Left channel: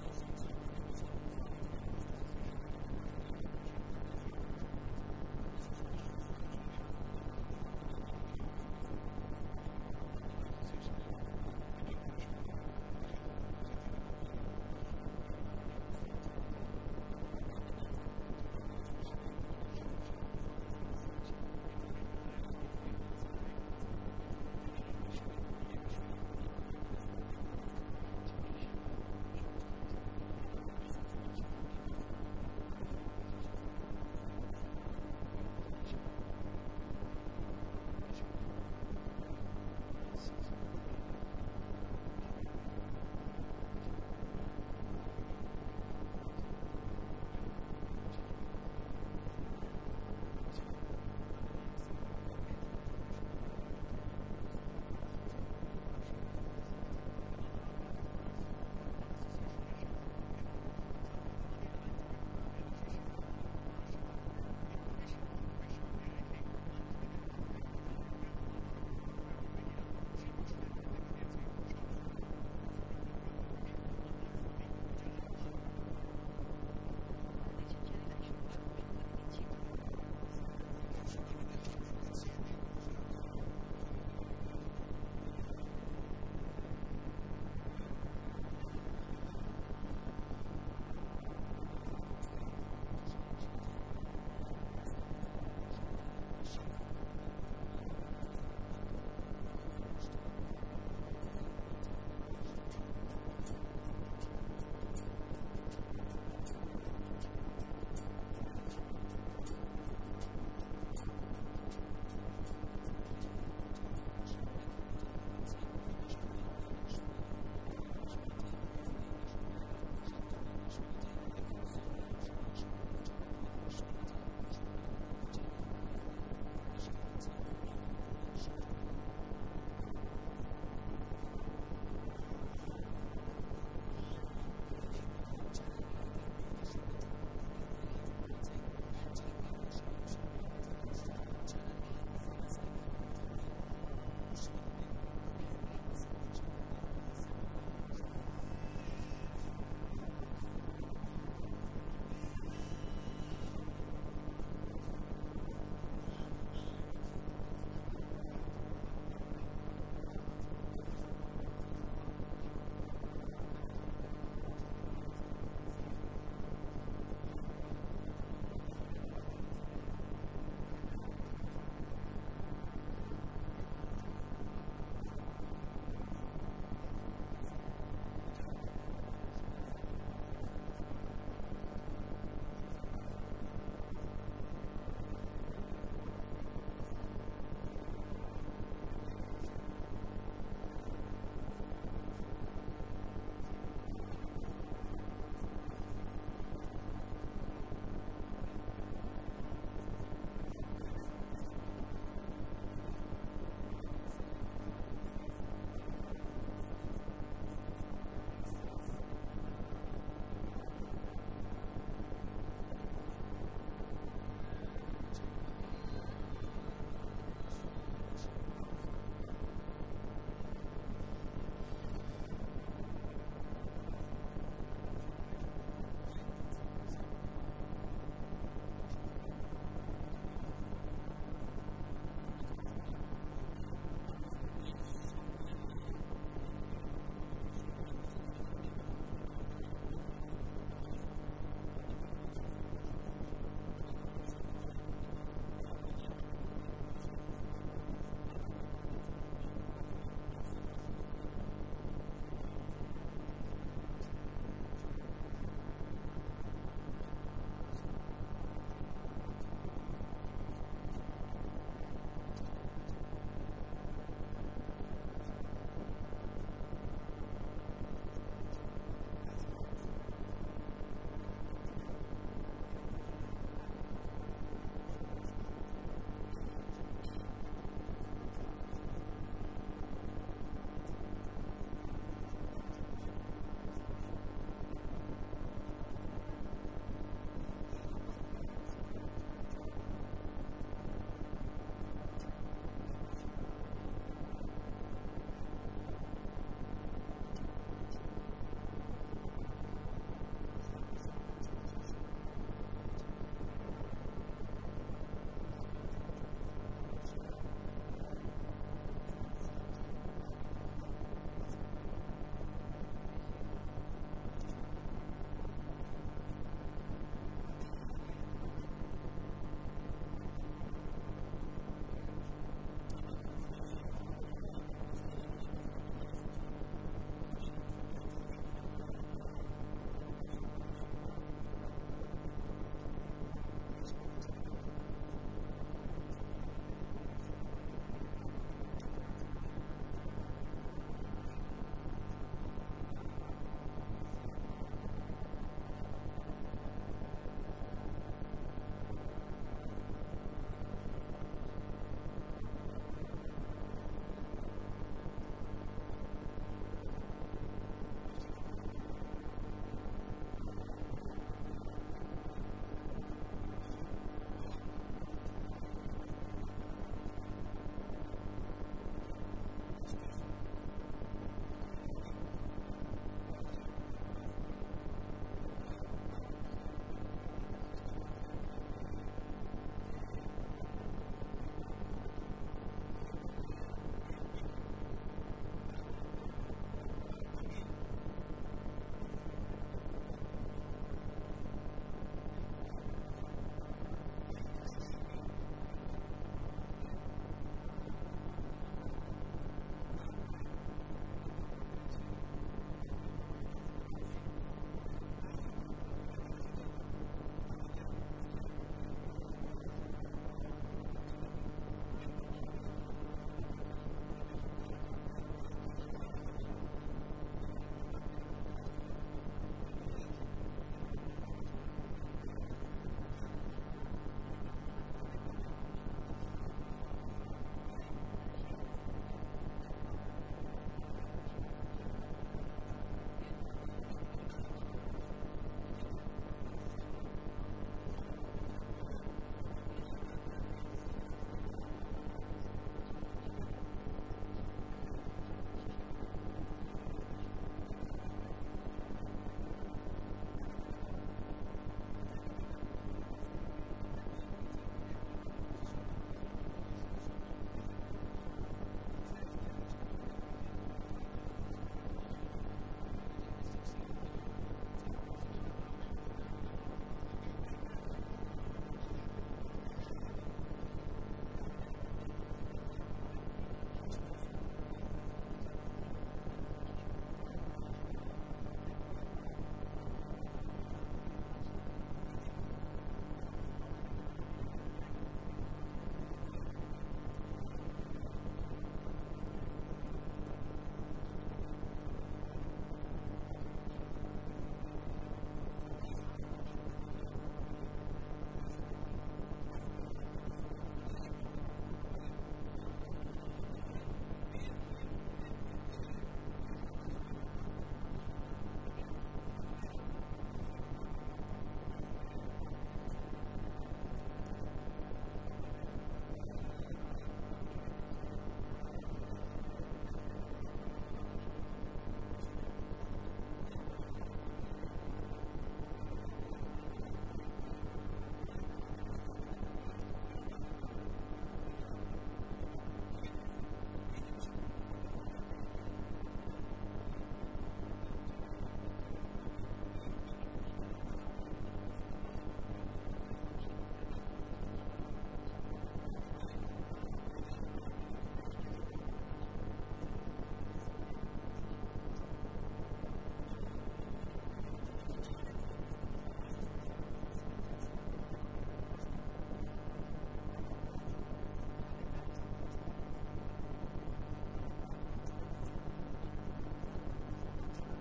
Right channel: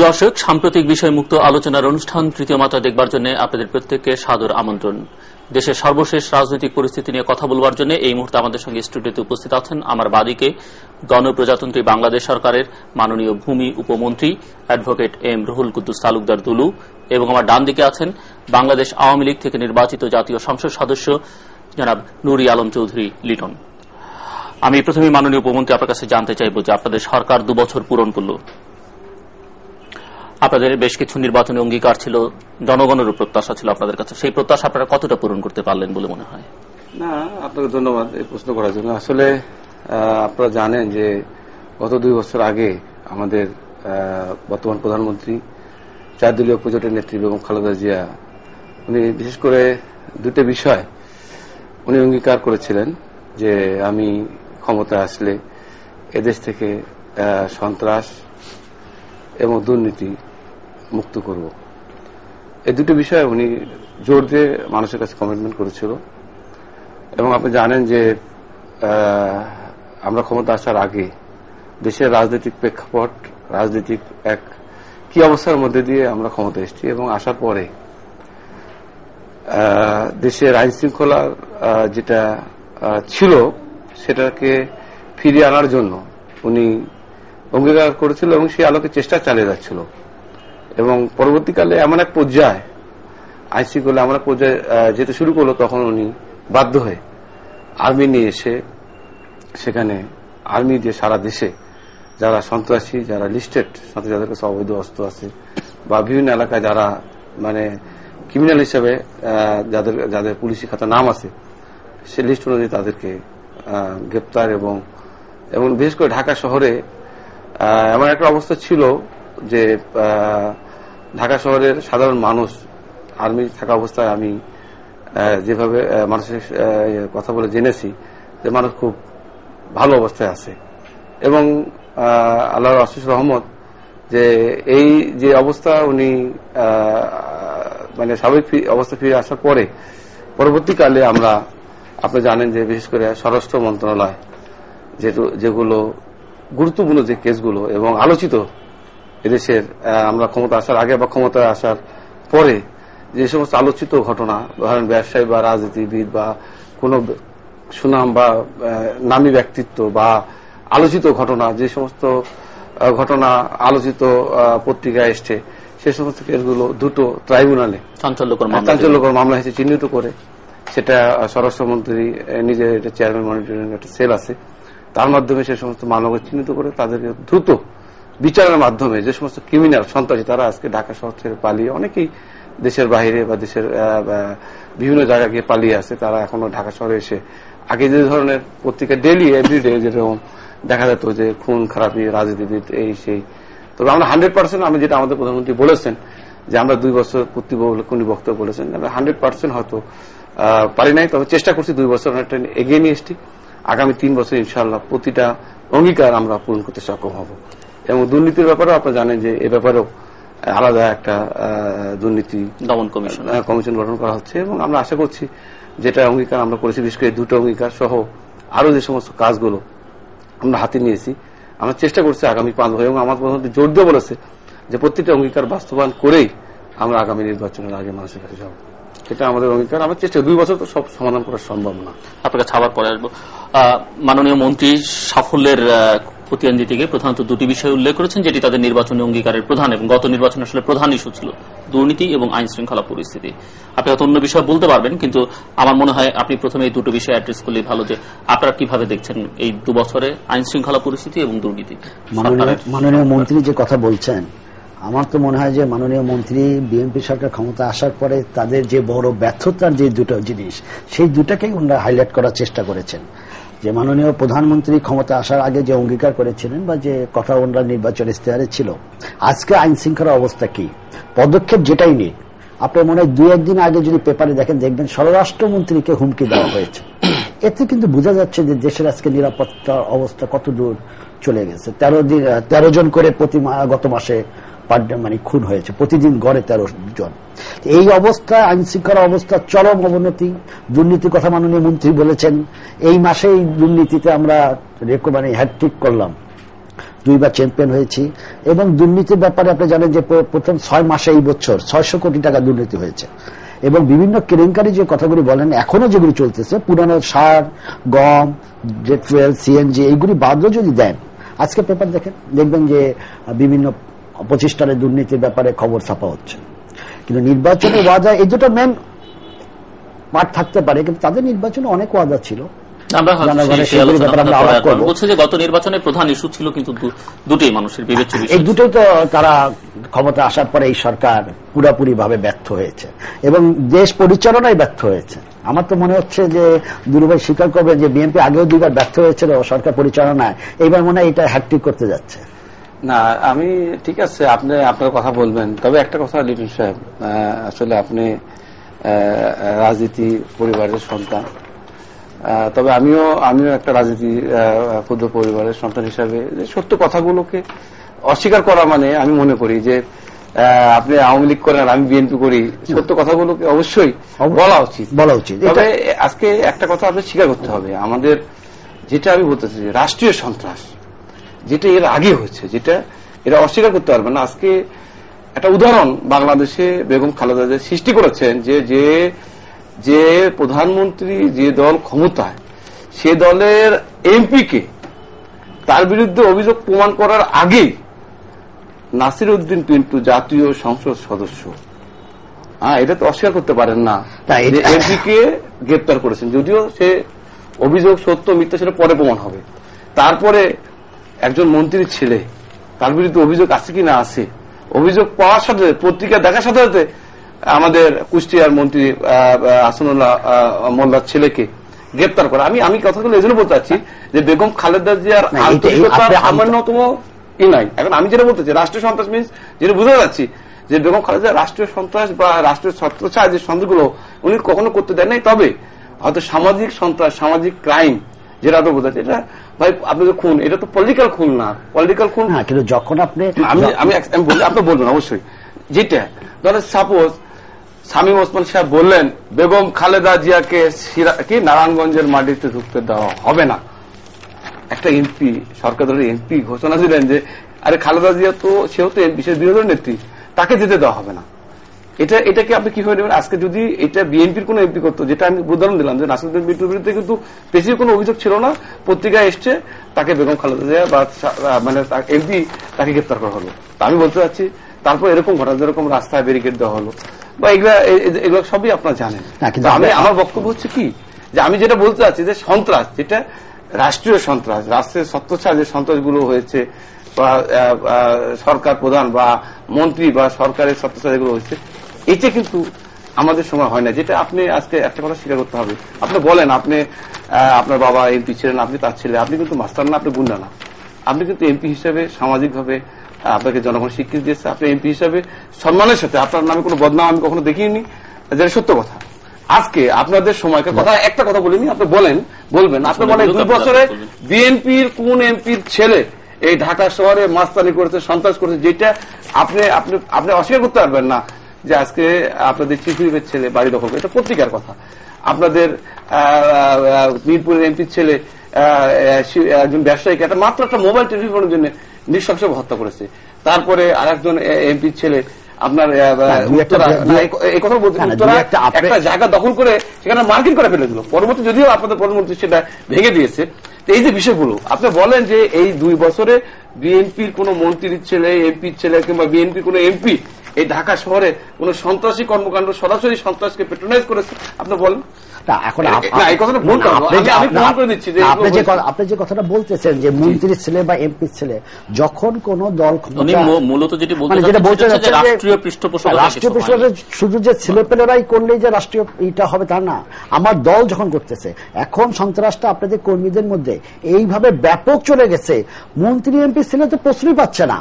প্রিয় দর্শক, সাম্প্রতিক বিষয় মুক্ত আলোচনার অনুষ্ঠান তৃতীয় মাত্রা দেখবার জন্য আপনাদের প্রত্যেককে সাদর আমন্ত্রণ। দেশের সর্বশেষ রাজনৈতিক পরিস্থিতি নিয়ে কথা বলবার জন্য এই মুহূর্তে আমাদের সঙ্গে স্টুডিওতে উপস্থিত আছেন আমার বাদিকে গণপ্রজাতন্ত্রী বাংলাদেশ সরকারের মাননীয় ভূমি উপমন্ত্রী অ্যাডভোকেট এম রুহুল কুদ্দুস তালুকদার দুলু, এবং আমার ডান দিকে আছেন বাংলাদেশ আওয়ামী লীগ থেকে নির্বাচিত জাতীয় সংসদ সদস্য জনাব নুরি আলম চৌধুরী লিটন। আমি প্রথমে মাননীয় উপমন্ত্রী আপনার কাছে জানতে চাইব যে আপনাদের সরকার 2 বছর পূরণ করল, আপনাদের বেশ কিছু নির্বাচনী অঙ্গীকার ছিল, জনগণের প্রত্যাশা ছিল আপনাদের কাছে, সেই প্রত্যাশা আপনারা কতটা পূরণ করতে পারলেন বলে মনে হয়? না, আপনাকে ধন্যবাদ এই প্রশ্ন করার জন্য। আসলে আপনারা জানেন যে গত 2 বছর আগে আমাদের বর্তমান প্রধানমন্ত্রী 4 দলীয় প্রজোটের নেত্রী বেগম খালেদা জিয়া উনি বিশেষ করে 2টি বিষয় উনি অঙ্গীকার করেছিলেন যে আমি ক্ষমতায় আসলে এদেশ থেকে সন্ত্রাস এবং দুর্নীতি মুক্ত করব। এই 2টি বিষয়ে উনি জোর দিয়ে মানুষের কাছে কমিটমেন্ট করেছিল। এবং আপনি জানেন যে আমরা ক্ষমতা আসার আগে দেশের রাজনৈতিক প্রেক্ষাপট, রাজনৈতিক এক কি অবস্থার মধ্যে দিয়ে আমরা ক্ষমতা এসেছি, এবং আসার পরে দেশের আইন শৃঙ্খলা যেটা ছিল সেটাকে ফিরিয়ে আনার জন্য উনি অঙ্গীকার করেছিল এবং সেই আলোকে চেষ্টা চালিয়ে যাচ্ছিল। এবং পরবর্তীকালে এমন এক পর্যায়ে আইন শৃঙ্খলা এমন এক পর্যায়ে যেতে শুরু করলো, তখন উনি বাধ্য হয়ে আর্মি নিয়ে এসে সেখানে আর্মি দিয়ে সারা দেশে যারা সন্ত্রাসী, যারা লিস্টেড, সাথে যাদের কাছে অবৈধ অস্ত্র আছে বা বিভিন্ন এলাকায় যারা মানে ক্রিমিনাল হিসেবে যাদের পুলিশি খাতা নাম আছে, সে লিস্ট অনুযায়ী তাদেরকে গ্রেপ্তার এবং বিশেষ করে ঢাকা শহরে এমন একটা অবস্থা ছিল যে ঢাকা শহরের সাধারণ মানুষ আর্মি থাকা অবস্থায় আমি যেভাবে মানুষের কথা বলে জেনেছি যে মানুষ খুব ভালো অবস্থায় আছে। এবং আল্লাহর অশেষ রহমত যে এই যে অবস্থা উনি মানে স্বাভাবিক অবস্থা ফিরে আসার পরে পরবর্তীকালে আমরা আপনি জানেন যে বিশেষ করে স্বরাষ্ট্র মন্ত্রণালয় যেগুলো গুরুত্বপূর্ণ যে কেসগুলো এবং আলোচিত এদেশের আমরা ক্ষমতা আসার আগে বা ক্ষমতায় আসার পরে যে সমস্ত আলোচিত ঘটনা, ধরেন ব্যবসায়ী বা রাজনীতিবিদ বা কোন সুনাম বা নামী ব্যক্তিত্ব বা আলোচিত ঘটনা, যে সমস্ত ঘটনা আলোচিত পত্রিকায় এসছে, সে সমস্ত কেসগুলো 2টো ট্রাইব্যুনালে চাঞ্চল্যকর মামলা হিসেবে চিহ্নিত করে সেটা স্বরাষ্ট্রমন্ত্রী নিজের এটা চেয়ারম্যান মনিটরিং একটা সেল আছে, তার মাধ্যমে সে সমস্ত মামলাকে চিহ্নিত করে তাদেরকে দ্রুত বিচারের মাধ্যমে যে সমস্ত ক্রিমিনাল সন্ত্রাসী তারা আজকে ঢাকা শহর ছেড়ে পালিয়ে অনেকেই দেশের বাইরে বা দেশের বিভিন্ন জায়গায় গিয়ে পালিয়ে আছে, তারা এখনো ঢাকা শহরে এসে আগে যে ধরনের পত্রিকা ডেইলি এভরিডে যেরকম দেখা যেত যে খুন খারাপি রাজনীতিবিদ এই সেই, তবে আমরা 100% আমি যেটা আমাদের প্রধানমন্ত্রী বলেছেন যে আমরা 2 বছর পূর্তি উনি বক্তব্য বলেছেন, আমরা 100% হয়তো পারি নাই, তবে চেষ্টা করছি 2 বছর অনেকটা এগিয়ে নিয়ে এসছি। আগামী 3 বছর ইনশাআল্লাহ প্রতিটা অঙ্গীকার আমরা পূরণ করতে সক্ষম হব। এবং দুর্নীতির ব্যাপারেও আপনারা জানেন যে এ ব্যাপারেও আলাদা একটা দুর্নীতি দমন কমিশন গঠন করা হচ্ছে, এবং আমরা আশা করছি যেটা অঙ্গীকার আমরা করেছি, বিশেষ করে 2টো অঙ্গীকার সহ আরো যে সমস্ত কাজগুলো আমরা হাতে নিয়েছি, আমরা চেষ্টা করছি আগামী 5 বছর, এবং আমার প্রধানমন্ত্রী জোর দিয়ে বলেছে যে প্রত্যেকটা অঙ্গীকার বাস্তবায়ন করেই আমরা আগামী নির্বাচনের আগে মানুষের কাছে যাব। এটা আমাদের অঙ্গীকার। আমার চেষ্টা 2 বছর তো সব সমাধান করা সম্ভব না। আপনাকে ছাড়ার পরে আসবো। মাননীয় মন্ত্রী সাফল্যের খতিয়ান দিতে গিয়ে প্রধানত 2টি বিষয় উল্লেখ করেছেন, যেটি তাদের নির্বাচনী অঙ্গীকারের প্রধান এবং গত নির্বাচনে আসলে প্রধান ইস্যু ছিল দুর্নীতি এবং আইন শৃঙ্খলা পরিস্থিতি। আপনি হয়তো অন্য বিষয় বলতে পারবেন, কিন্তু আমার মনে হয় আপনি প্রথমে এই 2টো বিষয় অ্যাড্রেস করলেই ভালো, যে আপনারা কিভাবে দেখছেন এই 2 বছরে আইন শৃঙ্খলা পরিস্থিতি এবং দুর্নীতি। মাননীয় মন্ত্রী যে কথা বলছেন, আমার তো মনে হয় যে মাননীয় মন্ত্রী বিএনপি সরকার ক্ষমতা আসার পরে তাদের যে বড় ব্যর্থতার যে 2টো জিনিস, সেই 2টাকেই ওনারা হাইলাইট করার চেষ্টা করেছেন। যে মাননীয় প্রধানমন্ত্রী ক্ষমতা আসার আগে যে অঙ্গীকার করেছিলেন বা যে কথা ওনারা নির্বাচন ইশতেহারে ছিল, আজকে আইন শৃঙ্খলা অবস্থা কি, পদক্ষেপ যেটাই নিক, আপনার মনে হয় 2-1 দিন আগে যদি পেপারে দেখবেন স্বরাষ্ট্রমন্ত্রীকে হুমকি দেওয়া হয়েছে। এতে কিন্তু বোঝা যাচ্ছে যে দেশের আজকে নিরাপত্তা অবস্থা কত দূর চলে গেছে। 13 জন করে গত মাসে মানে খুন হয়েছে, প্রতিদিন গড়ে 13 জন। এই অবস্থা, আইন শৃঙ্খলা অবস্থা চরম অবনতি। দুর্নীতির কথা মাননীয় মন্ত্রী বলেছেন, এই মাসেই দুর্নীতিতে আমরা মানে হ্যাট্রিক করলাম। 2বার চ্যাম্পিয়ন হয়েছি, এবং দুর্নীতির ব্যাপারে আপনি জানেন যে প্রথম 6 মাসে এই বছর 600 কোটি টাকা দুর্নীতি হয়েছে, এবং বিভিন্ন কেলেঙ্কারি যে কথাগুলি বলেন এখনো যেগুলি চলতেছে, পুরানো সার, গম, জেট ফুয়েল, সিএনজি এইগুলি বাদও যদি দেন, আজকে পেপার দেখবেন যে বিভিন্ন প্রতিষ্ঠানের দুর্নীতির ব্যাপারে খবর ছাপা হচ্ছে। কিন্তু নির্বাচনে ওয়াদা, এই দুটো মেন পার্ট থাকতে পারে, কিন্তু তাদের নির্বাচনে অনেক ওয়াদা ছিল। বলছে যে গত নির্বাচনে প্রধান ইস্যু ছিল কিন্তু দুটোই মানুষের বিবেচ্য বিষয়, এই দুটোই তো তারা ক্ষমতা আসার পরে এই সরকার পুরাপুরি ভাবে ব্যর্থ হয়েছে এবং দেশ পরিচালনায় ব্যর্থ হয়েছে। আমার তো মনে হচ্ছে যে দুরুভাই স্বীকার করবেন যে বিএনপি আগেও 2বার ব্যর্থ হয়েছিল সরকার পরিচালনায়, এইবার মনে হয় এটা হ্যাট্রিক করতে যাচ্ছে। না, আমি ঠিক আছে, আপনি আপনার কথা বলবেন, তবে একটা কথা লিটন সাহেব, আসলে আপনি রাজনীতি পরিবারের সন্তান, তবে আমিও একটা রাজনীতি ক্ষুদ্র পরিবারের সন্তান হিসাবে সত্য কথাগুলোকে অস্বীকার করা মানে আমি মনে করি যে আপনি আওয়ামী লীগ করেন, আমি বিএনপি করি, সত্য কথাগুলোকে অবশ্যই বলা উচিত। তবে আজকে একটা কথা আপনি স্বীকার করতে হবে, আমাদের যেটা আমি বলতেছি রাষ্ট্রীয় সন্ত্রাস যেটা এর আগে হয়েছে, যেটা এরা অস্বীকার করতে পারবে না। আজকে একটা উদাহরণ বাংলাদেশে বেগম খালেদা জিয়া সৃষ্টি করেছেন, যে প্রধানমন্ত্রী যে দল ক্ষমতায়, সে দলের এমপিকে তার বিরুদ্ধে অভিযোগ প্রমাণ করার আগেই নাসির উদ্দিন পিন্টু জাতীয় সংসদ সদস্য, এটা তো অস্বীকার করতে পারেন না, এমপিকে গ্রেপ্তার করেছেন, যদিও সে অভিযোগ সত্য মিথ্যা সেটা পরে প্রমাণ হবে। তারপরে একজন মন্ত্রীর ছেলে, তার বিরুদ্ধে অভিযোগ আছে কি না আছে, অভিযোগ পাওয়ার সাথে পত্রিকা দেখার সাথে সাথে আমাদের কুষ্টিয়ার মন্ত্রী হাসানুল্লাহ মোল্লার ছেলেকে গ্রেপ্তার করা। আমি কথাগুলো এই জন্য বলতে চাচ্ছি যে বেগম খালেদা জিয়ার আন্তরিকতার সামান্যতম নাই। এখন আমি যেটা বলতে চাই, রাষ্ট্রীয় সন্ত্রাস মিনস যেটা বুঝতে যাচ্ছি যে বেগম খালেদা রাষ্ট্রীয় সন্ত্রাস বা রাষ্ট্রীয় ছত্রছায়া যে সন্ত্রাসগুলো উনি কখনো করতে দেন নাই, তবে হয়তো সামাজিক সন্ত্রাস, সামাজিক ক্রাইম যেটা তো বোঝাচ্ছে, এটা ভাই আপনাদের খুন, এটা তো পলিটিক্যাল খুন না, পলিটিক্যাল খুন না। কিন্তু যখন আপনি আপনি বলবেন অবশ্যই, যেটা ধরেন সাপোজ শামীম ওসমান সাহেব বললেন বেগম খালেদা জিয়াকে কি নারায়ণগঞ্জের মাটিতে ঢুকতে দেওয়া হবে না, একটা এমপি, সরকার দলের এমপি ঘোষণা দিলেন যে আরে খালেদা জিয়া তো সেও তো বিশেষ বিরোধী নেত্রী, তাকে যেতে দেওয়া হবে না, এটাকে আপনি কিভাবে নেবেন? আজকে যদি এটা বিএনপির কোন এমপি করতো, যেটা আমি উদাহরণ দিলাম যে নাসিরুদ্দিন বিট্টুর বিরুদ্ধে কিন্তু বেশি কোনো অভিযোগ ছিল না, পত্রিকায় এসছে, তাকে বেগম খালেদা জিয়া বা মানে এমপি তাকে গ্রেপ্তার করা হলো। আমি বলতে চাচ্ছি তারপর এরকম ঘটনা, যেরকম রাস্তায় ব্যারিকেড দেওয়া হলো বা এগুলো সবই আপনারা জানেন। আমার বক্তব্য হচ্ছে কি, যে আমি যেটা বলতে চাচ্ছি যে সন্ত্রাস, যেটা রাষ্ট্রীয় সন্ত্রাস, রাষ্ট্রের ছত্রছায়া যে সন্ত্রাসগুলো হয়েছে বা সরকার প্রধান বা মন্ত্রী বা সরকারের ছত্রছায়া যেগুলো হয়েছে, এটা কিন্তু আমাদের সময় হয় না। যেটা আপনি আজকে একটা কথা স্বীকার করতে হবে, আপনি বলেন আপনি আপনার বাবা এমপি ছিলেন, আপনি তার ছেলে, আপনি কিন্তু মাস্টার না, আপনি গুন্ডা না, আপনি কিন্তু এমপি হিসেবে সামাজিকভাবে আপনাকে জনগণ স্বীকৃতি দিয়েছে, আপনি এমপি হিসেবে সম্মানের সাথে, আপনার নামে কোনো বদনাম আমি কখনো দেখিনি, যেটা সত্য কথা। আজকে আপনাদের সময়কে কথা একটা কথা বলিনি, আপনি বলবেন আপনি বলেন 2 বছরে বিএনপির কোন এমপির ছেলে এই ঢাকা শহরে মাস্তানি করেছে, সন্ত্রাস করেছে, যেটা আপনি অস্বীকার করতে পারবেন না যে আজকে আপনাদের চিফ হুইপের ছেলে বাড়ি দখল করে, এটা পত্রিকার কথা। আপনাদের মিরপুরের এমপির ছেলে একজন ব্যবসায়ীকে মাত্র একটা মোবাইল টেলিফোনের জন্য নৃশংসভাবে হত্যা করেছে। তারপরে আরেকজন এমপির ছেলে আপনার এই কথা বলতে একটা জায়গা দখল করে সেখানে মার্কিং করে ফেলে দিল, পরবর্তী যদিও আপনাদের প্রধানমন্ত্রী সেটা ভেঙে দিয়েছে। এই যে বিষয়গুলো আপনি বলেন যে এই 2 বছরে বিএনপির কোন মন্ত্রীর ছেলে, এমপির ছেলে কিংবা বিএনপির কোন এমপি এই ঢাকা শহরে কোন সন্ত্রাসী কর্মকাণ্ড, সরাসরি সন্ত্রাসকে প্যাট্রোনাইজ করেছে, আপনি বলেন। এখন আপনি যে কথাটা বলতেছেন যে মন্ত্রীর ছেলে বা এমপির ছেলে, যখন কোন দল মূলত যেটা বলতে রাষ্ট্রীয় পৃষ্ঠপোষকতা, শুধু যে ছেলেপেলেরাই করলেই যে রাষ্ট্রীয় এটা হবে তা না, আমার দল যখন করতেছে, এখন সন্ত্রাসটা আপনাদের কর্মীদের মধ্যে এইভাবে ব্যাপক চলে গেছে, মন্ত্রী এমপি ছেলে তো প্রশ্নই পাচ্ছে না।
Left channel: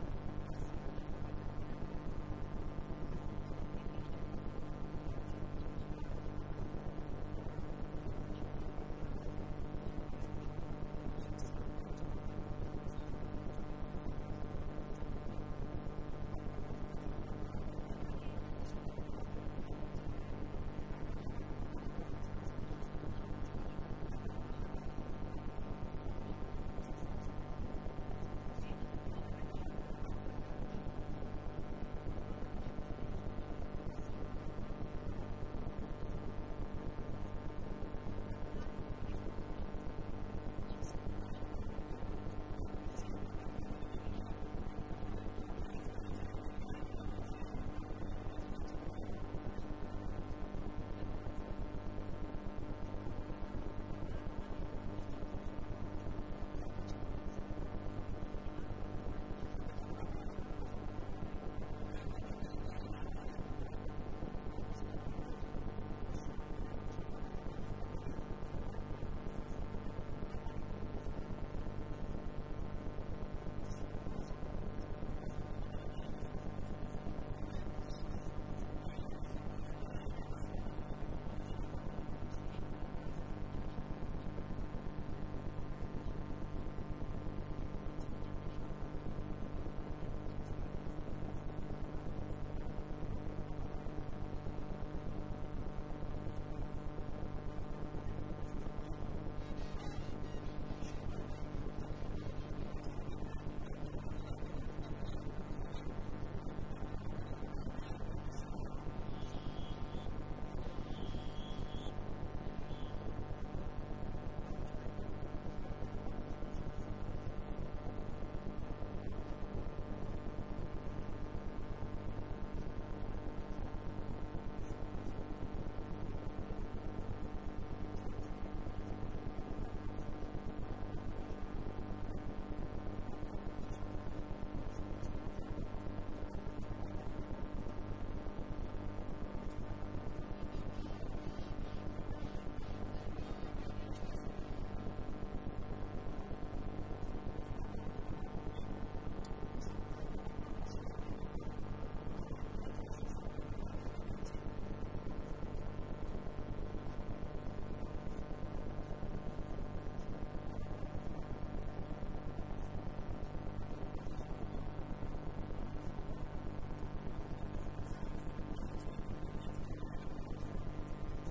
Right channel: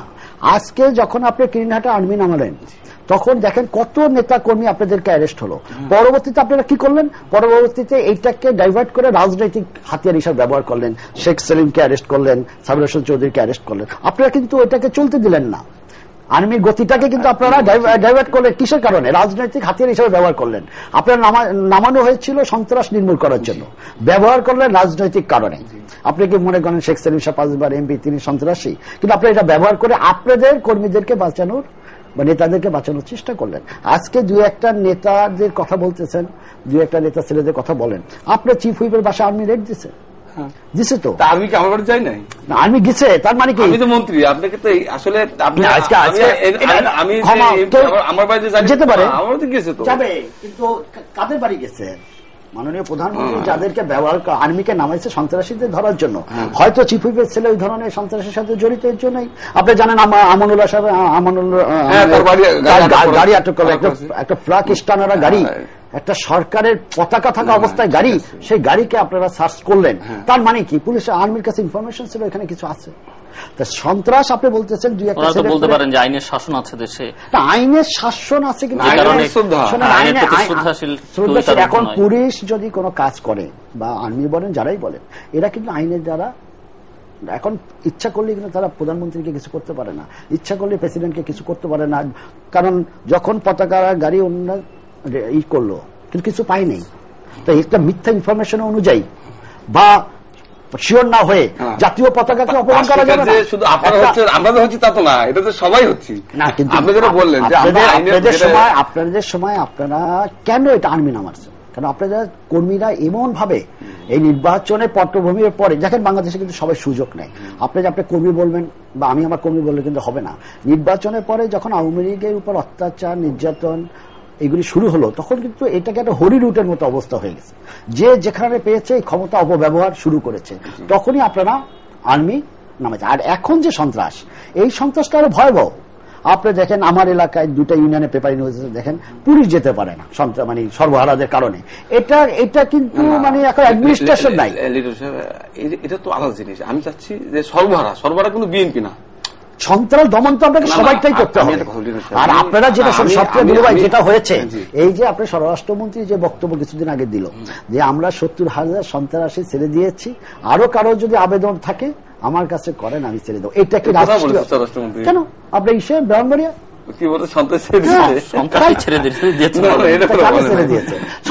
আজকে যখন আপনি কিরিনহাটে আর্মি নামালেন, তখন দেখেন কত নেতা কর্মী আপনাদেরকে অ্যারেস্ট হলো। পরবর্তীতে আপনারা কি করলেন? পরবর্তীতে এইটাকে ডাইভার্ট করে রাজনৈতিক হাতিয়ার হিসাবে ব্যবহার করলেন, শেখ সেলিমকে অ্যারেস্ট করলেন, সাবির হোসেন চৌধুরীকে অ্যারেস্ট করলেন, আপনারা কিন্তু এটাকে চলতে দিলেন না। আর্মির গতিটাকে কিন্তু আপনারা ডাইভার্ট করলেন কিসের কারণে? রাজনৈতিক হাতিয়ার হিসেবে ব্যবহার করলেন। আপনার নামানো হয়েছিল সন্ত্রাস নির্মূল করার জন্য, ব্যবহার করলেন রাজনৈতিক কারণে। আপনি কি মনে করেন শেখ সেলিম শাহ 5 বার এমপি, তিনি সন্ত্রাসী? কিন্তু আপনি এটা ব্যবহার করে আপনাদের কর্মীদেরকে বাঁচানোর বা নেতাদেরকে বাঁচানোর চেষ্টা করলেন। আজকে 2-1টা নেতাদের কথা বলতেছেন, 2-1টা নেতা ছেলেদের কথা বলেন, আপনার চিফ হুইপের বাসা আর্মি রেড দিছে, দিছে তো। আর্মি কি আমার বাড়ি যাই নাই? আর্মি গেছে, তার মানে কি? আমি তো মন্ত্রী, আপনাকে তো আসলে আমার বাড়িতে যেতে পারে, আমার তো গেছে তো যাবে, কিন্তু কাদের বাড়ি গেছে? মাননীয় প্রধানমন্ত্রী যাদেরকে ব্যবহার আর্মিকে নামাইছে সন্ত্রাসীদের ধরার জন্য, হয়তো চিফ হুইপের ছেলে ওই ধরনের সন্ত্রাসের সাথে জড়িত, এর জন্যই আপনি জানেন আমানুল্লাহ সাহেব, গাড়ি আটক করলো, একটা ফ্লাগ স্টানারা গাড়ি, একটা সরকারের পতাকা থাকা অবস্থায় গাড়ি, সেই গাড়িকে আপনারা সার্চ করলেন, তার মানে কি পুলিশ আর্মির কাছে ইনফরমেশন ছিল এখানে কিছু আছে। সন্ত্রাস আপনি বলতেছেন 2-1টা বলতে পারেন যে আইনের শাসন আছে দেশে, আইনের শাসন আছে, কিন্তু এখন পুলিশ যদি কোনো কাজ করে বা আর্মি বলেন যারাই বলেন, এরা কিন্তু আইনের দ্বারা এখন ইচ্ছা করলে কিন্তু তারা প্রধানমন্ত্রীকে কিছু করতে পারে না, ইচ্ছা করলে প্রেসিডেন্টকে কিছু করতে পারে না। কারণ যখন পতাকা গাড়ি অন্য ই করলো কিন্তু কিছু পাইনি, তো একটা মিথ্যা ইনফরমেশন অনুযায়ী বা শিওর না হয়ে জাতীয় পতাকাকে অপমান করা যাবে না। শুধু আপনারা হচ্ছে, আমরা তো হচ্ছি তা তো না, এটা তো সবাই হচ্ছি না। কিন্তু আপনি যেটা বললেন যে আপনাদের সময় আপনারা কেন এটা আর্মি নামাচ্ছে? কারণ আপনাদের কর্মীরা এমন ভাবে এই নির্বাচনে পটভূমির পরে দেখেন, বাংলাদেশে কিন্তু সবাই সুযোগ নেয়। আপনি কর্মী বলবেন বা আমি আমার কর্মী বললে কিন্তু হবে না। নির্বাচনের পরে যখন আওয়ামী লীগের উপর অত্যাচার, নির্যাতন এগুলি শুরু হলো, তখন কিন্তু এটাকে একটা হরি রুটের মতো অবস্থা হয়ে গেছে, যে যেখানে পেয়েছে ক্ষমতা অপব্যবহার শুরু করেছে, তখনই আপনারা আর্মি নামাচ্ছে। আর এখন যে সন্ত্রাস, এই সন্ত্রাসটা আরো ভয়াবহ। আপনি দেখেন আমার এলাকায় 2টা ইউনিয়নে পেপার ইউনিভার্সিটি দেখেন পুলিশ যেতে পারে না মানে সর্বহারাদের কারণে। এটা কিন্তু মানে এখন অ্যাডমিনিস্ট্রেশন নাই। এটা তো আলাদা জিনিস। আমি চাচ্ছি যে সর্বহারা কিন্তু বিএনপি না, সন্ত্রাস দমন তো আপনাকে সবাইটাই করতে হবে। আর আপনারা যেটা সবচেয়ে যেটা হয়েছে, এই যে আপনার স্বরাষ্ট্রমন্ত্রী যে বক্তব্য কিছুদিন আগে দিল যে আমরা 70,000 সন্ত্রাসী ছেড়ে দিয়েছি, আরো কারো যদি আবেদন থাকে আমার কাছে করেন, আমি ছেড়ে দেবো। এটা কি রাষ্ট্রমন্ত্রী? কেন আপনি ইসে ব্রাহ্মণবাড়িয়া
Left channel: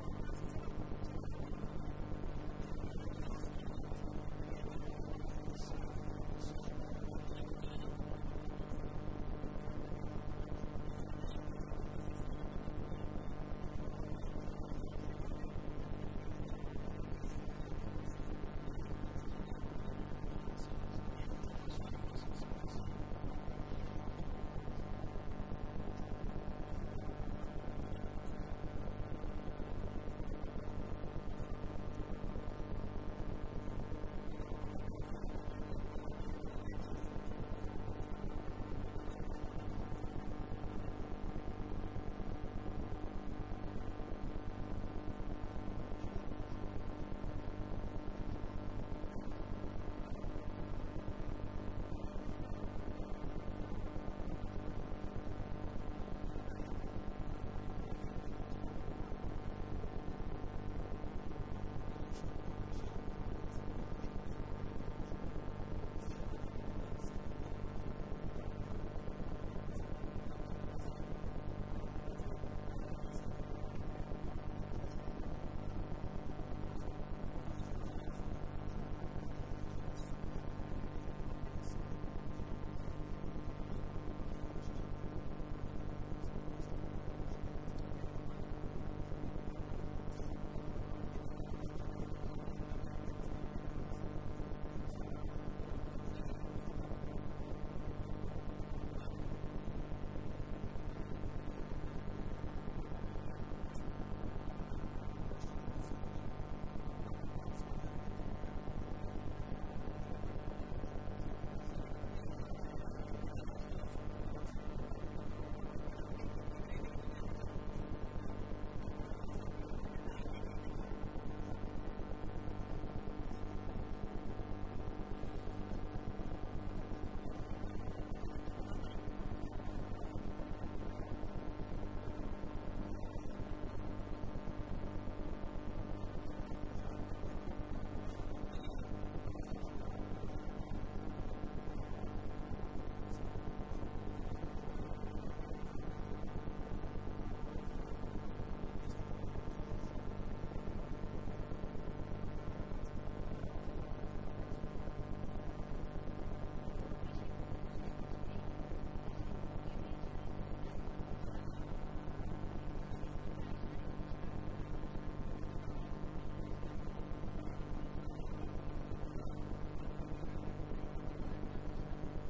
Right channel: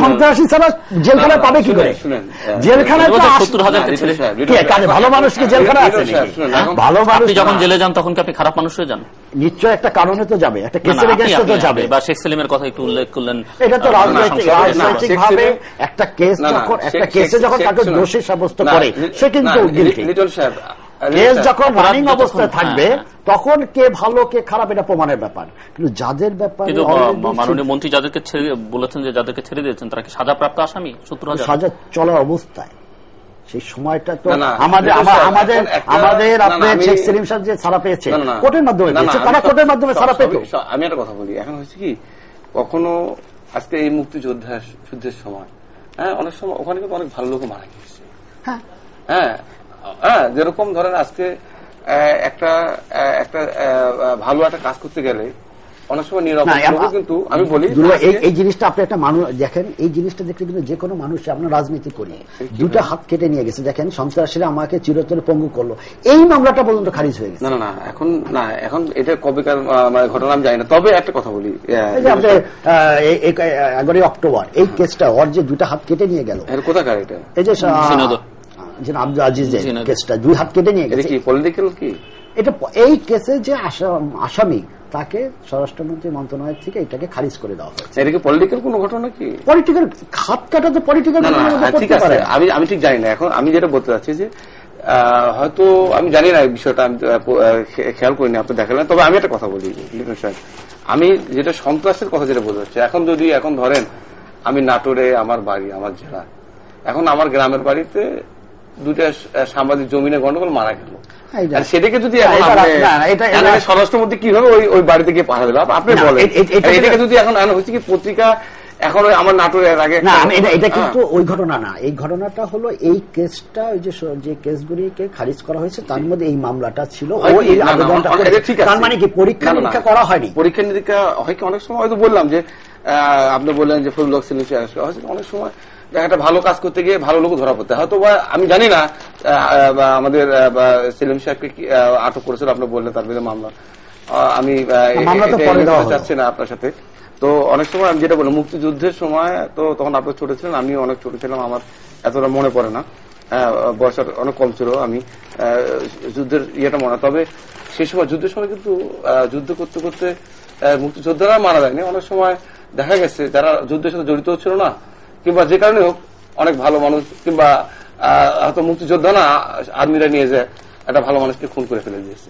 সন্ত্রাসী ছাড়া জেলখানায় পাবে কি করে? জেলখানায় ভালো মানুষ কি জেলখানায় আছে? ভালো মানুষ যখন জেলে যান তখন কি আপনি খারাপ মানুষ হয়ে যান? নিশ্চয় একটা কারণে তো যাবে, একটা কেসের এগেইনস্টে তো যাবে। বা শেখ সেলিমের কথা একটু উল্লেখ করলেন, এটা তো রাজনৈতিক ভাবে একটা কেস, যখন একটা কেসে যখন তাকে দোষী সাব্যস্ত করে সে কিন্তু কেস যখন রানিং অবস্থায় থাকবে তখন কে ভালো কে খারাপ এটা প্রমাণের ব্যাপার। কিন্তু যাদের ব্যাপারে মাননীয় মন্ত্রী যাদেরকে বলেছেন যে যাদেরকে ছেড়ে দিয়েছেন তারা কি সাজাপ্রাপ্ত আসামি? 70,000 সাজা চলার অবস্থায় সেই সময়টা তো আমাদের আপনার শেখ সেলিম সাহেব যে ছাড়া পেয়েছে কোর্টের মাধ্যমে পেয়েছে, তারা কোর্টের মাধ্যমে ছাড়া পেত। আমি একটা কথা বলি, এখন হচ্ছে কি কখনো আজকে এই মুক্তিযুদ্ধের সময় অনেক সময় ওখানে কিন্তু অনেক ভালো লোক মারা গিয়েছে। যেরকম ধরেন আজকে একটা ভালো একটা কাজ করতে গেলে অনেক সময় নিরাপদ, কিন্তু আমি বলি এই জিনিসটা আপনি একটা মানুষ দেখেন, এই জিনিসটা দেখলে কিন্তু যে কোনো মানুষ, আপনার রাজনীতি করি 2টা হাত কেটে নিয়ে গেছে। দেখেন সন্ত্রাসীরা আমাকে চিরতরে পঙ্গু করলো, এই মামলাটা পর্যন্ত খারিজ হয়ে গেছে। এখন এটা কবেকার ঘটনা আমি জানি না। তবে একটা কথা বলি, এই যে আপনি 11 অক্টোবর এই কেসটা ওর যে 2টা হাত কেটে নিয়ে গেল, কোথাকার এটা? এই যে আব্দুল আজিজের কেসটা 2 হাত কেটে নিয়ে গেছে। পলিটিক্যাল কি এটা? এই কেসে যে আসামি তাকে স্বরাষ্ট্রমন্ত্রী মন্ত্রণালয় থেকে এটাকে খারিজ করে দেওয়া হয়েছে। এটা কি পলিটিক্যাল কোনো ঘটনা? কি পলিটিক্যাল হাত কাটা তো পলিটিক্যাল? ঠিক আছে, আমি ঠিক জানি না। এখন আমি যেটা বলতে চাচ্ছি যে হয়তো আমি জানি না এই বিষয়টা, আমি খেয়াল করিনি, আপনি দেখালেন। তবে আমি একটা কথা বলি লিটন সাহেব, আমি যেটা সন্ত্রাসের কথা যেটা বলতে চাচ্ছি, এখন ধরেন আমি নাটোরে আমার বাড়ি, আমার জেলা, এখন আমার গ্রামের বাড়িতে 2টা সাংবাদিক জমিনে গন্ডগোল মারা গেল, সেটাকে যদি স্বরাষ্ট্রমন্ত্রী কিভাবে ওই বাড়িতে গিয়ে পাঠা দিল আপনি বলেন? এটাকে যদি এখন হচ্ছে কি পত্রিকা এখন আমার নাটোরের আগে না, এটা কিন্তু ওই ঘটনা না। এই ঘটনাটা হলো এই কেসটা, ওই যে কেসগুলিকে খারিজ করা হয়েছে তার মধ্যে এই মামলাটা ছিল। এই আবেদনটা তার মানে কি পরীক্ষা নিরীক্ষা করা হয়নি? পরীক্ষা নিরীক্ষা হয় কি অনেক সময় হয়তো বললাম যে আপনি বললেন যে ফজলুল হক সেলিম অনেক সময় একটা ভালো কাজ করতে গিয়ে ভালো লোক ধরা পড়তে হয়তো বা আমি জানি না আমাদের সেলিম সাহেবকে আটক করেছিল, আপনি বললেন তার বিরুদ্ধে মামলা, আমি চাচ্ছি না আপনার সাথে। তো অনেক সময় আমি যেটা বলি, মুক্তিযুদ্ধের সময় তো তখন আপনি ছোট ছিলেন, আমিও অনেক ছোট ছিলাম, আমার এতটা মনে পড়ে না, বয়স অনেক কম ছিল, আমি যুদ্ধের ইয়েটা মনে। তবে সেই সময় যুদ্ধের সময় কিন্তু যুদ্ধ করতে করতে মুক্তিযোদ্ধারা মারা যায়নি, অনেক সময় দেখা গেছে যারা যুদ্ধের সাথে জড়িত ছিল না কিংবা যে কারণে হোক অনেক ভালো মানুষ কিংবা হয়তো মুক্তিযোদ্ধা না আর্মিরা নিয়ে যায় একটা ভালো মানুষকে খুন করে ফেলে দিয়েছে।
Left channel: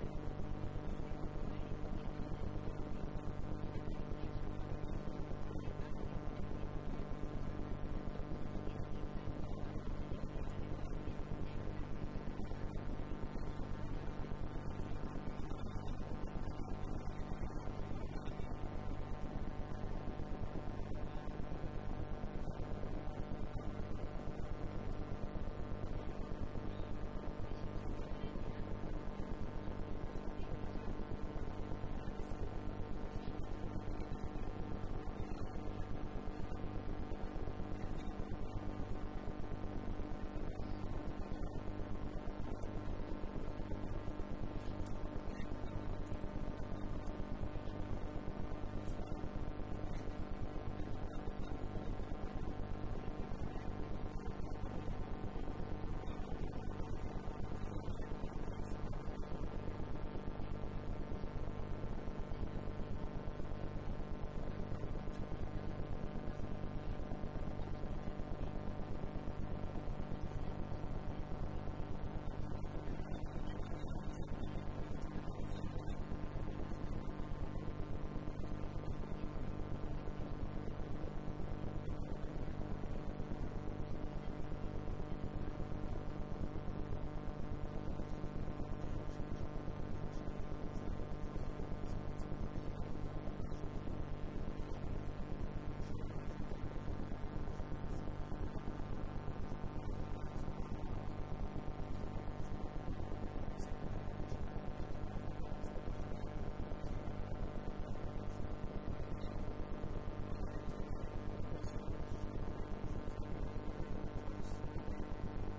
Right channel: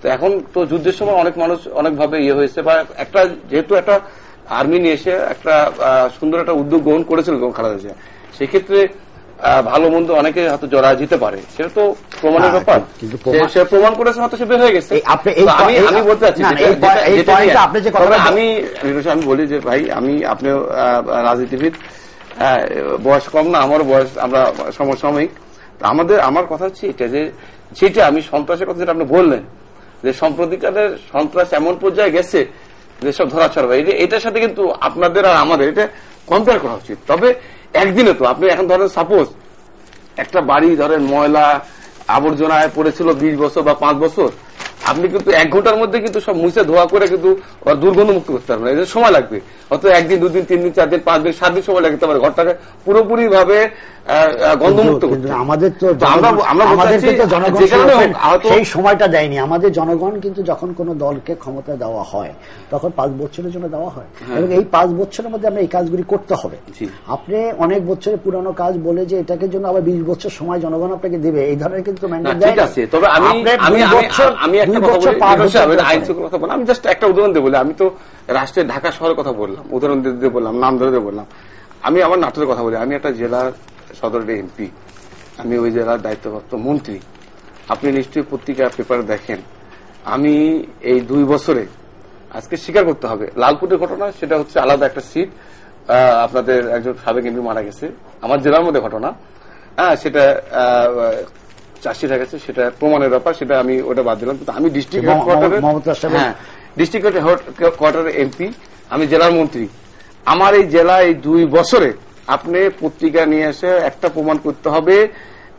তো এখন তো যুদ্ধের সময় অনেক মানুষ অনেকভাবে ইয়ে হয়েছে, বা একটা যেহেতু একটা আর্মি নিয়ে এসে একটা সুন্দর একটা উদ্যোগ গ্রহণ করেছিল খালেদা জিয়া, সেক্ষেত্রে ভালো মন্দ অনেকে হয়তো জড়া যেতে পারে, সেটা তো প্রমাণের ব্যাপার, সে প্রমাণ করেছে, হয়তো সে বের হয়ে গেছে। আমি বলতে চাচ্ছি আমি বলি যে ভাই, আপনিও রাজনীতিবিদ, বয়স কম না, আমারও বয়স, আমরা সমসাময়িক। আমার কথা হচ্ছে এটা যে সেটা আমি সন্ত্রাসের কথা যেটা আপনি বললেন, যে সম্প্রতিকালের সন্ত্রাস এমন পর্যায়ে গেছে যেসব ধরা ছড়া, এটার সাথে কিন্তু আপনাদের আর আমাদের এটা কম্পেয়ার করা উচিত। তবে একদিনে তো আপনি এখন ধরেন সাপোজ একটা বাড়ি ধরেন ময়লা আবর্জনায় পড়েছিল 20 বছর বা 5 বছর, আপনি কিন্তু 1 ঘন্টার মধ্যে কিন্তু সব মুছে ধোয়া করে কিন্তু দুর্গন্ধ মুক্ত করতে পারবেন, এদের সময় লাগবে, হয়তো 1 দিন 2 দিন 3 দিন 4 দিন 5 দিন 7 দিন সময় লাগতে পারে ঘরটাকে পুরোপুরি ভাবে গন্ধমুক্ত করতে। আমাদের তো সেই সময়টা দেয়নি, আমাদের জনগণ কিন্তু যখন কোন দলকে ক্ষমতা দেওয়া হয় তখন 5 বছরের জন্য দেওয়া হয়, এবং এই 5 বছরের মধ্যে আমরা এই কাজগুলি করতে হবে। আপনি অনেক বছরের পুরানো কাজ বলে যে এটাকে জন্য আবার 20 বছর সময় জনগণ আপনাকে দেবে, এই ধরনের কিন্তু ম্যান্ডেট দেয় না। তবে আমি একটা কথা বলি, আমি জাস্ট একটা উদাহরণ দিয়ে বলি, আমি তো রাষ্ট্রের ঢাকা শহরের কথা বললাম, উদাহরণ দিয়ে বললাম, নাম ধরে বললাম। আমি আমার নাটোরের কথা বলি, আমি একটা জেলার সদরের এমপি, আমি ওই জেলার দায়িত্বপ্রাপ্ত মন্ত্রী। আপনি নিশ্চয়ই পত্রিকা পেপার দেখেন, আমি এই 2 বছরে আজকে স্বীকার করতে হবে, লালপুরের ঘটনা সেটা হচ্ছে আলাদা একটা সিট, আপনাদের একজন সাবেক এমপি মারা গেছে, আমার জেলার মধ্যে ঘটনা, সেটা চাষি হয়ে গেছে, সেটা প্রমাণের ব্যাপার, সেটা আমি ওটা বাদ দিলাম। কিন্তু আমি ডিস্ট্রিক্ট হেডকোয়ার্টারের এমপি, আমি জেলার মন্ত্রী। আমার এই জেলা এই 2 বছরে আপনি পত্রিকা নিয়ে এসে একটা প্রমাণ করতে হবে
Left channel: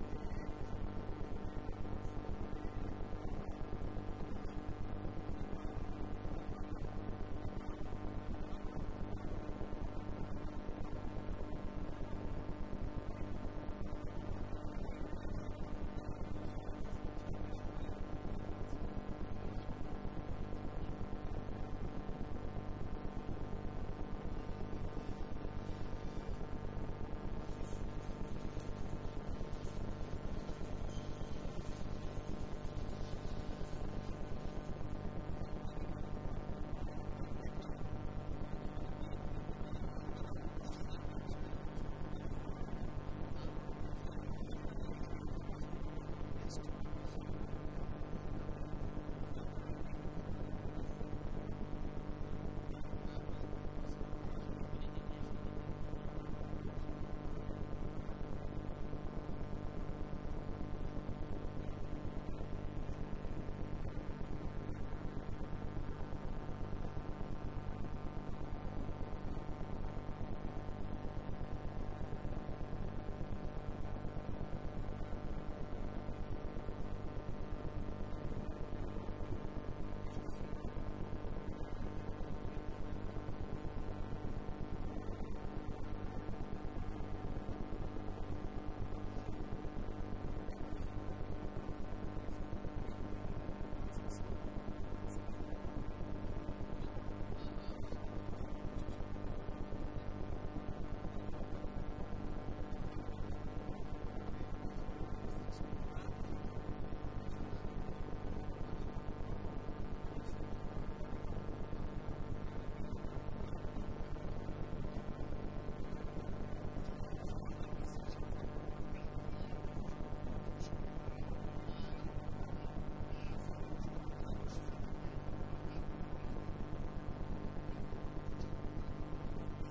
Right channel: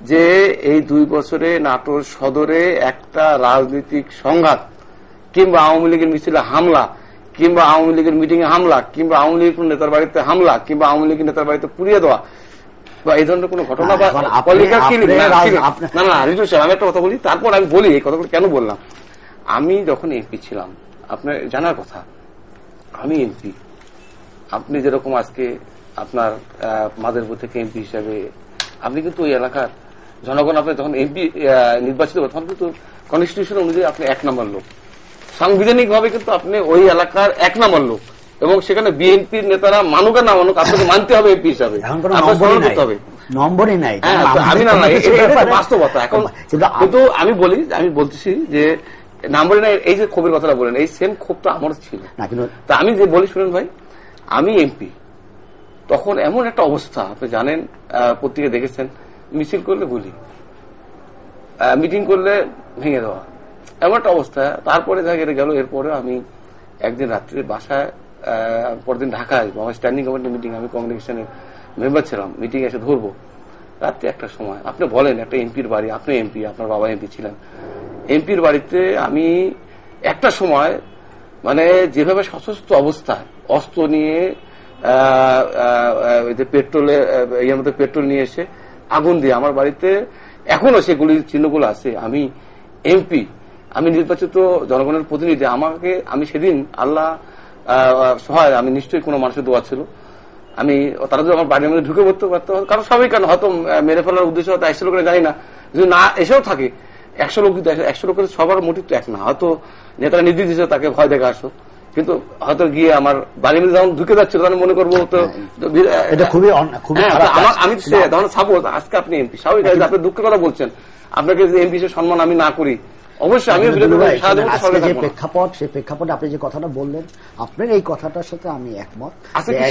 যে এই 2 বছরে নাটোর সদরে একটা রাজনৈতিক সংঘাত কিংবা আওয়ামী লীগের মিছিলে হামলা কিংবা আওয়ামী লীগের মিটিং এ হামলা কিংবা আওয়ামী লীগের নেতার বাড়িতে হামলা কিংবা আওয়ামী লীগের নেতার বাড়িতে পুড়িয়ে দেওয়া বা এই ধরনের কোন ঘটনা বা না রিজু সাহেব, আমি একটা কথা বলি, তারপর আমি বলি এই কথাগুলো কেন বললাম। আমি যখন এমপি ছিলাম, আপনার জানার কথা, আমি এমপি, আপনি যেরকম আজকে আপনার মাদারীপুর থেকে এমপি হিসাবে আপনি কিন্তু ওই এলাকার জনগণ আপনি যখন এমপি নির্বাচিত তখন কিন্তু কনস্টিটিউশন অনুযায়ী আপনি 1 নম্বর লোক, সাংবিধানিক ভাবে কিন্তু আপনি ওই এলাকার 1 নম্বর লোক, এবং সেখানে বিএনপির নেতারা মানুক আর না মানুক আপনাকে মানতে হবে এমপি হিসাবে, আপনার স্মরণ করতে হবে, নম্বরই নাই। আমি না বাস্তবতা। এখন কিন্তু আমি বলতেছি যে নম্বরই নাই, এই যে ক্ষোভের কথাটা বলেন, এই সেম ক্ষোভটা আমার ছিল। তা আমি যে বলি শুনেন ভাই, আমি এমপি, তখন এমন একটা অবস্থা, আপনি জানেন, পত্রিকা দেখেছেন, মিছিল করলে গুলি, মিটিং করলে ভেঙে দেওয়া, এমন একটা অবস্থা। তারপরে দেখা গেল, এরপরে আমি একদিন রাত্রে বাসায়, পরদিন ঢাকায় আমার স্ট্যান্ডিং কমিটি মিটিং, আমি কমিউনিকেশনের মেম্বার ছিলাম, মিটিং এসে ধরবো রাত্রে 1টার সময়। আপনি বলেন একটা এমপির বাড়ি, আপনি এমপি, আপনার বাবা এমপি ছিলেন, এমপির বাড়িতে আমি 1টার সময় মানে যেভাবে সশস্ত্র অবস্থায় অস্ত্র নিয়ে পেট্রোলে ইয়ের মধ্যে পেট্রোল নিয়ে এসে আগুন দিয়ে আমার বাড়িতে এখনো সেগুলির চিহ্নগুলো আছে। আমি এমপি, আমি নির্বাচিত জনগণের প্রতিনিধি, আমি সেদিন আল্লাহ সহায়, আমি নিশ্চয়ই কোনো মানুষের দোয়া ছিল, তারা যদি আমার বাড়ির মধ্যে ঢুকে পড়তে পারতো, কারণ সবাই কেন হয়তো মেরে ফেলার উদ্দেশ্য হয়তো 100 লোকের জানি না, যদি না এসেও থাকে 100 লোক, 100 লোকের সবার মোটিভ তো এক না, হয়তো নেতারা নির্দেশ দিচ্ছে তাকে ভয় দেখে আসো, কিন্তু হয়তো গিয়ে আমার বাড়ির মধ্যে যখন ঢুকে যাচ্ছিল তখন মনে করবো তো আমি তখন সাপোজ আজকে আপনি এমপি, স্বাভাবিক আপনি দুঃখের কথা বলছেন, আপনাকে যে এমপি সে সম্মান আমি না করি, অবশ্যই আমি প্রেক্ষাপট, সেই প্রেক্ষাপটে আপনি যে কথাটা বললেন, আপনার এই কথাটার সাথে আমি একমত।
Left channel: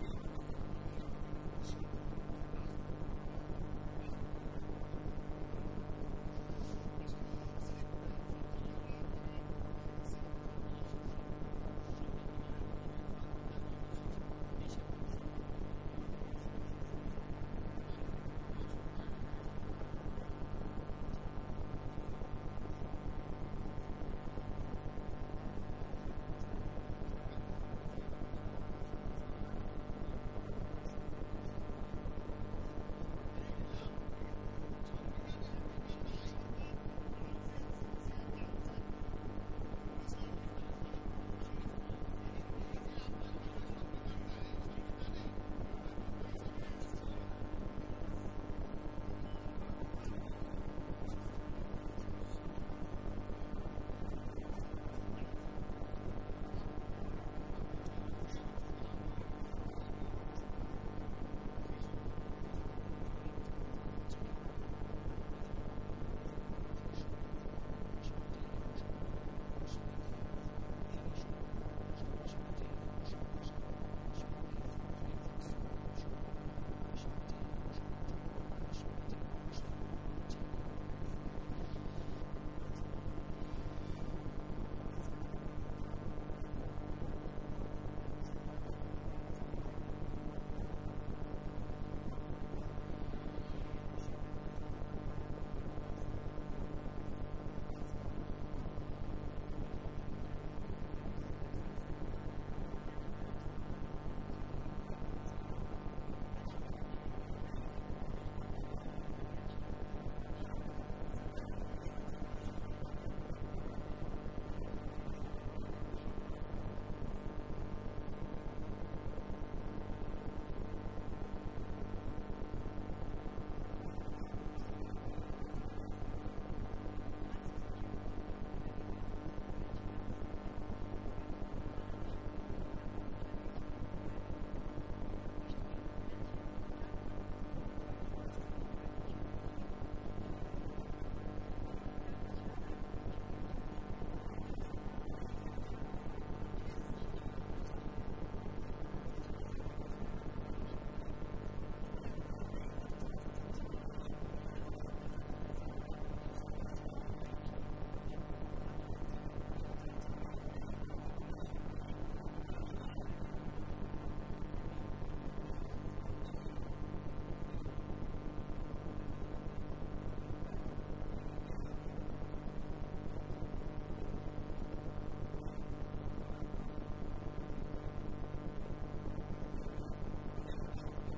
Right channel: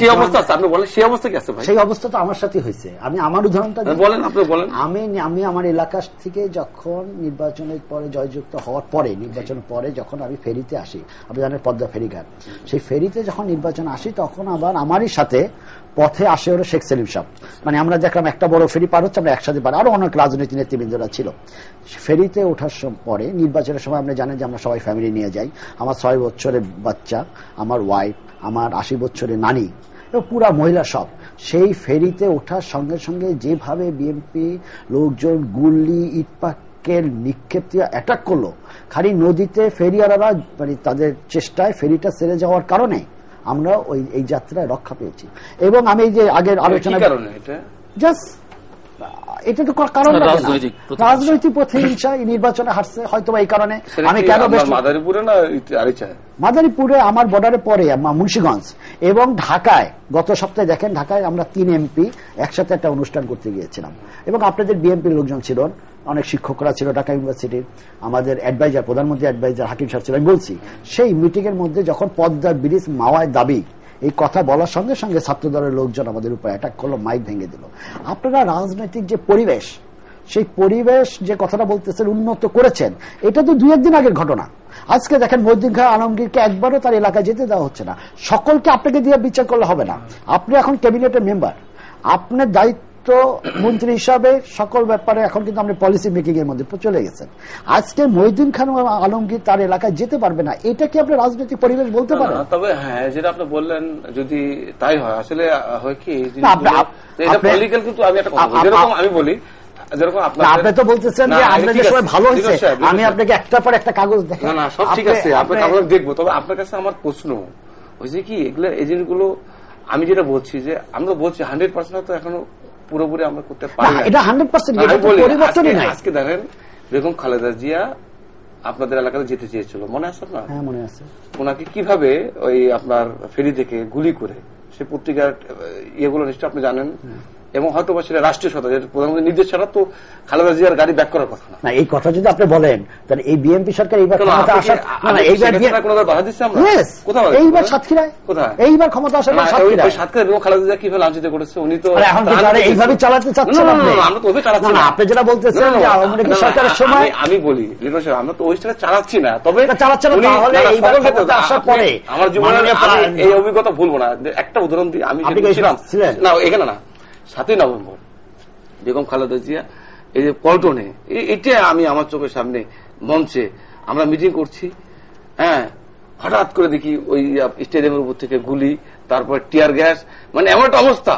সেই অবস্থা আছে, আপনি বলেন সেই অবস্থা কি আছে? সেই অবস্থা তো আমার সাথে হয়েছে। আমি আমার উদাহরণটা বলেন, আপনি বলেন। আমি আমার এলাকা থেকে যখন নির্বাচনের পরে জয়যুক্ত হওয়ার পরে, নির্বাচনের পরে যখন আমি ফেরিতে আসি, আপনি জানেন পদ্মা ফেরিঘাট, সেই ফেরিতে যখন নির্বাচন আসি, তখন আবার আমারই সাথে পথে আসে হলো শেখ সেলিম সাহেব। মানে আমরা দেখলাম একটা বড় ফেরি পার হচ্ছে, আমরা একসাথে পার, আরো অনেক রাজনৈতিক নেতৃবৃন্দরা ছিল। ফেরিতে ওঠার পরে নির্বাচনের সময় আপনি জানেন যে আমরা সবাই ফ্যামিলি নিয়ে যাই। আমার 6 বছরের বাচ্চা, আমার ওয়াইফ, আমার 80 বছরের নানি, পুরা মহিলা সব। সেই ফেরিতে ওঠার সঙ্গে সঙ্গে যেভাবে বিএনপি লোকজন গুল্লি ইটপাকের নিক্ষেপ দিয়ে অ্যাটাক করলো, খালি নদীতে ফেরিয়ালারা মানে তাদের চেষ্টায় ফেরিটা ছেড়ে যাওয়ার কারণে আমরা এই যাত্রায় রক্ষা পেয়েছি। এবং আমি এই যে আগের আলোচনা, জাস্ট এটা তো কারণ রাজনৈতিক পথে নির্বাচনে হারছে হয়তো এই কারণে। আমি কেন মাদারীপুরে না মাদারীপুরে আমার বর্ডারে পরে মুন্সিগঞ্জ এবং ঢাকায় গত সপ্তাহে দেখেন, ঢাকায় আমরা 3 এমপি একসাথে একটা অনুষ্ঠান করতে গিয়েছিলাম এবং আপনাদের বিএনপির লোকজন ছিল, অনেক শিক্ষকরা ছিল ঢাকা ইউনিভার্সিটির, আমাদের অ্যাডভাইজার, প্রধানমন্ত্রী অ্যাডভাইজার হাকিম সাহেব ছিল। আমি বলছি সেই মিটিং এর মধ্যে যখন পদ্মা ব্রিজ মাওয়ায় দাবি এই কথা বলার সঙ্গে সঙ্গে ছাত্র দলের লোকজন আমাদের উপর অ্যাটাক করলো, মাইক ভেঙে দিল। আপনারা রাজনৈতিক যে পরিবেশ, সেই পরিবেশ যে কথাটা বলতেছেন উন্নত করেছেন, এটা তো 2-1 দিন আগের ঘটনা। আজকে দেখেন মহিউদ্দিন খান আলমগীরকে একবারও তার এলাকায় যেতে দেওয়া হচ্ছে না। সকলকে আপনাকে দিয়ে বিচার করলে হবে না। আপনি এখন ক্যাবিনেটের মেম্বার, আপনার দায়িত্ব মন্ত্রী হিসাবে সকল ব্যাপারে এখন কিন্তু আপনি পলিসি মেকিং এর মধ্যে চলে গেছেন। আজকে মহিউদ্দিন খান আলমগীর তার এলাকায় যেতে পারবে না, এটা কি আপনি রাজনৈতিক পরিবেশ বলতে পারেন? তবে হ্যাঁ, যেটা আপনি বললেন যদি তাই হয়, আসলে হয় কি এটা পলিটিক্যাল, কিন্তু আমি একটা কথা যেরকম আমি বলি, যেরকম আপনি তো বলতেছেন যে আপনাদের সবাই ভালো হয়েছে, আমি আপনাকে একটার পর একটা কাগজ দেখাই। না সব ঠিক আছে, আপনার কাগজ দেখবো। তবে আপনার কাছে আমার প্রশ্ন হয়েছে কি, এগুলো এজেন্টগুলো আমি যেটা বলছি যে আমরা বলছি 100% তো এখনো পুরোপুরি আমরা করতে পারি না, এটা 100% পরিবর্তনই নাই। আজকে দেখেন বেগম খালেদা জিয়া আপনাদের এলাকাতে যেতে চেয়েছিল, মনে আছে আপনার? হ্যাঁ মনে আছে। ওনাকে কিভাবে ওই আপনার ফেরি থেকে গুলি করে, সে পত্রিকার ইয়েগুলো নিশ্চয় আপনি জানেন, এবং হয়তো বা সেটা রাষ্ট্রীয় সত্তা, প্রধানমন্ত্রীর নির্দেশ ছাড়া তো খালেদা জিয়ার গাড়ি ব্যাক করার কথা না। এই কথা যদি আপনি বলেন তাহলে এই বিএনপি সরকার এইবার ক্ষমতা আসার বাধা দিচ্ছে আমরা কোথাও, এইবার সাতক্ষীরায় কোথায় এইবার ক্ষমতা আসার সাতক্ষীরায় এবং খালেদা জিয়া কিভাবে লাঞ্ছিত করেছে, উনি তো এখন এইভাবে চালাতে চাচ্ছেন। আমরা তো ওইভাবে চালাচ্ছি না, আপনি যেটা বলতেছেন যে আওয়ামী লীগ সরকারের সময়, আমি বলি আমরা তো ওই সেটা চালাচ্ছি না, তবে চালাচ্ছেন না, তাহলে এইবার ক্ষমতা আসার পরে আমার জীবনে এই অভিজ্ঞতা ভুলবো না। একটা উদাহরণ দিই, আমি ছিলাম না এখানে না, 7ই নভেম্বর বেগম খালেদা জিয়া এই যে পল্টনে, এটা আমি আমার চোখের সামনে মঞ্চে আমরা মিটিং করছি, হ্যাঁ হঠাৎ করে দেখি ওই স্টেডিয়ামের উপর থেকে গুলি, তারপর টিয়ার গ্যাস, মানে এমন একটা অবস্থা,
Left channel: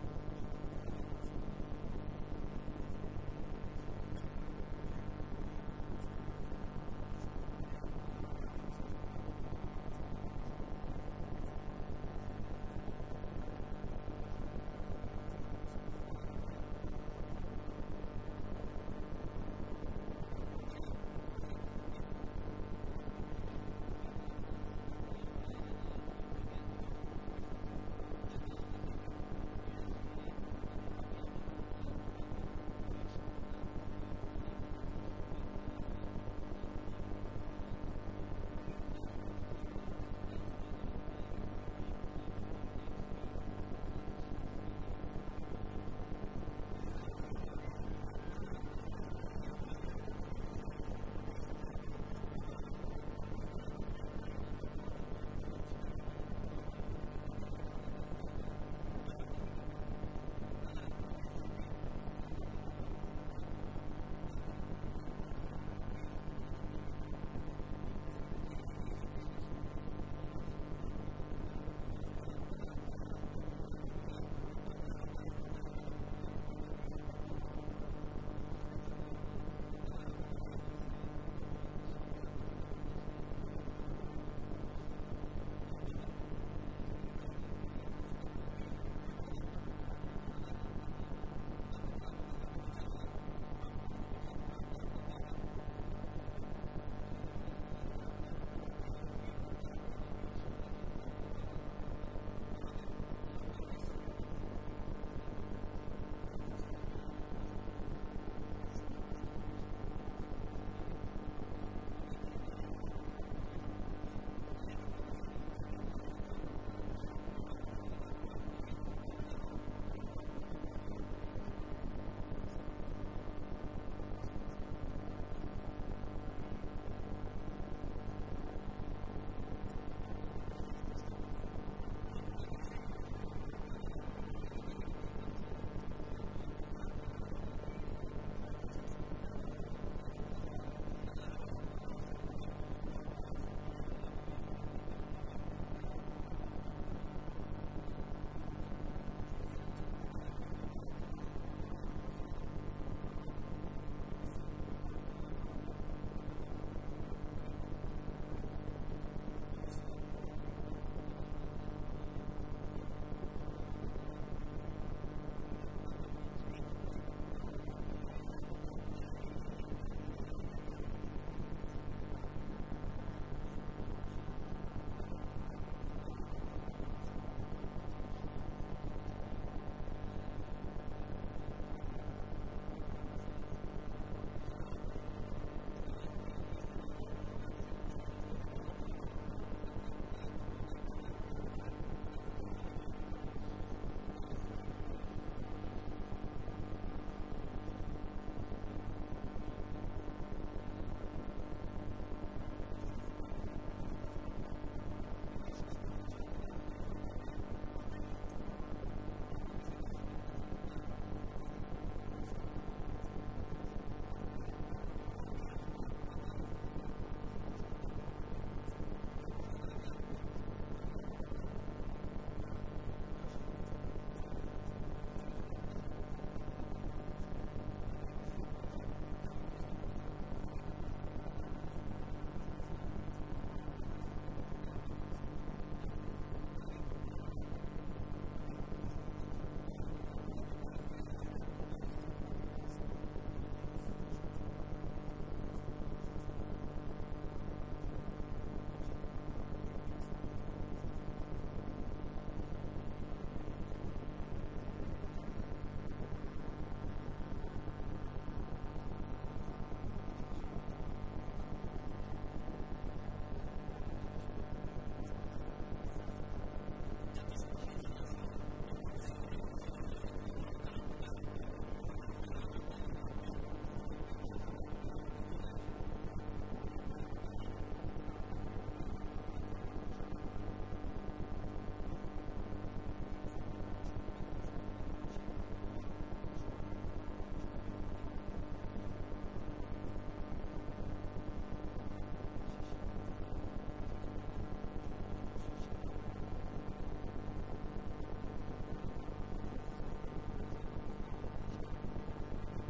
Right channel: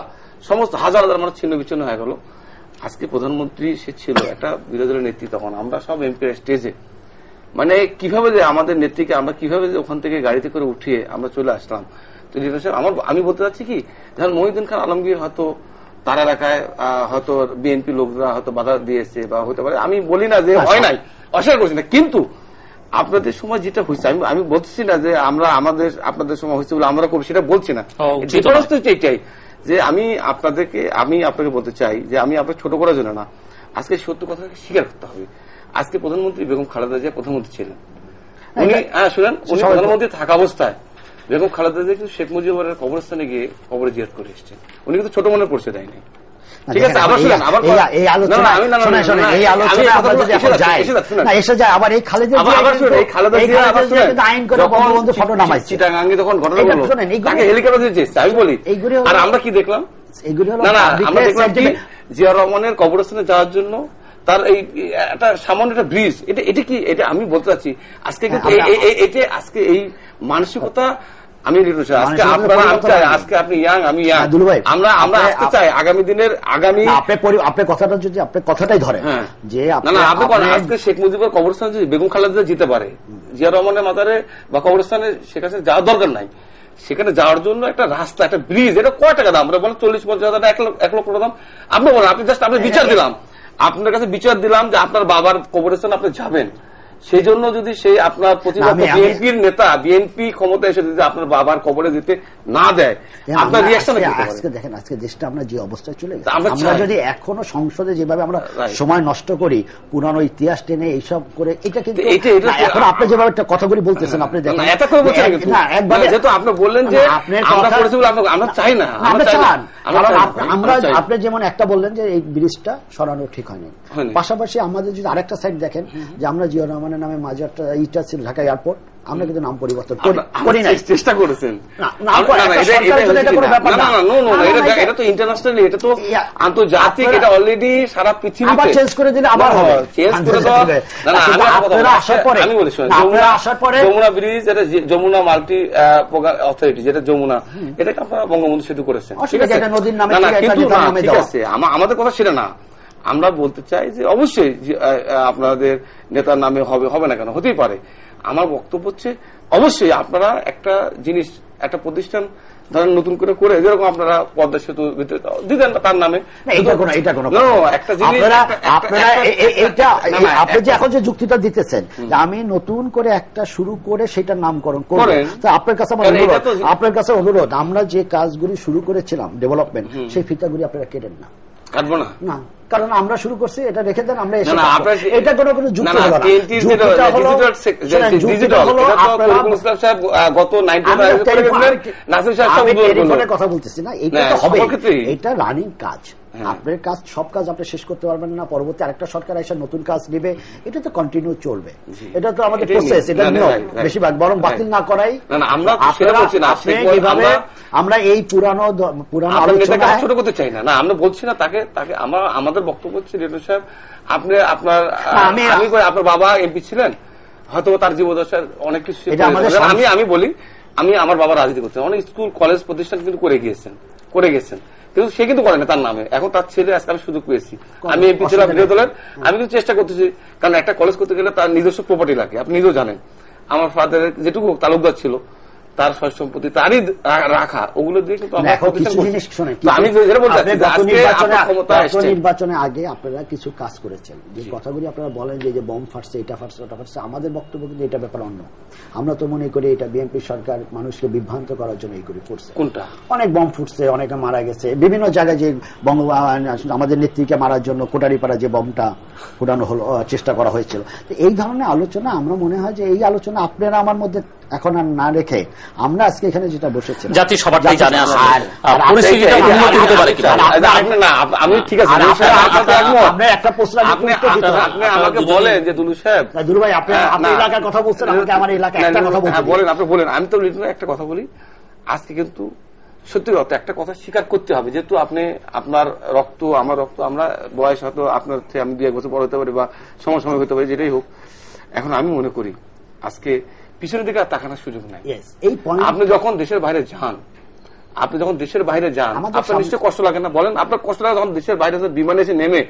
সমস্ত হাজার হাজার মানুষ ছিন্ন বিচ্ছিন্ন হয়ে গেল। আজকে প্রধানমন্ত্রী সে ছিল, একটা বিরোধী দলের নেত্রী, তখন আমরা সব এমপি স্টেজে, মানে কিভাবে যে আমাদের নেত্রীকে আমরা কিভাবে যে ওখান থেকে গাড়িতে করে উঠিয়ে আমরা চলে আসলাম। তো আমি বলতে চাচ্ছি কি, যেমন মহিউদ্দিন খান আলমগীর হয়তো তার এলাকায় হয়তো বিএনপি লোকরা হয়তো বাধা দিয়েছে বা হতে পারে, আমি বলি না যে হয় নাই, অস্বীকার করছি না, কিন্তু আপনাদের সময় যেটা হয়েছে, আমি বলছি না যে আমরা আমাদের আপনাদের সময় হয়েছে বলে আমরা করবো, সেটা বলছি না। ডিফারেন্স তো এটাই যে আমি আপনাকে বলতে চাই যে আমি আপনাকে ছোট করার জন্য না, আজকে সত্য কথা স্বীকার করতে হবে। আজকে প্রধানমন্ত্রী বেগম খালেদা জিয়া প্রধানমন্ত্রী ছিলেন, উনি শুনেন, উনি প্রধানমন্ত্রী থাকা অবস্থায় বেগম খালেদা জিয়া কিন্তু শেখ মুজিবের কবরস্থানে গিয়ে কবরে জিয়ারত করে এসেছেন, উনি কিন্তু ছোট মনে পড়ছে দেয়নি। ঠিক আছে, আবার শুনেন, আবার এই আলোচনা আইন করে বঙ্গবন্ধু ফটো নামাইছে, চিটাগাঙ্গে তখন ঘটনা হলো, তাকে হেলিকপ্টার দিয়ে চেয়েছে। আমি বলি, আর আমরা কি দেখলাম, না আমরা দেখলাম কি জিয়াউর রহমানের কবরস্থানে যাওয়ার জন্য তার এই একটা সামান্য একটা ব্রিজ, এটা কি, এটা আমি বলতে চাচ্ছি আজকে কিন্তু আজকে এই মানসিকতা আমি আজকে আপনি ইয়াং, আমি ইয়াং, আমরা আসতে চাই আগামী দিনের আপনার কথাটা যদি আপনার কথাটাই ধরে যে আজকে শেখ মুজিবের কবরস্থানে যদি বেগম খালেদা যেতে পারে, জিয়া রহমানের মাজারে বা কবরস্থানে সেখানে যাওয়ার দরকার নাই, সেখানে যাওয়ার জন্য একটা রাস্তা, একটা ব্রিজ, এটা কয় টাকা দাম? আমরা বলেন 40-50 হাজার, 1 লক্ষ টাকা দাম। আপনি বলেন, আপনি জাস্ট আপনি বিচার দিলাম, আপনার কাছে বিচার দিলাম যে আপনার বাবার কবরস্থানে আপনি যাবেন, সেই জন্য যদি সেই আপনার প্রতিপক্ষ বিএনপির নেতা, বিএনপি ক্ষমতা এসে যদি আপনার বাবার কবরে যেতে না দেয়, আপনার রিঅ্যাকশন কি? আজকে দেখেন, আজকে দেশটা আমরা যে অবস্থায় চলে গেছি, আমরা যদি এখনো সংসদে যেভাবে আমরা সময় নষ্ট করি, পুরানো ইতিহাস টেনে এইসব করে, এটা কিন্তু এখন আপনি যেভাবে একটা কথাগুলি বলতেছেন, আপনি দেখেন যেহেতু আপনি বললেন যে আমরা চাই না, আমরা চান, আপনি যেমন একটা বললেন যে এই ব্রিজটা সরানো ঠিক হয়নি, পাশাপাশি আমাদের যদি আরেকটা সাইড দেখেন যে আমরা জিয়া রহমান রহমানের নামে মাজারটা ইটা ছিল ঢাকা এয়ারপোর্ট, আমরা কিন্তু নাম পরিবর্তন করি নাই, চেষ্টা করেছেন। এটা তো ইন্টারন্যাশনালি, এটা তো আন্তর্জাতিক, এটা অলরেডি সারা পৃথিবী আবার চেঞ্জ করে দিলে আবার হবে। আমি বলি যমুনা ব্রিজ, এটা যমুনা মাল্টি অথরিটি, যেটা যমুনা, এটাকে আপনারা বঙ্গবন্ধু সেতু করেছেন, ঠিক আছে? ঠিক আছে, আমাদের কথা সেটা না। আমরা বলতে চাই যে অবশ্যই আপনাদের নেতার নামে হবে না কেন, হতেই পারে। আমার বক্তব্য হচ্ছে অবশ্যই আপনারা একটা জিনিস, একটা প্রতিষ্ঠান ধরেন নতুন করে যেরকম আপনারা পদ্মা সেতু দিতেন তার নামে, একটা জিনিস আপনি যে এখন যে যুক্তিটা দিতেছেন আমি নতুন করে একটা শুরু করে সেটার নামকরণ করেন, আপনার কাছে অনুরোধ, আমরা যে কাজগুলি শুরু করেছিলাম ডেভেলপমেন্ট, সেই ফিতাগুলি আপনারা কেটেন না, কাটবো না, না, কারণ আমরা শুরু করছি, এটা রেখে দেন, আমরা এটা কোনো যুক্তি হলো না। কথা বলতেছি না, এটা তো হবে, এটা রানিং কাজ, আপনার কাজ, সব কাজ আপনি শেষ করতে পারবেন না, পরবর্তী আরেকটা সরকার এসে নতুন কাজ দিবে, এটা তো কন্টিনিউ চলবে, এটা তো আমাদের প্রসেস, এটা নিয়ম, বেশিরভাগ বরং বাতিল না করাই। আমরা এই পুরানো আলোচনা ছোট করতে চাই না, আমরা বলছি না তাকে, আমাদের বক্তব্য হচ্ছে রেডু সাহেব, আপনি আপনার বাবা এমপি ছিলেন, হয়তো তার জীবদশার অনেক কিছু, আমি বলি, আমি আমার বাবা রাজনীতি করতেন, অনেক স্কুল কলেজ প্রতিষ্ঠান কিন্তু করে গিয়েছেন, কিন্তু সে কিন্তু করে না তার নামে, এখন তার ছেলে, আজকে আমি সুযোগ পেয়েছি, আমি এমপি ছিলাম বিরোধী দলের, আমি কিন্তু চেষ্টা করতেছি, কারণ একটা কলেজ করতে গেলে তার নিজস্ব প্রপার্টি লাগে, আপনি নিজেও জানেন, আমার ফাদারের যেটুকু তালুকদার ছিল তার সয় সম্পত্তি তারই রাখা, ওগুলো দিয়ে কিন্তু নির্বাচনে আগে আপনারা কিছু কাজ করেছেন, যে কথাগুলি আপনারা বলেন যে বম ফাটছে, এটা ফাটছে, ওটা ফাটছে, আমাদের বক্তব্য কিন্তু এটা ব্যাপার অন্য। আমরা তো মনে করি এটা বিএনপি সরকার মানুষকে বিভ্রান্ত করার জন্য এইগুলি করছে। কোনটা? অনেক বম ফুটছে, অনেকে মারা গেছে, বিভিন্ন জায়গায় যে আমাদের নেত্রীকে মারার জন্য কোটারিপাড়া যে বমটা ফুটানো হলো, চেষ্টা করা হয়েছিল, এই ধরনের আলোচনা আমরা মনে হয় যে এই আলোচনা আপনারা আমার মধ্যে এখন আর না রেখে আমরা আজকে এখানে যেটা বসেছি, জাতি সবারটাই জানে আমি ঠিক আছে, একটা প্রশ্ন আপনি আমাকে বলেন যে দুলু সাহেব, দুলু ভাই আপনি এলাকার কথা বলছেন, আমাকে আমার এলাকায় একটা কথা বলেন, আপনি বলেন, আমি তো একটা কথা বলি, আজকে কিন্তু সত্যি কথা একটা কথা স্বীকার করতে হবে, যেহেতু আপনি আপনার রক্ত আমার রক্ত, আমরা বয়স হয়তো আপনার থেকে আমি 2-1 বছর বড় হতে পারি বা সময় হতে পারি, যেটাই হোক, এখন আমি মনে করি আজকে পিছনের দিকে আর তাকানোর সুযোগ নাই। আপনি যখন দেশের বাইরে যান, আপনার নিশ্চয় কষ্ট লাগে না? বলেন, আপনার কষ্ট লাগে যখন দেশের বাইরে বিমানে এসে নেমে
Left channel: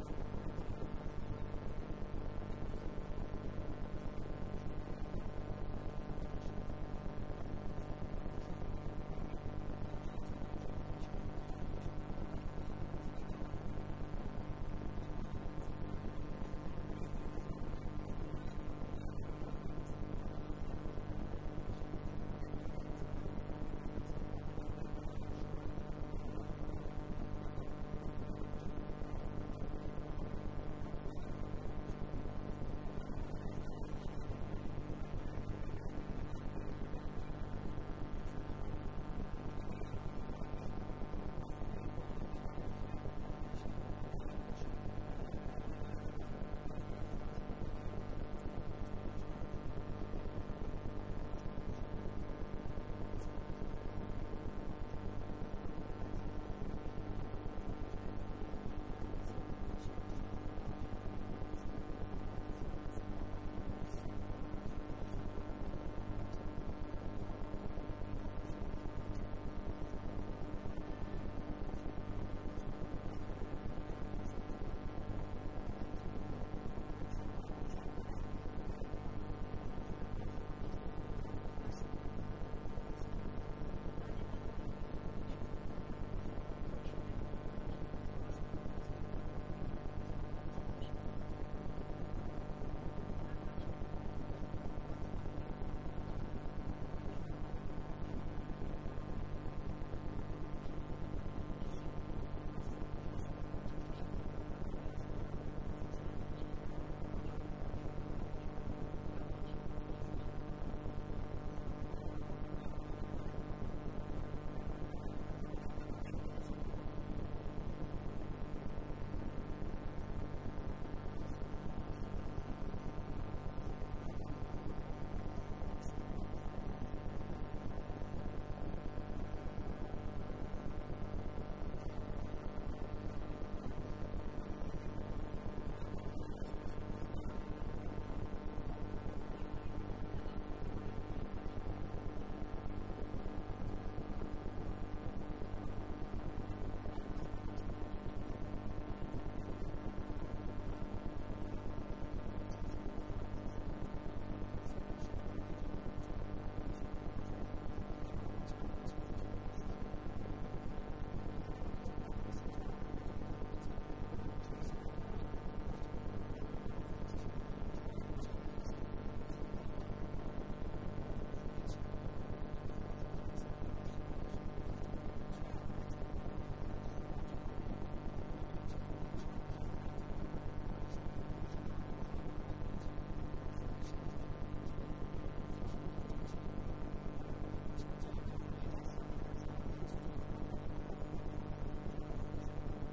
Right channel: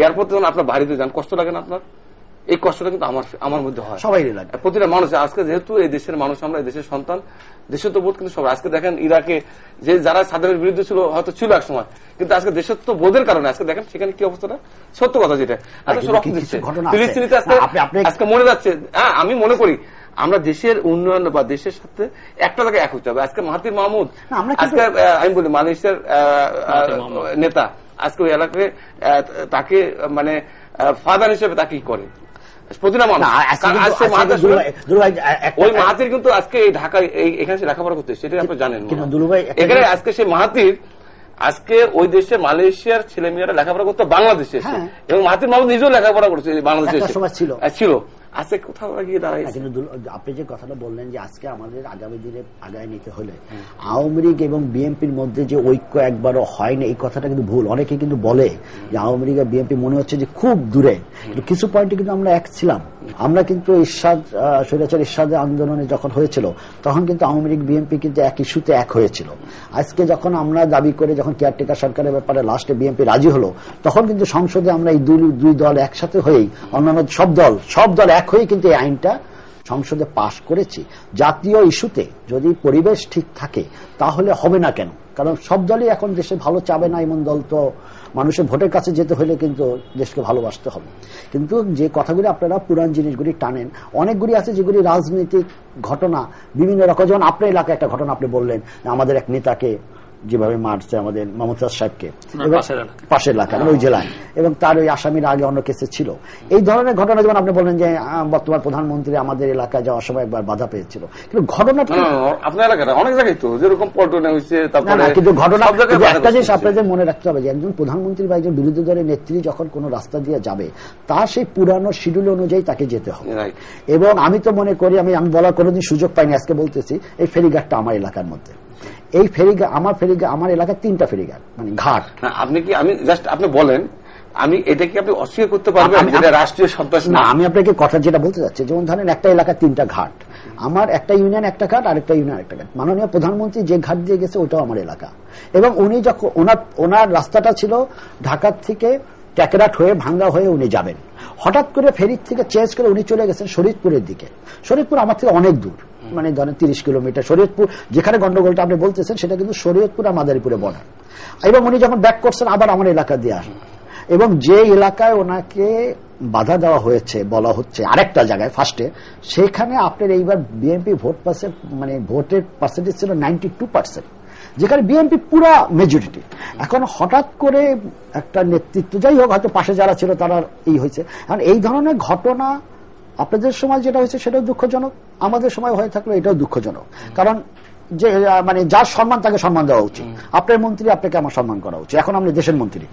এয়ারপোর্টে যখন আপনার বাইরে যান, কষ্ট লাগে না আপনার? এই কষ্টটা কিন্তু আমার মধ্যে হয়, সবাই লাগে, প্রতিটা মানুষ। আজকে যেহেতু এই দেশের মানুষ, আমরা এই দেশের সন্তান, দেশের তো বোধ কিন্তু সবাই, আজকে দেখেন ইরাকে যে যারা সাধারণের বিরুদ্ধে ছিল, হয়তো ছিল এক সময়, কিন্তু আজকে দেশের তো বোধের কারণে আজকে দেখেন সেখানে কি অবস্থাটা, সত্য কথা যেটা রক্ত দিচ্ছে ফিলিস্তিনিতে আজকে মনে যাচ্ছে। হ্যাঁ, আমি মনে করি আমরা দেশের উন্নয়ন বা দেশের সাথে একটা জায়গায় এক হতে হবে। আজকে মাহাতির মাহমুদ, আজকে আমি বলি মালয়েশিয়ার নেতা, আজকে ওই এলাকায় তাকে মানে ফাদার হিসেবে তাকে কি করে প্রতিটা মানুষ। ওই মাহাতির কিন্তু আজকে এই ঢাকায় এখানে লেখাপড়া করতে, সেটাই আপনি জানেন। এখানে আজকে সে মাহাতির আজকে ওই দেশে মালয়েশিয়ার ছেলেমেয়েরা লেখাপড়া করতে বাংলাদেশে, এবং মাহাতির মাহমুদ নিজেও লেখাপড়া করছে বাংলাদেশে ছিল। আজকে কোথাও গিয়ে দাঁড়ায়। কিন্তু আপনি যে কথাটা বললেন যে আজকে আমাদের আগামী দিনে আগায় নিতে হলে আওয়ামী লীগ এবং বিএনপির মধ্যে যে ঐক্য একবারও হয় না, এই কথাটা কিন্তু ভুল। অনেকে কিন্তু বলে যে আওয়ামী লীগ আর বিএনপি মনে হচ্ছে যে খুব দূরে, কিছু পয়েন্টে কিন্তু আমরা এক ছিলাম। আমরা কিন্তু স্বৈরাচার এরশাদের আন্দোলনে যখন হয়েছিল তখন কিন্তু আওয়ামী লীগ বিএনপি কিন্তু এক ইস্যুতে এক হয়েছিল। আজকে যখন আমরা দাবি করে যখন কেয়ারটেকার সরকারের ব্যাপারে লাস্টে বিএনপি রাজি হলো, তখন কিন্তু সংসদে আমরা এই দুই দল একসাথে হয়েই, অন্যান্য সব দল এক হয়ে কিন্তু এই আইনটা সংসদে পাশ করেছি। জাতীয় ইস্যুতে যদি পরিবেশ ঠিক থাকে তাহলে হবে না কেন? কারণ সব দলই এখন দেশে ভালো চাবে না, এমন দল তো মানুষের ভোটের কাছে যেতে হলে কিন্তু দেশকে ভালোবাসতে হবে। কিন্তু যে কথাগুলি আপনারা পুরান জিনিসগুলি টানেন, অনেকগুলি আছে যেগুলি রাজনৈতিক ঘটনা বিভিন্ন রকম। যেমন আপনার এলাকায় একটা ঘটনা আপনি বললেন, আমাদের এক নেতাকে যেভাবে মারছে আমাদের মমতাজ সাহেবকে পাশের এলাকায়। পাশের এলাকা মানে ওই জেলায়, এবং তার ওই আসামিরা আগে অন্য কেসে ছিল। এই ধরনের ঘটনা যেমন আপনি বললেন যে বর্তমান প্রধানমন্ত্রী আমাদের এলাকায় যাওয়ার সময় একবার বাধা পেয়েছিল, কিন্তু ঘটনাটা আপনার এলাকায় অনেক জায়গায় তো যেরকম পল্টনে হয়েছে, তারপরে কিন্তু ঘটনা সব জায়গায় বাধা একটা জিনিস করছে। আপনাদের মনে রাখতে হবে যে একজন প্রধানমন্ত্রী বা একজন বিরোধী দলের নেত্রী যখন কোন রাস্তা দিয়ে যাবে তার সেই পুরানো শিডিউল অনুযায়ী তাকে যেতে হবে। Right. এবং আমি তো মনে করি, আমি বলার কোনোদিন সুযোগ পাইনি, আজকে বলতেছি, এই ফেরিঘাটটা আমার এলাকার মধ্যে, এই ফেরিঘাট আমার এলাকায় 3টা ফেরিঘাট মানে ঘাট। না, আপনি কি আমি জাস্ট আপনি বলেন, আমি এটা কি আপনি অস্বীকার করতে পারবেন যেটা রাষ্ট্রীয় সন্ত্রাস না, আমি আপনাকে কথা যেটা বলতে চাচ্ছি, যেমন ধরেন একটা এলাকায় 3টা ঘাট, আমার একটা ইউনিয়ন একটা ঘাট, আরেকটা ইউনিয়ন একটা ঘাট। মাননীয় প্রধানমন্ত্রী যে ঘাট দিয়ে গেছে ওটাও আমার এলাকা, এবং উনি যখন ওনার রাস্তাটা ছিল ঢাকার থেকে ট্যাকরাট হয়ে ভাঙ্গা হয়ে উনি যাবেন, হঠাৎ করে ফেরির থেকে চেঞ্জ করে উনি চলে গেছেন শরীয়তপুরের দিকে। শরীয়তপুর আমার থেকে অনেক দূর, মানে ধরেন 30 কিলোমিটার। শরীয়তপুর যেখানে গন্ডগোলটা আপনি বলতেছেন সেটা কিন্তু শরীয়তপুর আর মাদারীপুরে বর্ডার। এবং উনি যখন ব্যাক করছেন আবার আমার এলাকা দিয়ে আসেন, এবং যে এলাকায় ওনাকে বাধা দেওয়া হয়েছে বলা হচ্ছে আরেকটা জায়গায় ফার্স্টে, সেখানে আপনার এইবার বিএনপি ভোট মানে ভোটের পার্সেন্টেজ ছিল 92%, যেখানে বিএনপি পুরা মেজরিটি। এখন হঠাৎ করে একটা নেতৃত্ব, যাই হোক হয়তো পাশে যারা ছিল তারা হয়েছে। কারণ এই ধরনের ঘটনা আপনাদের সময় যেটা হয়েছে সেটাও দুঃখজনক, আমাদের সময় হয়ে থাকলে এটাও দুঃখজনক। কারণ যে মানে যার সম্মান তাকে সম্মান দেওয়া উচিত। আপনার মন্ত্রী আপনাকে আমার সম্মান করা উচিত। এখন আপনি দেশের মন্ত্রী,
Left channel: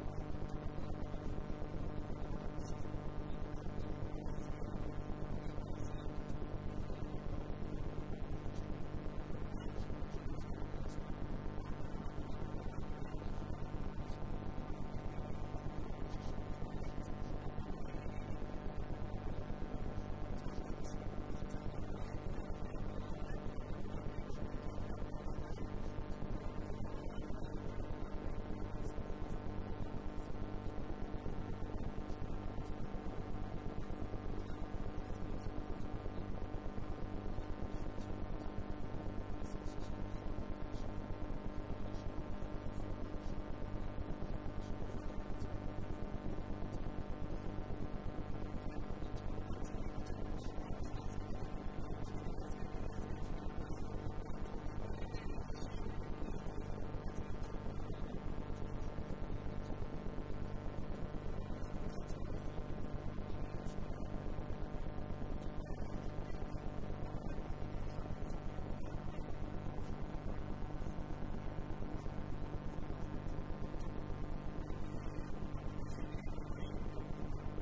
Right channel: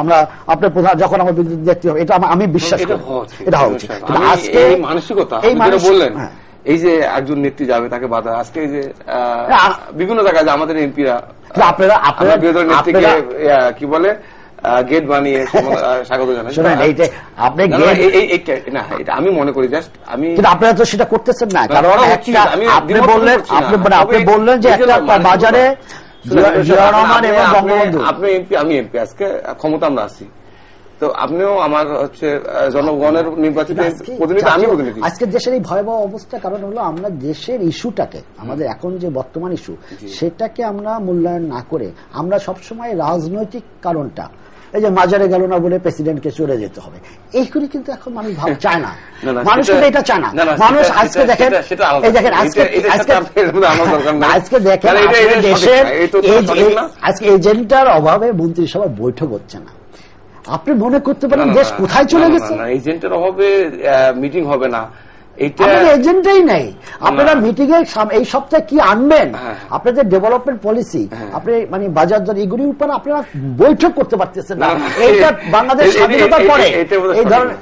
আমরা আপনার প্রধান যখন আমার বিরুদ্ধে দেখতে হবে, এটা আমি বিশ্বাস করি এটা হওয়া উচিত। আজকে এই মানসিকতা বললেন, এই যে একজন নেত্রী যাবে তাকে বাধা, আজকে এই যে বিভিন্ন জায়গায় আমাদের এমপিরা আপনারা বিরোধী নেত্রীকে কি বলে গেট বানিয়ে স্বাগত জানান। আমি মনে করি জাস্ট আমি, আপনারা তো সেটা করতেছেন না, কারণ আপনি বললেন যে একটা বাজারে আপনি এমপি আমি এমপি, আজকে ক্ষমতা আমরা আছি, তো আপনিও আমার হচ্ছে জনগণের নির্বাচিত প্রতিনিধি, আমি প্রতিনিধি। আজকে দেশের এই ভয়াবহ অবস্থা কারণ হলো আমরা দেশের ইস্যুটাকে, আমাদের এখন যে বর্তমান ইস্যু সেটাকে আমরা মূল্যায়ন না করে আমরা সবসময় রাজনৈতিক কারণটা, এই যে মাজারে গেল না বলে প্রেসিডেন্টকে চলে যেতে হবে, এই করে কিন্তু এখন মানুষ চায় না, মানুষ কিন্তু এটা চায় না। মানুষ আজকে দেখেন, এই দেখেন আজকে দেখেন দেশের আজকে এজেন্ডার অভাবে মন্ত্রিসভার বৈঠক হচ্ছে না। আপনি মনে করতে পারেন দেশ কোথায় চলে গেছে? এজেন্টের অভাবে মিটিং হবে না, এজেন্ডাই নেই। আপনারা মিটিং এ এই সপ্তাহে কি আনবেন, আপনাদের ডেভেলপমেন্ট পলিসি, আপনি মানে বাজার দর, এগুলির উপর আপনারা বৈঠক করতে পারতেছেন না। এইটা বাংলাদেশ স্বাধীনতার পরে এই ধরনের,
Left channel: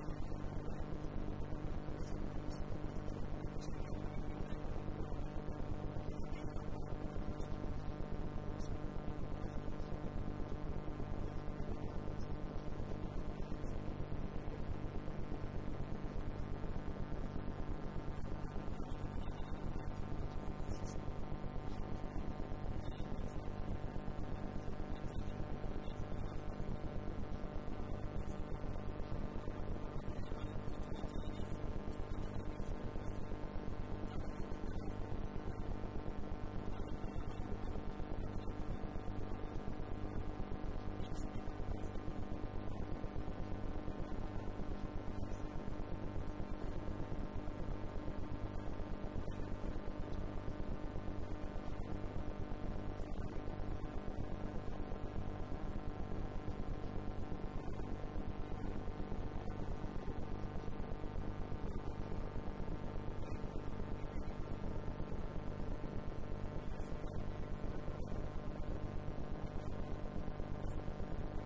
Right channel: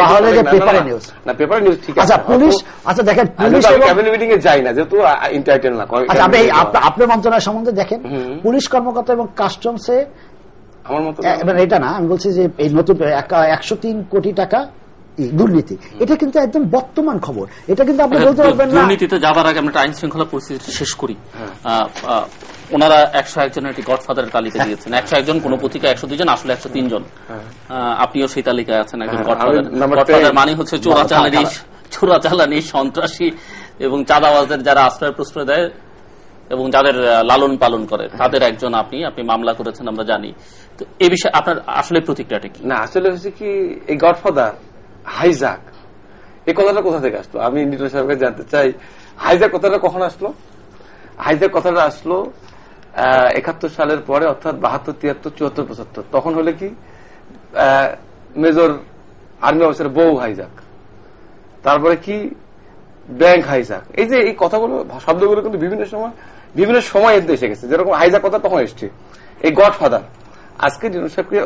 তাহলে যে পেপারে নিউজ না, পেপারে নিউজ ঠিক আছে। আচ্ছা পুলিশ, আচ্ছা দেখেন পুলিশ ক্যাবিনেট মিটিং এ যাই না যেহেতু ইন্টারটেন না। আচ্ছা আপনি আপনার মন্ত্রণালয় সম্বন্ধে দেখেন, পুলিশ কর্মকর্তা এবং কাস্টমসে আমার মতো এটা না, আমি বলছি যে এই নতুন 103 কোটি টাকা দুর্নীতি, এটা কিন্তু একদম বর্তমান খবর। এটা কিন্তু আপনি বলতে পারবেন না। দুর্নীতিতে যাবার আগে আমরা আইন শৃঙ্খলা পরিস্থিতি শেষ করি। ওনারা 101 জনের একটি গডফাদারের তালিকা দিয়েছেন। 101 জন, কোন পত্রিকা 102 জন, আসলে 103 জন। আপনিও সেই তালিকায় আছেন একজন গডফাদার। গডফাদার মানে হচ্ছে চোরাচালানি, সন্ত্রাসী এবং চাঁদাবাজদের যারা আশ্রয় প্রশ্রয় দেয় এবং যাদের লালন পালন করে তাদের একজন আপনি মামলা করেছেন আমরা জানি। তো এই বিষয়ে আপনার আসলে প্রতিক্রিয়াটা কি? না, আসলে হচ্ছে কি, এই গডফাদার হাইজাক এই কথাটা কোথা থেকে আসলো আমি নিটন সাহেবকে জানতে চাই। হাইজাক কথাটা কখন আসলো? হাইজাক কথাটা আসলো 71 সালের পরে, অর্থাৎ 72, 73, 74, 75। তখন হলে কি মেজর আর্মি অফিসার বউ হাইজাক, তারপরে কি ব্যাংক হাইজাক। এই যে এই কথাগুলো, শব্দগুলো কিন্তু বিভিন্ন সময় এসে গেছে। যেরকম হাইজাক কথা তখন এসছে, এই গডফাদার আজকে নিটন সাহেবকে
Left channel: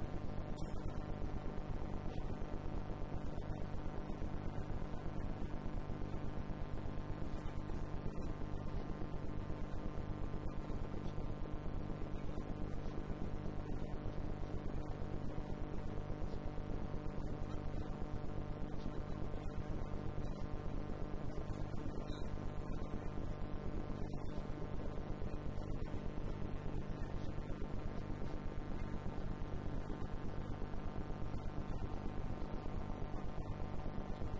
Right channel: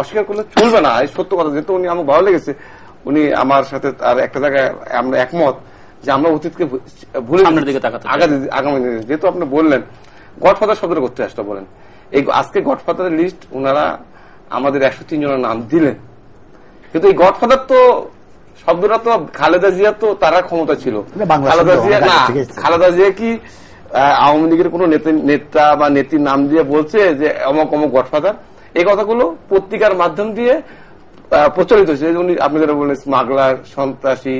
অস্বীকার করলে চলবে না। এই সত্য কথা, যেহেতু উনি আমার ভালো লেগেছে, উনি আমার সাথে আর একটা জায়গায় আমরা একমত যে আমরা অতীতকে ভুলে আগামী দিনে, যেহেতু আপনি বললেন গডফাদার শব্দটা করতে আসতে বলেন, এই আজকে গডফাদারের লিস্ট ওনারা আমাদের 103 জনের নাম দিলেন, কিন্তু এই গডফাদার তো শব্দটা তো খালেদা জিয়া, তো তারা ক্ষমতা ছিল। খালেদা জিয়া কি আওয়ামী লীগের কোন নেতা বা নেত্রীর নাম দিয়ে বলছে যে অমক অমক গডফাদার? এই কথাগুলো পত্রিকার মাধ্যম দিয়ে প্রচলিত হয়েছে। উনি আপনি যেটা বললেন স্মাগলার, সন্ত্রাসী,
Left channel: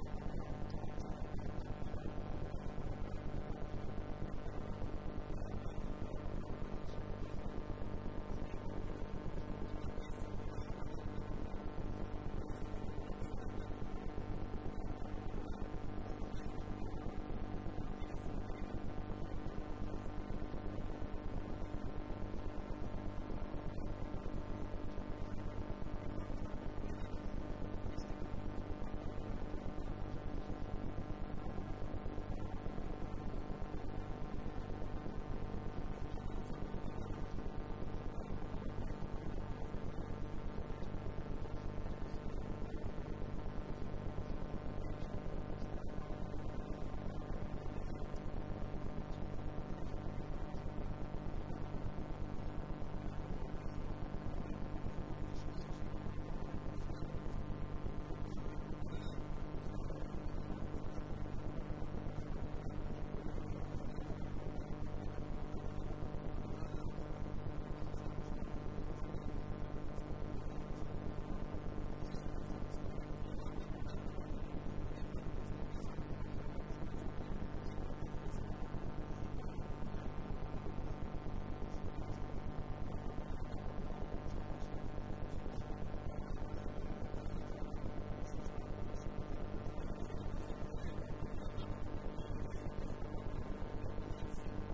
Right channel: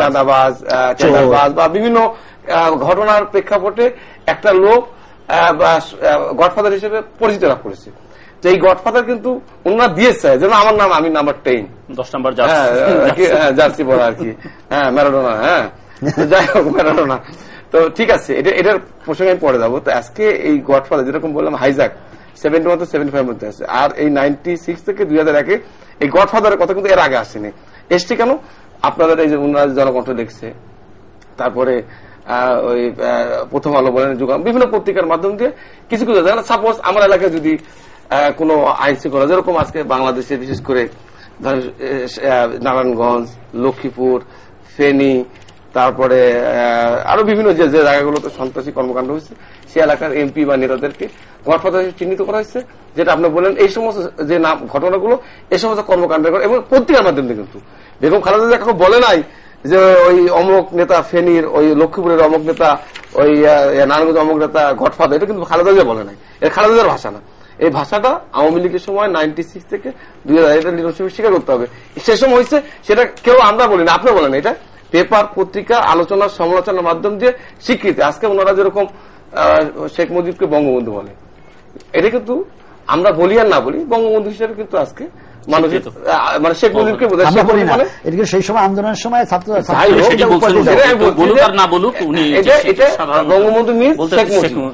চাঁদাবাজ বা বিভিন্ন ঘটনার প্রেক্ষাপটে একটা লোক গডফাদার হিসেবে পরিচিত লাভ করেছে। যে এই গডফাদার কিন্তু ওনারা দিয়েছে, যেন আমার নাম, আমি নাম্বার 10, 10 নম্বর জার্সি পরা আর কি, হ্যাঁ ম্যারাডোনা, হ্যাঁ যাই হোক ম্যারাডোনা। তো ঠিক আছে, এটার প্রসঙ্গে আমি পরে যাবো। তো আজকে এই গডফাদার যেরকম বললাম হাইজাক 71 থেকে 75 মধ্যে আছে, আর এই 96 থেকে 2001 এই গডফাদারের কথা কিন্তু এর আগে আসেনি। এসছে কেন? আপনাদের এই যে উন্নয়ন জনকণ্ঠ দেখছে, তারপরে ওই প্রথম আলো বলেন, যুগাম, বিভিন্ন পত্রিকার মাধ্যম দিয়ে কিছু কিছু সাপোজ আমার এলাকায় যদি কোনো আইন শৃঙ্খলা, যেরকম আজকে বাংলাদেশে বিশেষ করে নারায়ণগঞ্জ, লক্ষ্মীপুর, ফেনী, তারপরে আরো বিভিন্ন যে যে জায়গাগুলোতে সন্ত্রাসী কর্মকাণ্ড হয়েছে, সে এলাকার এমপি বা নেতাদেরকে গডফাদার চিহ্নিত করা হয়েছে। যেটা আপনি বলেন এই সমস্ত যে নাম ঘটনাগুলো, এই সমস্ত কর্মকাণ্ডের এবং পত্রিকার মাধ্যমে কিন্তু বেগম খালেদা জিয়া কাউকে বলে নাই যে ওই অমুক নেতা ফেনীর, ওই লক্ষ্মীপুরের অমুক নেতা, ওই নারায়ণগঞ্জ অমুক নেতা গডফাদার, এটা কিন্তু খালেদা জিয়া বলে নাই, এটা খালেদা জিয়ার ভাষা না। এই ভাষাটা আওয়ামী লীগের সময় 96 থেকে 2000 এটা লিডারশিপ স্বীকার করতে হবে। সে সময় হয়েছে, সেটা কেউ আমরা বলি না, আপনি বলেন, এটা পেপার, পত্রিকা, আলোচনা, সমালোচনার মাধ্যম দিয়ে স্বীকৃতি। আজকে ওনারা যেরকম শেখ মুজিবকে বঙ্গবন্ধু বলে, এটা কিন্তু আমরা বলি আর না বলি, বঙ্গবন্ধু হিসেবে কিন্তু আজকে মানুষের মানে শেখ মুজিবকে বোঝায়। সেই সময় আন্দোলনের সময় বঙ্গবন্ধু মিন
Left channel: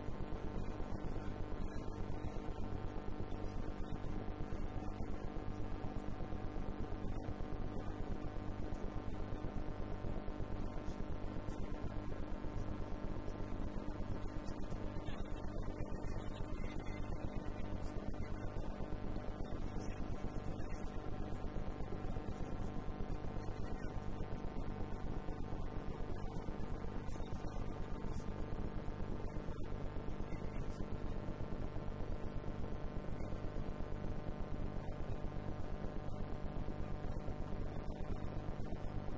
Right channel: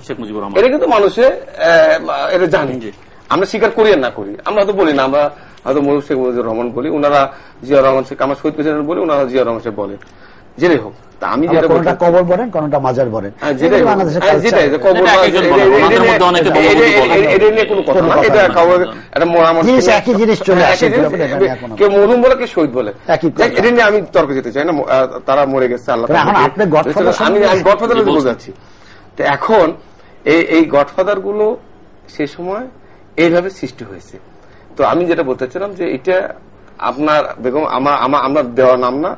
শেখ মুজিবুর রহমান, এটা কিন্তু মানুষে এটা জানি। আমরা স্বীকার করি আর না করি, আমরা হয়তো বলি না, আমরা হয়তো শেখ মুজিবুর রহমান বলি, ওনারা জিয়া রহমান শেখ, আমার শহীদ প্রেসিডেন্ট বলি, ওনারা জিয়া রহমান শেখ বলে, যেটাই হোক। আমি যেটা কবর বলেন, কোনটা মাজার বলেন, যেটাই কবর, এটা নিয়ে কোনো কথা না, এটা একই জিনিস চলে আসে, কেউ মরহুম বলে, কেউ শহীদ বলে, এটা নিয়ে আমি তর্ক যেতে চাই না। তারা মরে গেছে, আল্লাহ। আমি গডফাদার বোঝাচ্ছি। তো এখন এই গডফাদার গুলো সে সময় এইভাবে সৃষ্টি হয়েছে। তো আমি যেটা বলতে চাইলাম যে এটা আপনার বেগম আমরা দেওয়ার নাম না,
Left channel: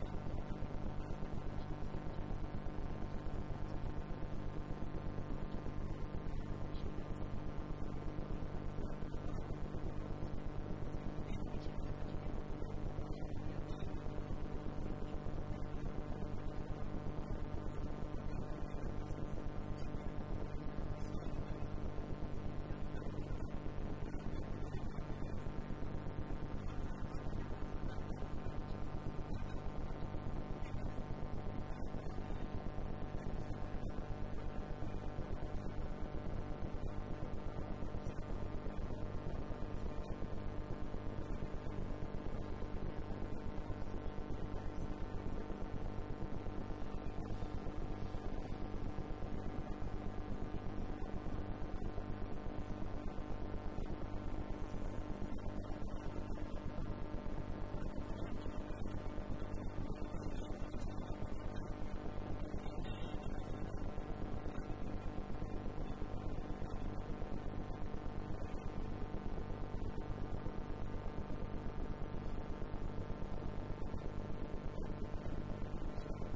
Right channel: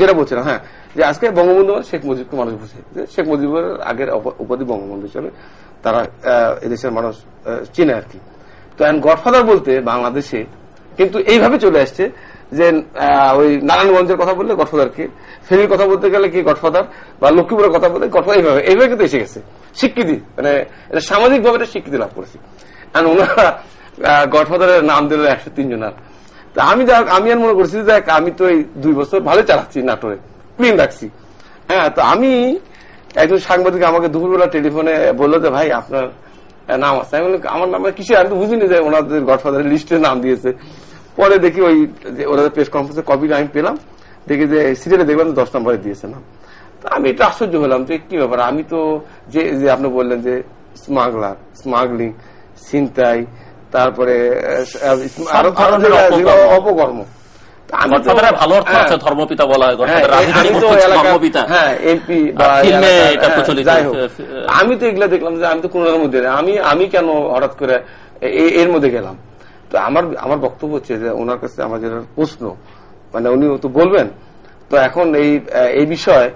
যেটা বলছিলাম, হ্যাঁ, যে আজকে বঙ্গবন্ধু শেখ মুজিবকে মানুষ বুঝে, শেখ মুজিবের আগের উপাধি বঙ্গবন্ধু হিসেবে তারা এদেশের মানুষ চিনে আর কি। তো গডফাদার বলতে বাংলাদেশে কিন্তু এইভাবে চলে আসছে যে ওই নারায়ণগঞ্জের কথা বললে গডফাদার কে, ফেনীর কথা বলতে গেলে কি গডফাদার, বা লক্ষ্মীপুরের কথা বলতে গডফাদার, এইভাবে কিন্তু এসে গেছে স্বীকৃতি, মানে এটা সামাজিক ভাবে স্বীকৃতি লাভ করেছে। আর ওনারা গডফাদারের নাম দিল 103 জনার। তা আমি আর মনে করছি যে আমি তো এই 2 বছর ভালো চালাচ্ছি, নাটোরে ক্লিন রাখছি, হ্যাঁ। তো আমি একজন সাংবাদিক আমাকে দুপুরবেলা টেলিফোনে বললো যে ভাই আপনার নাম আছে। আমি বললাম আমার নাম কিসে, আমি তো বুঝিনি যে ওনাদের গডফাদারের লিস্টে নাম দিয়েছে। পরে দেখি ওই ওনাদের প্রেস কনফারেন্সের কপিটা আমি পেলাম, দেখি যে সিরিয়ালে দেখলাম 10 নম্বরে দিয়েছে নাম। তো আমি এটা আশ্চর্য হলাম যে কি ব্যাপার, আমি তো যে আপনি বললেন যে স্মাগলার, স্মাগলিং, ছিনতাই, তারপরে আরো অপকর্ম, ভালো অর্থ আছে, ধর্মপিতা বলা হয়, আমি তো এগুলা দেখলাম যে আমি তো কোনোটার মধ্যে আমি কেন হঠাৎ করে এর মধ্যে গেলাম। তো আমার বক্তব্য হচ্ছে যে ওনার কাছে আমার যেটা প্রশ্ন, মানে উনি তো বলবেন। তো এখন এই বিষয়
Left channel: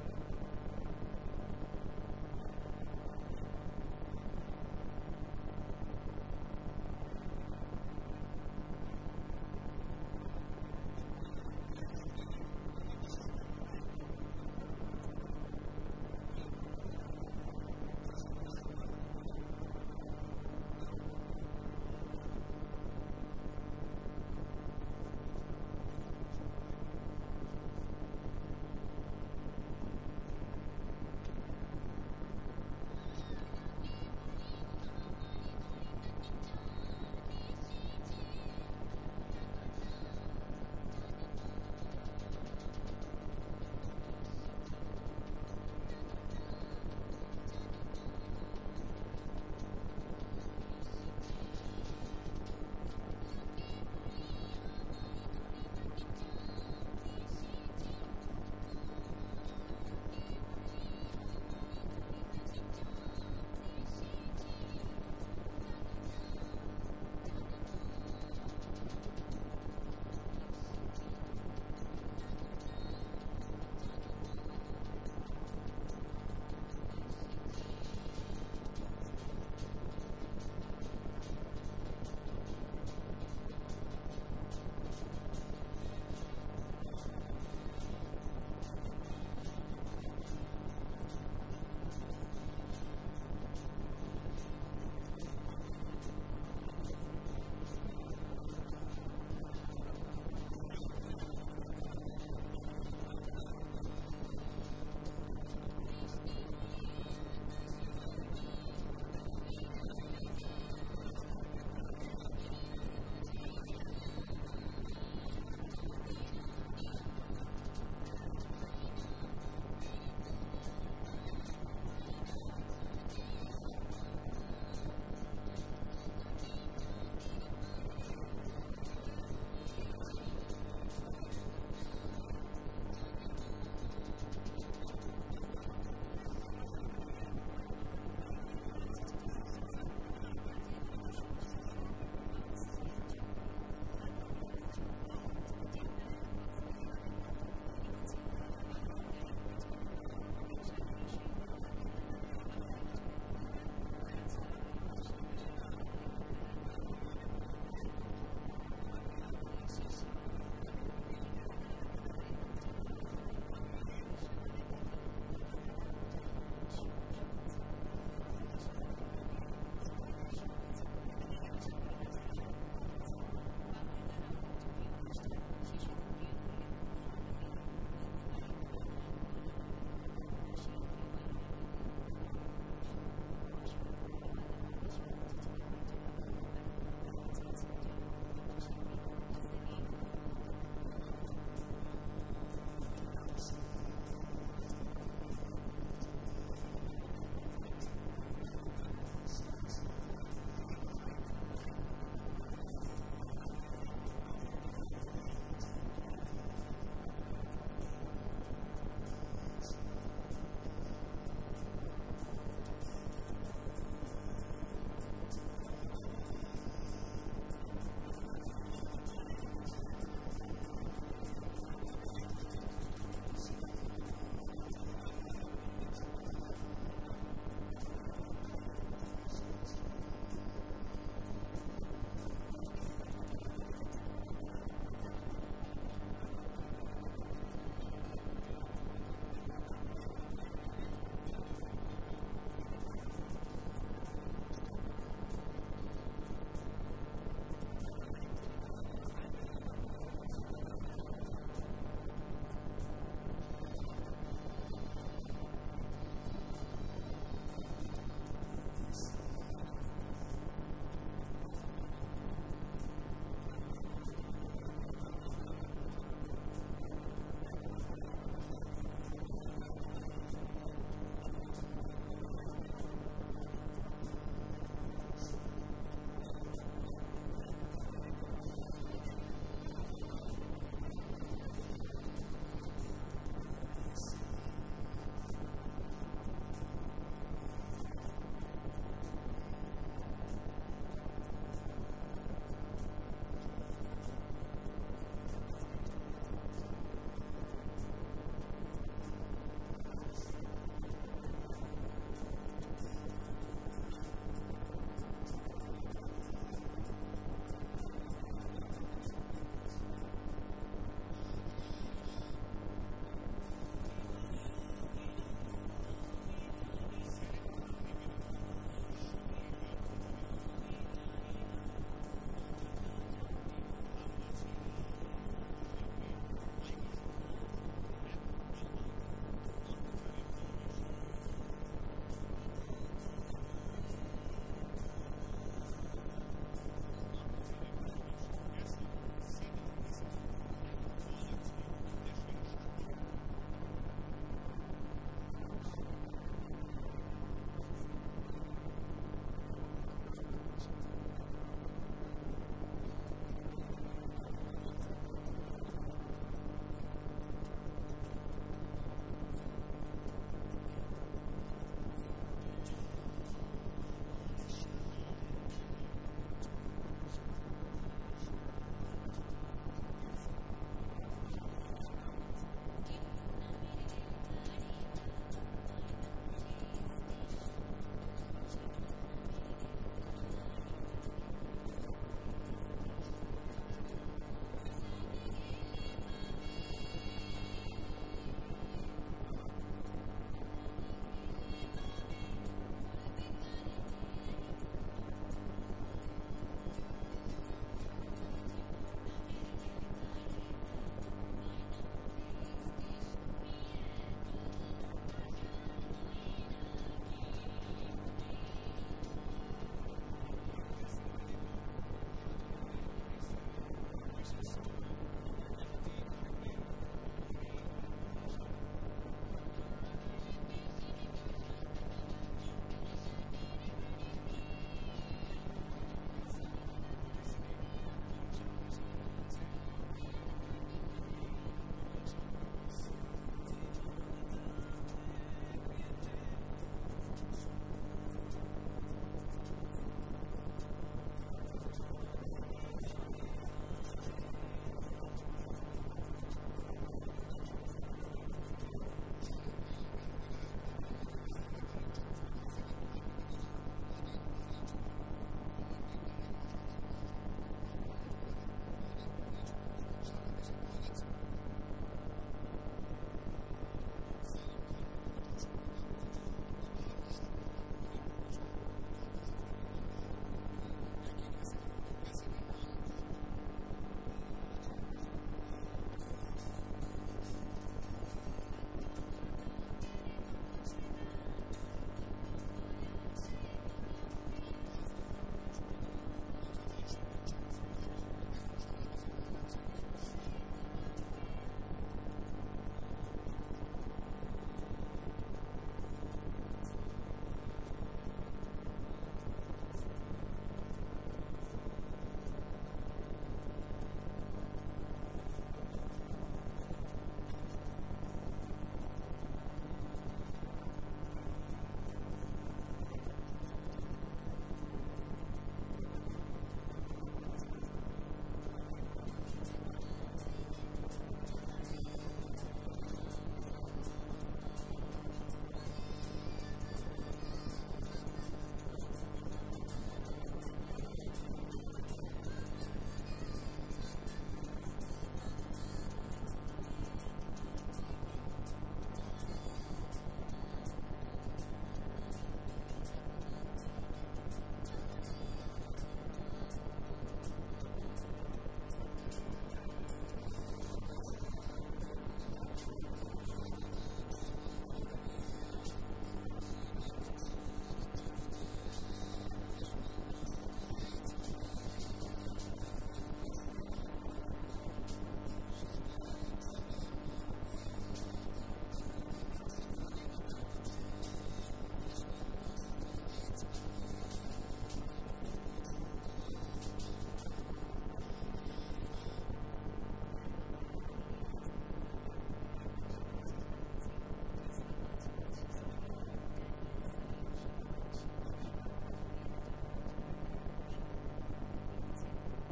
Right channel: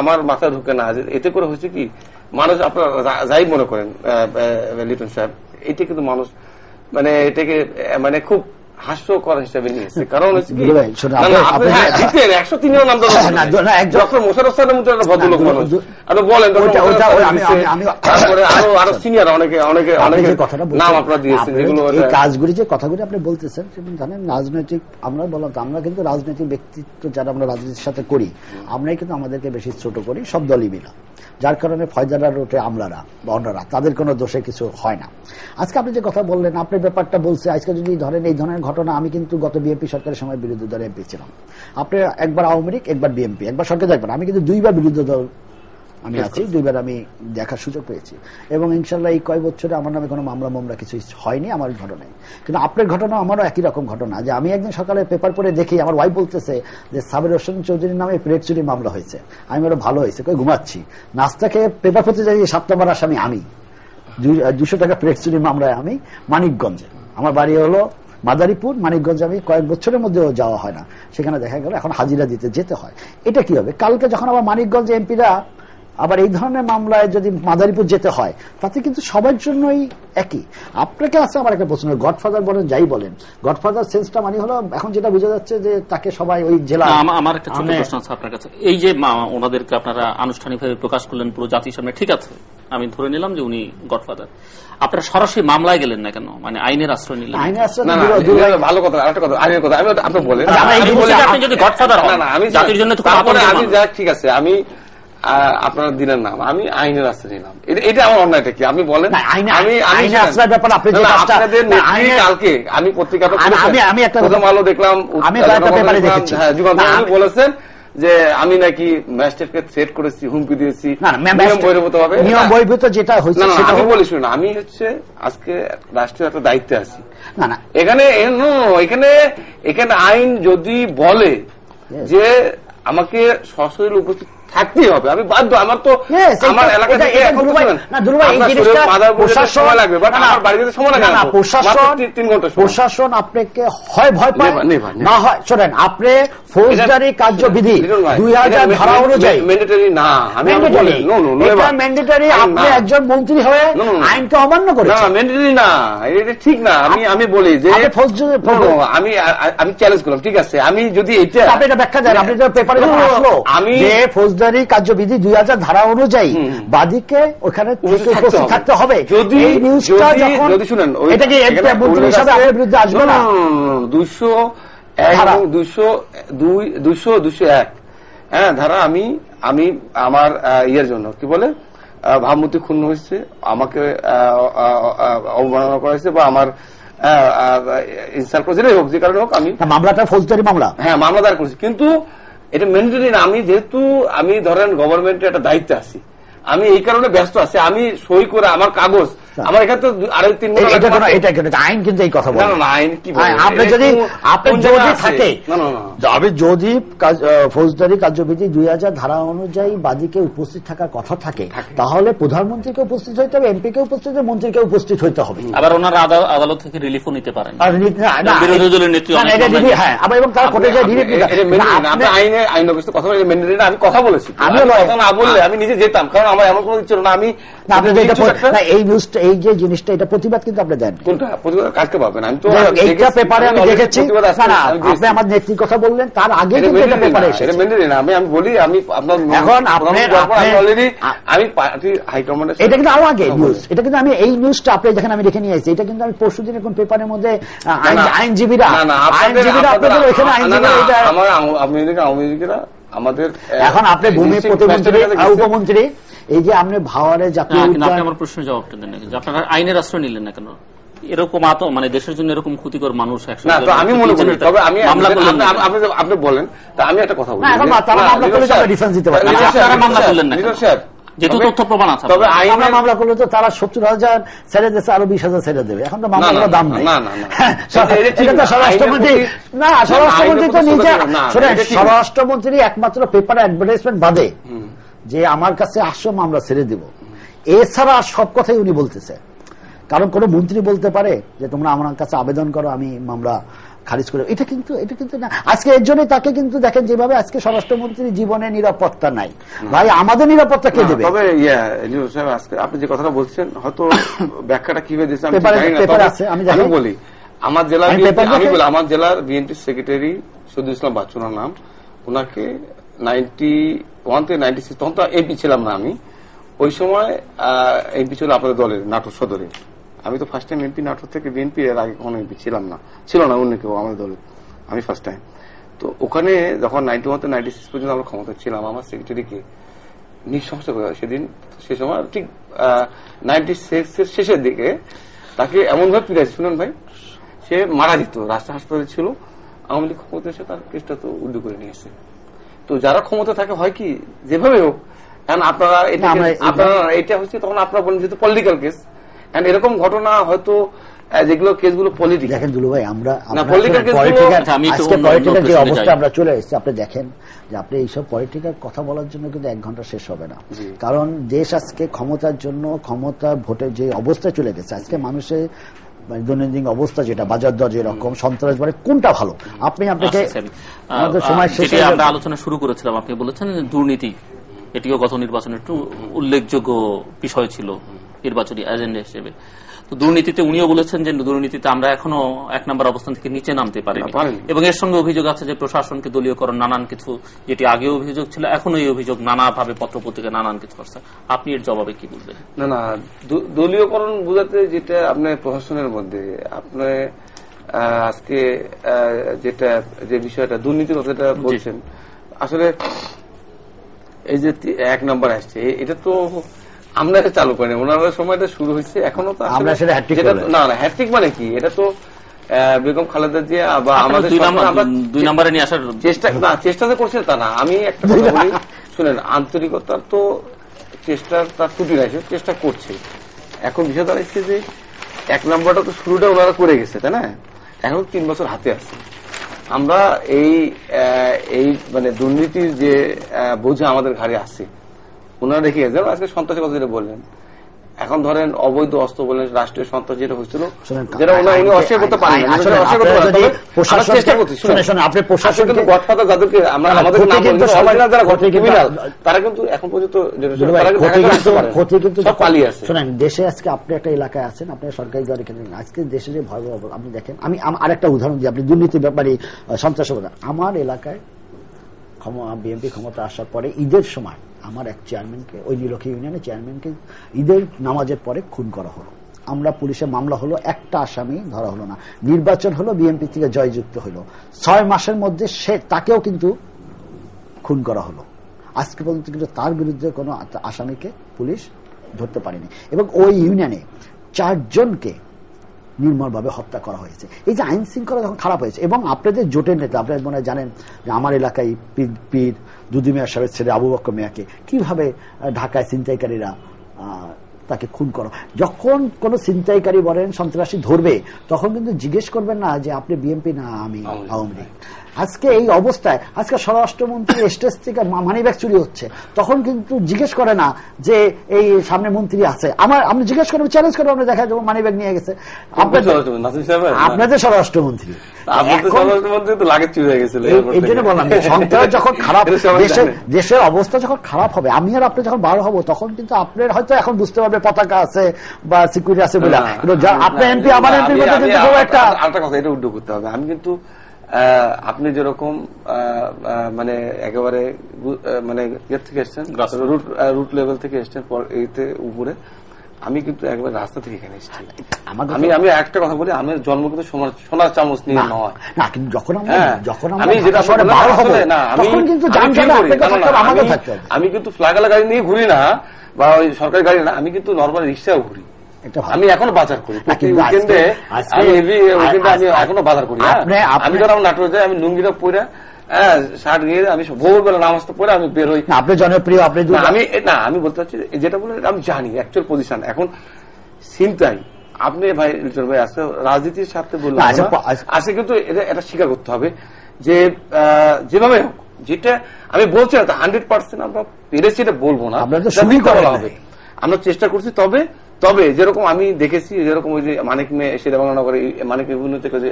আমার মাথায় ঢুকে না, এতে করে হচ্ছে কি মানুষ, আপনারা যাই মনে করেন লিটন সাহেব, এটা কিন্তু মানুষ মানে এটাকে মানে খুব হাস্যকর হিসেবে নিয়েছে। কারণ হচ্ছে কি, 103 নাম ডক্টর মোশাররফ স্যারের মতো একটা ভদ্রলোক মানুষ, আপনি বলেন, তারপরে আরো সিনিয়র অনেকে নাম আপনারা দিয়েছেন, যেগুলো এই কাজগুলি যে কথাগুলি আপনি বলতেছেন, জানেন রাজনৈতিক, আমরা বললাম আমরা কিন্তু রাজনৈতিক ব্যক্তিত্ব যারা আমরা রাজনীতির সাথে করি, আমরাই কিন্তু আমাদেরকে বেশি ছোট করি, সব দলই মিলা, যার কারণে ফয়জারা রোটে আমলারা বা অন্যরা, তাদের কোনো দোষে কিছু হয় না। আজকে আপনি যে কথা বললেন, আপনি ব্যাপারটা বলছে, আজকে যদি ধরেন এই ধরনের ঘটনা, আমি কিন্তু গত বিএনপি সরকারের সময় বিরোধী দলের এমপি ছিলাম, আপনি একবার আওয়ামী লীগ, একবার বিএনপি, একবার সরকার দেখবেন, আমি কিন্তু 2বার বিরোধী দল আমি আছি, 2বার আমি দেখার সুযোগ পেয়েছি, এবং ইনশাল্লাহ এই কয়েক বছরে আমার নামে কোনো মামলা কিছু হয়নি আমার ঘটনায়। কিন্তু আপনার ঘটনা আমারও একই রকম ঘটনা, যে আমি একদিন সকালে পেপার পড়ে দেখি আমার ওয়াইফ বলতেছে যে সাবির হোসেন চৌধুরীর নামে প্লেট চুরি মামলা হয়েছে। আমি বলো ভালো হয়েছে, কই ঘুমাচ্ছি, নাস্তা খেয়ে পেপার পড়তে যাই, 7 নম্বর আসামি আমি, 200 টাকা প্লেট চুরি মামলায় আমি মানিকগঞ্জে, আমার বাড়ি হলো মাদারীপুর, মানিকগঞ্জ আমি কয়েক বছরের মধ্যেও যাওয়া হয় না, সেখানে দেখা গেল এখন হাজিরা দিতে যেতে হয়। এটা কি হবে, কালকে যখন আবার মানিকগঞ্জে এমপিরা আবার এই ধরনের মামলায় যদি মাদারীপুর যেতে হয়, তাতে কিন্তু সবার জন্যই একই। আপনাকে আছে আমার একটা প্রশ্ন, গডফাদার বলেন যাই বলেন, গডফাদার সেন্সটা মানে হলো এখন যেটা বোঝা যাচ্ছে যে তাকে সবাই ওই জেলা। আমার একটা ছোট প্রশ্ন আছে আপনার কাছে, এই যে ওনাদেরকে আপনারা আনুষ্ঠানিকভাবে প্রকাশ করলেন পুরো জাতির সামনে, ঠিক আছে, আমি ধরে নিলাম যে উনি গডফাদার, আপনারা সরাসরি মামলায় গেলেন না কেন, মানে আইনের আশ্রয় নিলেন? আইনের আশ্রয় ভালো কথা, আরেকটা কথা, আইনের কথা আপনি বলেন, আপনি যদি গডফাদার হন, আমি জাতির জন্য তো ঠিক আছে, আমি আপনারা দিলেন নাম, আমি আইনের আশ্রয় নিলাম। এটা আমার অন্যায়টা কি আপনি বলেন? আপনাদের নেত্রী কালকে আমি পত্রিকাটা আমি একটা প্রথম আলো দেখলাম, যুগান্তর বলেছেন যে আমি নাকি ম্যাজিস্ট্রেটকে থ্রেট করেছি, হুমকি দিয়েছি, বহির্ভূত হবে। নিয়ম বহির্ভূত যেটা হয়েছে আমি বলি শুনুন, আমি হচ্ছে আজকে রাষ্ট্রীয় একটা দায়িত্বে আছি। এখানে এখানে আইন যদি বলে যে আমাকে সশরীরে উপস্থিত থাকতেই হবে, আমি বাধ্য। আমার তো আমার এলাকা থেকে সময় লাগবে, বাট আমার বাড়িতে সময় লাগে না, 3 ঘন্টা। প্রশাসন আপনাকে হয় ভয় পায় না হয়, শোনেন, আপনি ফৌজদারি কার্যবিধি 2000 ধারা অনুযায়ী ম্যান্ডেটরি না, ম্যান্ডেটরি। আপনি একজন মন্ত্রী হয়ে আইনকে অমান্য করেছেন, ম্যান্ডেটরি না, এটা ঠিক না। আমি বলি যে আমি চ্যালেঞ্জ করলাম, ঠিক আছে, আমি যদি আপনি এটা ব্যাখ্যা দেন, আপনি পেপারে আসলো আমি ফৌজদারি কার্যবিধি 2000 ধারা অনুযায়ী বাদীকে ওখানে উপস্থিত থাকতে হবে। যদি শুনেন, এটা কি মন্ত্রী হিসাবে আপনার বিরুদ্ধে আসবে না? 201 হ্যাঁ ধারা আমি আমার ইয়ের জন্য কি বলে ভাবমূর্তি ক্ষুণ্ণ হয়েছে, আমাকে অবমাননা করা হয়েছে, বা আমার ইনসাল্ট করেছে, হোক যে কারণে হোক, আমি মামলাটা ফৌজদারি মামলা, হ্যাঁ মামলা দায়ের করেছি। কিন্তু এটা ম্যান্ডেটরি না। আমি যেহেতু আমি ধরেন গভর্নমেন্টের একটা দায়িত্বে আছি, আমি এই কারণে ব্যস্ত আছি, আমি সই করে আমার কাগজ আমার এখানে তো 2.5-3 ঘন্টা আইন কিন্তু এই কথা বলে না। আইন কি আপনি যদি থাকে, আমি যদি ফৌজদারি কার্যবিধি 2000 ধারা অনুযায়ী বাদীকে উপস্থিত থাকার কথা থাকে, তাহলে প্রধানমন্ত্রীকে উপস্থিত হইতে হবে, এমপিকে উপস্থিত হবে, মন্ত্রীকে উপস্থিত হইতে হবে। আবার ওনারা আদালত থেকে রিলিফও নিতে পারেন, বিরোধী দলের নেত্রী। হ্যাঁ, এবং তারা কোর্টে যায় রিলিফ নিতে। আমি কথা বলেছি, আমি কথা না বললে আমি নিজে যেতাম, কারণ আমার এমন কোনো ইচ্ছে না। আমি এই নিউজটা, এই যে জিনিসটা, এটা প্রতিবাদ কিন্তু আপনি দেন। কোনটা প্রতিবাদ? কালকে পাবেন। আমি তো এইটা পেপারে আমি দেখেছি। আপনি আমার নেত্রীর কথা বললেন, তার আগে কিন্তু এটা পেপারে এসেছে। আমি বলি, আমি আপনার এখন অলরেডি আমি পার্টি হাইকমান্ডের, এটা কিন্তু আরো আগে নিউজ, এটা কিন্তু আমি এই নিউজটা আপনি দেখেন আমি রেখে নিয়ে আসছি, এটা কিন্তু আমি পরশুদিন এখন পেপারের মধ্যে আইনজীবীরা আপনাদের ওইখানে আইনজীবীরা আমার আওয়ামী লীগেরা আমাদের এখন আপনি ভূমি প্রতিমন্ত্রী, উপমন্ত্রী, এই যে আপনি ভাওয়ারে জাতীয় আপনি আমার প্রশ্নের জবাবটা দেন না, আপনারা আইনের আশ্রয় নিলেন না কেন? এরকম মানে দেশের জন্য এরকম ক্ষতিকর মানুষ আমি মনে করি, তবে আমি আপনি বলেন, তা আমি একটা কথা বলি, ডিফেন্স দিতে পারেন, মামলা করলেন না যেহেতু তথ্য প্রমাণ আছে। তবে আইনে মামলা করলে তো তারা 70,000 ছেড়ে দিচ্ছে, আরো 20,000 ছেড়ে দেবে। এখন তো মামলার দাম নেই। স্বরাষ্ট্রমন্ত্রী তো নিজে, স্বরাষ্ট্রমন্ত্রী একমাত্র পেপারে অ্যাডভার্টাইজমেন্ট বাদে যে আমার কাছে আসো মামলা ছেড়ে দিব, এছাড়া সব কথাই উনি বলতেছে। কারণ কোন মন্ত্রী বলতে পারে যে তোমরা আমার কাছে আবেদন করো, আমি মামলা খারিজ করে, এটা কিন্তু না। আজকে এর জন্য তাকে কিন্তু দেখেন যেভাবে আজকে স্বরাষ্ট্রমন্ত্রীর জীবনে নিরাপত্তা নাই, ভাই আমাদের নিরাপত্তা কে দেবে? তবে আপনি যে কথাটা বলছেন, হয়তো ব্যাখ্যাটা কিভাবে দিচ্ছেন আমি বলি। আমার জেলার বিএনপি সেক্রেটারি শহীদুল ইসলাম বাচ্চুনার নাম, ওনাকে 91 থেকে 96, তখন তো এমপি ছিলাম না আমি, ওই সময় এমপি ছিল আপনাদের দলের নাটোর সদরে। আমি তো ফার্স্ট টাইম এমপি নাটোর থেকে বিএনপি, এর আগে কখনো এমপি ছিল না অন্য কেউ আমাদের দলে, আমি ফার্স্ট টাইম। তো ওখানে যখন 91 থেকে 96 পর্যন্ত আমরা ক্ষমতা ছিলাম, আমার সেক্রেটারিকে নিঃশংস করে সেদিন, সে সময় ঠিক 96 এর শেষের দিকে তাকে এমন ভাবে পিড়াইছে, শুনুন ভাই, সে মারা যেত, রাষ্ট্র হাসপাতালে ছিল। আওয়ামী লীগ ক্ষমতা এসে তার কেসটা তো উল্টো করে নিয়েছে। তো যারা ক্ষমতা থাকে হয় কি, যেভাবে হোক, কারণ আপনারা এটা হচ্ছে তখন আপনারা বলেন যেহেতু পলিটিক্যাল কেস, এরকম ঘটনা হয়তো যেগুলো কেসগুলো পলিটিক্যাল। দেখেন দুলু ভাই, আমরা পলিটিক্যাল যে অবস্থা আমরা চলে এসেছি, আপনি দেখেন যে আপনি এইসব পলিটিক্যাল কথা বলার জন্য কিন্তু 1 ঘন্টা শেষ হবে না। কারণ দেশ আজকে ক্ষমতার জন্য, ক্ষমতা ভোটের যে অবস্থা চলে গেছে, আজকে মানুষের দৈনন্দিন অবস্থা যেটা, বাজার দর যেরকম, সন্ত্রাস বাড়ে, কোনটা ভালো? আপনাকে আমাদের সময় শেষে আমরা আলোচনা শুরু করেছিলাম, আপনি বলেছেন দুর্নীতি, এটিও গত নির্বাচনের একটু উল্লেখযোগ্য বিষয় ছিল নির্বাচনী এজেন্ডা হিসেবে। তো দুর্নীতিতে উনিও বলেছেন যে দুর্নীতিতে আমরা এখনো 1 নম্বর অবস্থান থেকে নিচে নামতে পারিনি, এবং এর সঙ্গে অভিযোগ আছে যে প্রশাসনকে দলীয়করণ, নানান কিছু, যেটি আগেও অভিযোগ ছিল, এখনো এই অভিযোগ নানাভাবে পত্রপত্রিকা নানান কিছু করছে। আপনি এর জবাবে কি বলবেন? না, দলীয়করণ বোঝাতে যেটা আপনার প্রশাসনের মধ্যে আপনি আজকে যে বিষয়টা দুর্নীতির কথাটা বলছেন, আসলে এই যে 1 নম্বর আসছে, এটা তো আমরা এটা চালু করিনি, ওনার সময়টা শুরু হয়েছে, এখনো তো আমরা সেটা হ্যাট্রিক না হ্যাট্রিক মানে কি, এটা তো বেগম খালেদা জিয়া বা আমাদের 2 নম্বরে নিয়ে আসার চেষ্টা তো করছে তা না। আমি একটা কথা বলি শুনেন, আন্তরিকতার তো চেষ্টার তার ত্রুটি নাই, চেষ্টা করছে। এখন বিষয় দাঁড়াচ্ছে যে 1 নম্বরটা তো শুরুটা ওনারা করে গেছে, তাই না? এখন 3 বছর হাতে আছে। আমরা এই মানে দুর্নীতির যে বোঝা আমাদের ঘাড়ে আছে, ওনারা রেখে গেছে। আজকে সন্ত্রাসের কথা যেটা বললেন, এখন ধরেন অবৈধ অস্ত্র বললেন, রাষ্ট্রীয় সন্ত্রাস যেটা হয়েছিল, যেটা উনি অস্বীকার করতে পারেন, চেষ্টা করছি। আপনি প্রশাসন কিন্তু গডফাদার যাদেরকে আমরা আমাদের নাম যারা ক্রিমিনাল, তারা কিন্তু এখন পর্যন্ত ক্ষতি কিন্তু সব পালিয়ে আছে। শোনেন, দেশে আজকে আপনি একটা এলাকায় আছেন, আপনার সরকারি গাড়ি কেনেন, আজকে দেশে যে ভয়াবহ, আপনি দেখেন, আমি আরেকটা উদাহরণ দিই, আপনি দুর্নীতির ব্যাপারে সন্ত্রাসবাদ, আমার এলাকায় বিএনপি ক্ষমতা আসার পরে ঈদের সময় আমার এক চেয়ারম্যানকে, ওই নীলক্ষী ইউনিয়নের চেয়ারম্যানকে ঈদের নামাজের পরে খুন করা হলো। আমরা পুলিশের মামলা হলো, একটা আসামি ধরা হলো না। নির্বাচন হলো, বিএনপি থেকে জয়যুক্ত হলো, 6 মাসের মধ্যে তাকেও কিন্তু খুন করা হলো। আজকে পর্যন্ত কিন্তু তার বিরুদ্ধে কোনো আসামিকে পুলিশ ধরতে পারেনি, এবং ওই ইউনিয়নে 4 জনকে নির্মলভাবে হত্যা করা হয়েছে। এই যে আইন শৃঙ্খলা যখন খারাপ হয়েছে, এবং আপনাদের জোটের নেতা, আপনারা মনে জানেন যে আমার এলাকায় পীর দুদু মিয়া সাহেবের ছেলে আবু বকর মিয়াকে কিভাবে ঢাকায় ছিনতাইকারীরা তাকে খুন করো। যখন কোন ছিনতাইকারী বলেন সন্ত্রাসী ধরবে, তখন কিন্তু জিজ্ঞেস করবেন না যে আপনি বিএনপি না আমি আওয়ামী লীগ। আজকে এই অবস্থায় আজকে স্বরাষ্ট্রমন্ত্রী স্টেজ থেকে মানিব্যাগ চুরি হচ্ছে, তখন কিন্তু জিজ্ঞেস করে না যে এই সামনে মন্ত্রী আছে, আপনি জিজ্ঞেস করেন, চ্যালেঞ্জ করে আপনি দেখা যাবে মানিব্যাগ নিয়ে গেছে আপনাদের স্বরাষ্ট্রমন্ত্রী। এই জন্য বললাম, সন্ত্রাস যখন খারাপ, দেশের অবস্থা যখন খারাপ হবে, আমি আর আপনি যখন বার হবো, তখন কিন্তু আপনার হয়তো এখন বুঝতে পারবে পতাকা আছে বা সিকিউরিটি আছে বলে, আপনার এমপি আমার এমপির মধ্যে কিন্তু একটা কথা, এটা উদ্যোগ করতে হবে। আমি কিন্তু আপনি যেরকম মানে একেবারে মানে ইয়ে থেকে এসছেন, রুট লেভেল থেকে এসছেন এইতে উপরে, আমি কিন্তু একবার রাস্তা থেকে এখানে এসেছি। আমি একটা কথা বলি, আমি জন্ম কিন্তু সোনার চামচ নিয়ে নয়, আমি কিন্তু ফ্ল্যাগালা গাড়ি নিয়ে ঘুরি না, বা ওই সরকারি গাড়ি না, আমি কিন্তু নর্মাল রিক্সাও ঘুরি। আমি এখনো বাজার করি, উইকেন্ডে আমি এখনো বাজার করি। আমি ধর আমার নাটোরে যাই, আমি লুঙ্গিটা পরে শার্ট নিয়ে আমি ভোরবেলা নামাজ পরে আমি বের হই। আপনি জনপ্রিয়, আপনি আমি বলতে চাচ্ছি যেটা বলে আমি জানি অ্যাকচুয়াল পজিশন। এখন চিন্তাই আপনি ভাই আজকে রাজনীতির সাথে বললাম, আজকে কিন্তু এটা স্বীকার করতে হবে যে যেভাবে হোক, যেটা আমি বলছি না 100% আমরা পেরেছি এটা বলবো না, আমরা চেষ্টা করছি। তবে যেরকম আমি দেখেছি, যেরকম ওই যে মানিক মেয়ে এসে দেবানগরে মানিক বিভিন্ন থেকে যে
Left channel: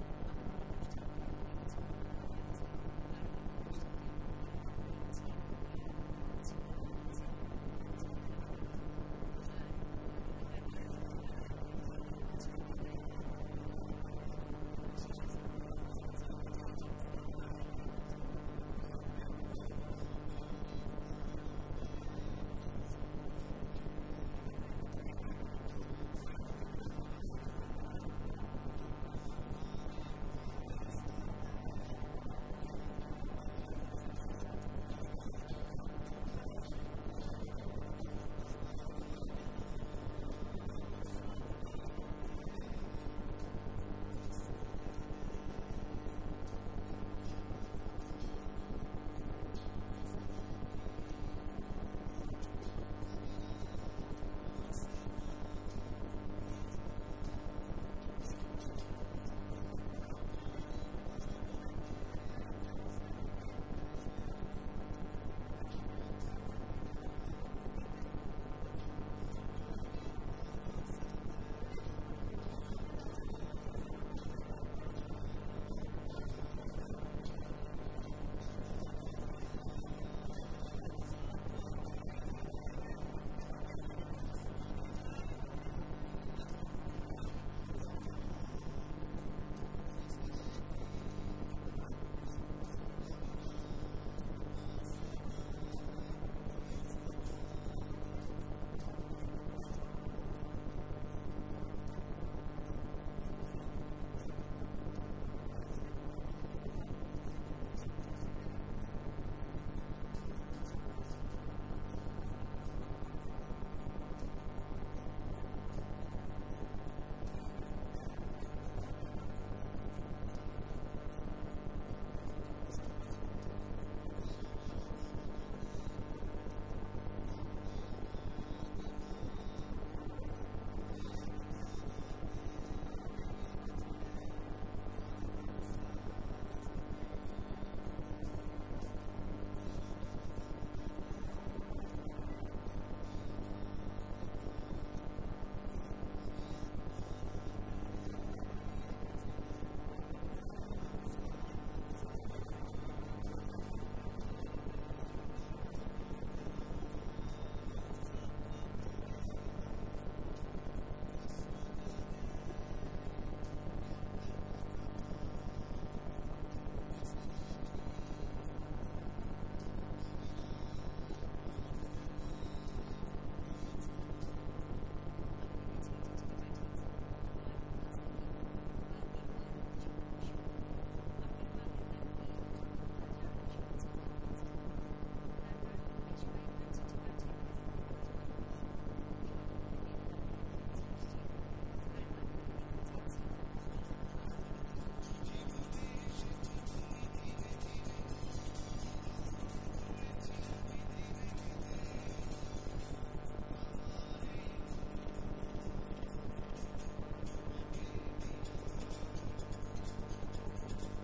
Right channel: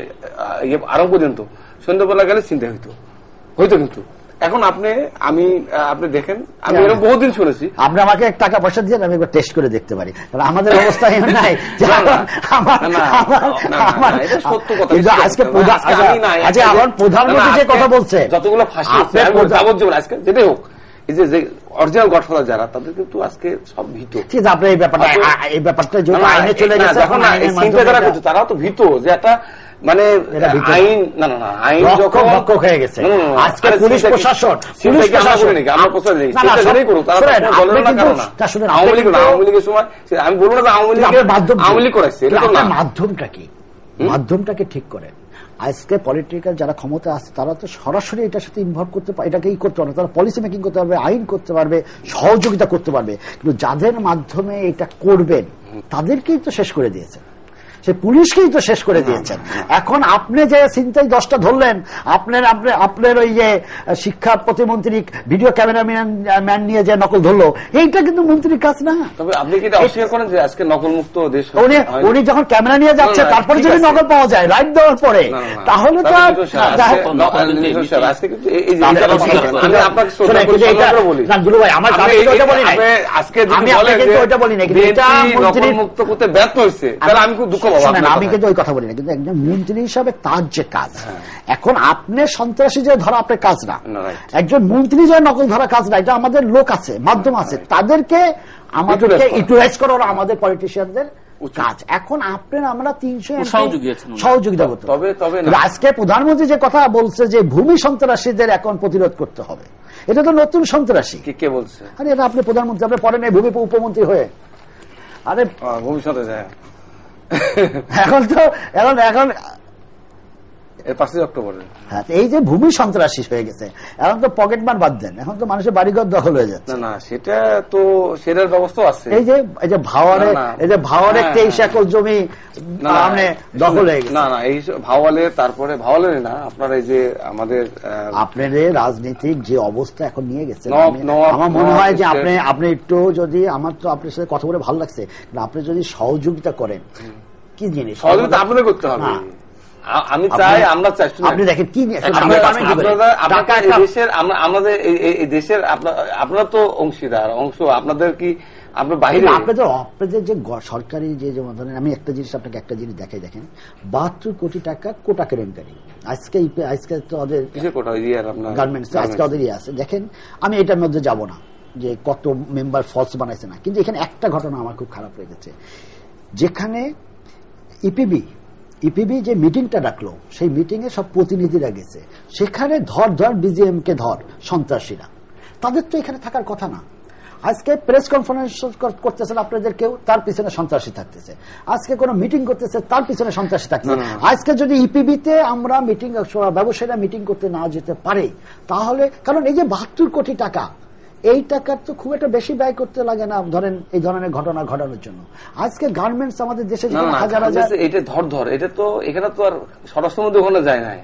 আরম্ভ পর্যন্ত সন্ধ্যাবেলা গেলে চিন্তা হইতো কিন্তু এখন আপনি দেখেন, আমি এরকম বহুদিন শুনেছি। আপনি আমাকে টাকা পয়সা দিয়ে আমি একবার টেস্ট করে দেখতে পারি, আমাদের অবস্থা নাই। সত্য কথা, আজকে আমার প্রধানমন্ত্রী যে কথা বলছে, যতগুলো ফাঁসি যাবজ্জীবন আজকে যেটাই হোক, এই যে অরিজিনাল গডফাদার যারা, তাদের কিন্তু আজকে সব ভীত। ঠিক আছে, আপনার এই ব্যাপারটা যখন আইনে চলে গেছে, তারাও তো ভীত যে একটা মানে আইন আইন যখন ভক্ষক হয়ে গেছে। আজকে পুলিশ প্রশাসন আওয়ামী লীগের সময় আমি বলবো না আওয়ামী লীগ করেছে, মাধ্যমটা কি, মাধ্যমটাকে ঠিক করেন। আজকে পলিটিক্যাল যারা ক্ষমতা আছে, তারা তো সরাসরি এটার সাথে ইনভলভ করতে পারে, এটাকে করতে পারবে, তারা পলিসি মেকিং করতে পারবে, আইন করতে পারবে, সহযোগিতা করতে পারবে। কিন্তু যাদের মাধ্যমে এটা করবেন, তাদেরকেই তো শেষ করে দিয়েছে, সে পুলিশকেই তো শেষ করে দিয়েছেন। এখন আপনি যে চিন্তায় 10টা ধরলেন, আপনার ওই যে শিক্ষা প্রতিমন্ত্রী ভিডিও ক্যামেরাম্যান নিয়ে যে নকল ধরলো, এইটা কিন্তু মন্ত্রীর কাজ না। তবে আপনি কি অস্বীকার করেন যে আজকে নকল মুক্ত দেশ? উনি যখন ক্যামেরা নিয়ে যাচ্ছে, তারপরে যদি নকল পাওয়া যায় রাইট দেওয়ার পরে, তাহলে তো মুক্ত করতে ব্যর্থ হয়েছে, তাহলে আমি খুব দুঃখ। আমি কিন্তু ওই কথা বলি না, কিন্তু একজন মন্ত্রী হিসাবে তার যে কাজ, এখন আপনি সন্ত্রাসী যে ধরা আপনার কাজ না, একজন মন্ত্রী যে নকল ধরা কাজ না, এটা আমাদের লোক আছে, মাধ্যম আছে, তাদেরকে আমাদেরকে ইউটিলাইজ করা আমাদের পলিটিশিয়ানদের কাজ। এখন আপনার আমরা 300 সহযোগিতা সহযোগিতা করতে, তবে আজকে প্রধানমন্ত্রী যে কথা বলছে যে ভূমি সন্ত্রাসীদের এখন প্রতিরোধ করতে হবে, এটা তো নতুন সন্ত্রাসী। কে বলছে? আরে এটা আপনি প্রধানমন্ত্রী, আপনি পড়েন এই ভূমি উপমন্ত্রী হয়ে। আরে ভূমি সন্ত্রাসী এখন তো এখন 5 অক্টোবরে হ্যাঁ, এই যে ভূমি সন্ত্রাসী হয়ে গেছে, এখন তো পকেট মার বাদ দেন, এখন তো মানুষের বাড়িঘর দখল হয়ে যাচ্ছে। না সেটা তো সেটার ব্যবস্থা আছে। এই যে ভাওয়ারে 23 একর জমি দখল হয়ে গেছে। না এই ভাওয়ালের, তারপরে ভাওয়ালের না, আপনার এই যে আমাদের আপনাদের রাজনীতিক যে অবস্থা এখন নিয়ে গেছে, আমার মনে হয় যে আপনি একটু যদি, আমার তো আপনার সাথে কথা বলে ভালো লাগছে, আপনি যদি সহযোগিতা করেন, কি জিনিস সহযোগিতা আপনাদের করতে হবে। আমি চাই, আমরা চাই, আপনি দেখেন কি আমাদের এই দেশের আপনারা তো অংশীদার, আপনাদের কি আপনার বাইরে আপনাদের যে সরকারি যে ধরেন, আমি একটা জিনিস আপনাকে একটা জিনিস দেখাই, দেখেন 72 কোটি টাকা কোটা কেলেঙ্কারি আজকে তো ওদের গার্মেন্টস আজকে ওদের আছে। দেখেন আমি এটার মধ্যে যাব না যে কত মেম্বার ফলস বানাইছে না, কিন্তু এখানে একটা ঘটনা আমার খুব খারাপ লেগেছে, যেখানে ইপিবি যে মিটিংটা ডাকলো, সেই মিটিং এ সব প্রতিনিধিরা গেছে, সেখানে ধর বিজিএম কে ধর সন্ত্রাসীরা, তাদের তো এখানে থাকার কথা না। আজকে প্রেস কনফারেন্স করতেছেন আপনাদের কেউ, তার পিছনে সন্ত্রাসী থাকতেছে। আজকে কোন মিটিং করতেছে, তার পিছনে সন্ত্রাসী থাকতেছে। আজকে যদি ইপিবিতে আমরা মিটিং, ব্যবসায়ীরা মিটিং করতে না যেতে পারে, তাহলে কারণ এই যে 72 কোটি টাকা, এই টাকার তো খুব একটা বেশি ব্যয় করতে লাগে না ধরেন এই ধরনের ঘটনা ঘটানোর জন্য। আজকে গার্মেন্টস আমাদের দেশে হাজার হাজার, এটা ধর এটা তো এখানে তো আর স্বরাষ্ট্রমন্ত্রী ওখানে যায় নাই,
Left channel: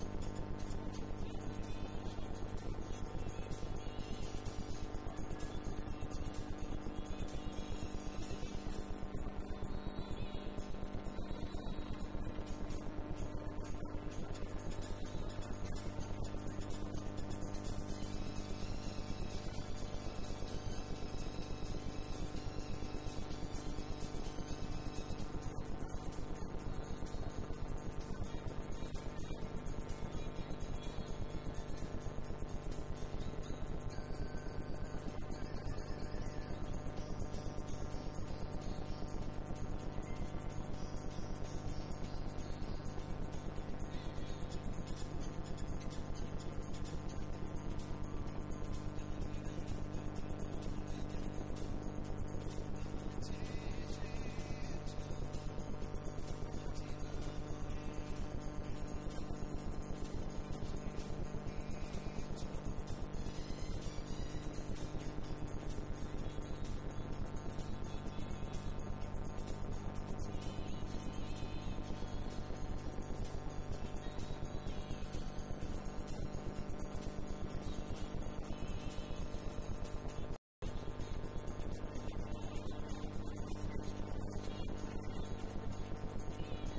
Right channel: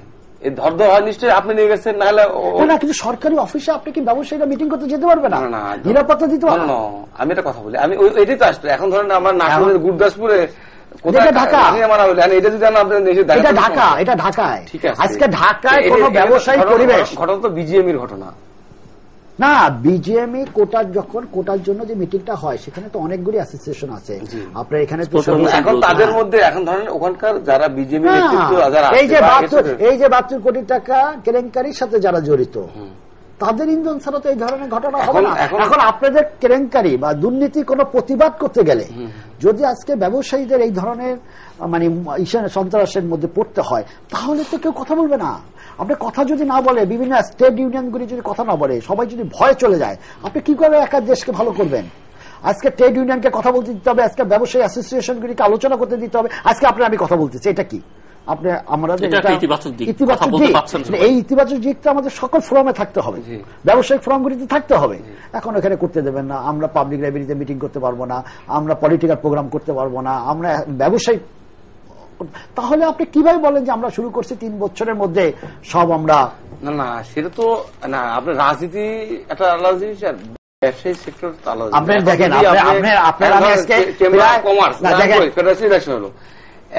এই ধর হয় নিশ্চয়ই আপনি নিয়ে গেছেন, না হলে না, কিন্তু সরকারি অফিসে আপনি কি ব্যবসায়ীরা মিটিং করতে যেতে পারবে না, নিরাপত্তা দিতে পারবে না। আমি একটা কথা বলি, আমি এটাই তো আসলে এখন ধরেন আমার নাটোরের গুরদাসপুরে এটা ঢাকায়, আজকে ঢাকায় কোন ব্যবসায়িক পরিবেশ, ঘটনা তো বিজিএমির ঘটনা না। বিজিএমই কোটার জন্য যে মিটিংটা হয়, সেখানে তো অনেকগুলি অ্যাসোসিয়েশন আছে আপনার এখানে। এখন তাদের মধ্যে এখন ধরেন ওখানকার যারা বিজেপি এই যে 72 কোটি টাকা কেলেঙ্কারির সাথে যারা জড়িত, তাদের ইন্ধন ছাড়া তো এই ধরনের ঘটনা হবে না। এখন আপনাদের কেলেঙ্কারি বা দুর্নীতি কোনো প্রতিবাদ করতে গেলে যদি আজকে ব্যবসায়ীদের এই ধরনের মানে সন্ত্রাসের মধ্যে পড়তে হয়, তাহলে তো কেউ কথা বলবে না। আপনি কথা যদি না বলে, বিভিন্ন স্টেট ইউনিয়নগুলি যদি কথা না বলে, সবাই যদি ভয় চলে যায়, আপনি কি করে একা দেশকে ভালো করবেন? আজকে ট্রেড ইউনিয়নকে কথা বলতে দিতে হবে, আজকে ব্যবসায়ী অ্যাসোসিয়েশনগুলিকে আলোচনা করতে দিতে হবে। আজকে আমি কথা বলতেছি, এটা কি আপনি আমাদের ইতিবাচক দিক, এই ইতিবাচক দিকটা আমাদের সকল ফোরামে থাকতে হবে, ব্যবসায়িক ফোরামগুলিতে থাকতে হবে। এখন এখানে করতে দেবেন না, আমরা পাবলিক লাইব্রেরিতে মিটিং করতে পারবো না, আমরা পলিটিক্যাল প্রোগ্রাম করতে পারবো না, আমরা ব্যবসায়িক, তাহলে আপনি কিভাবে বলেন যে আমরা শুরু করছি 3 বছরের মধ্যে সব আমরা? না সেটা তো না, আপনার রাজনীতি একটা আলাদা জিনিস, আর ব্যবসায়ী সেক্টর আলাদা। আপনি দেখেন,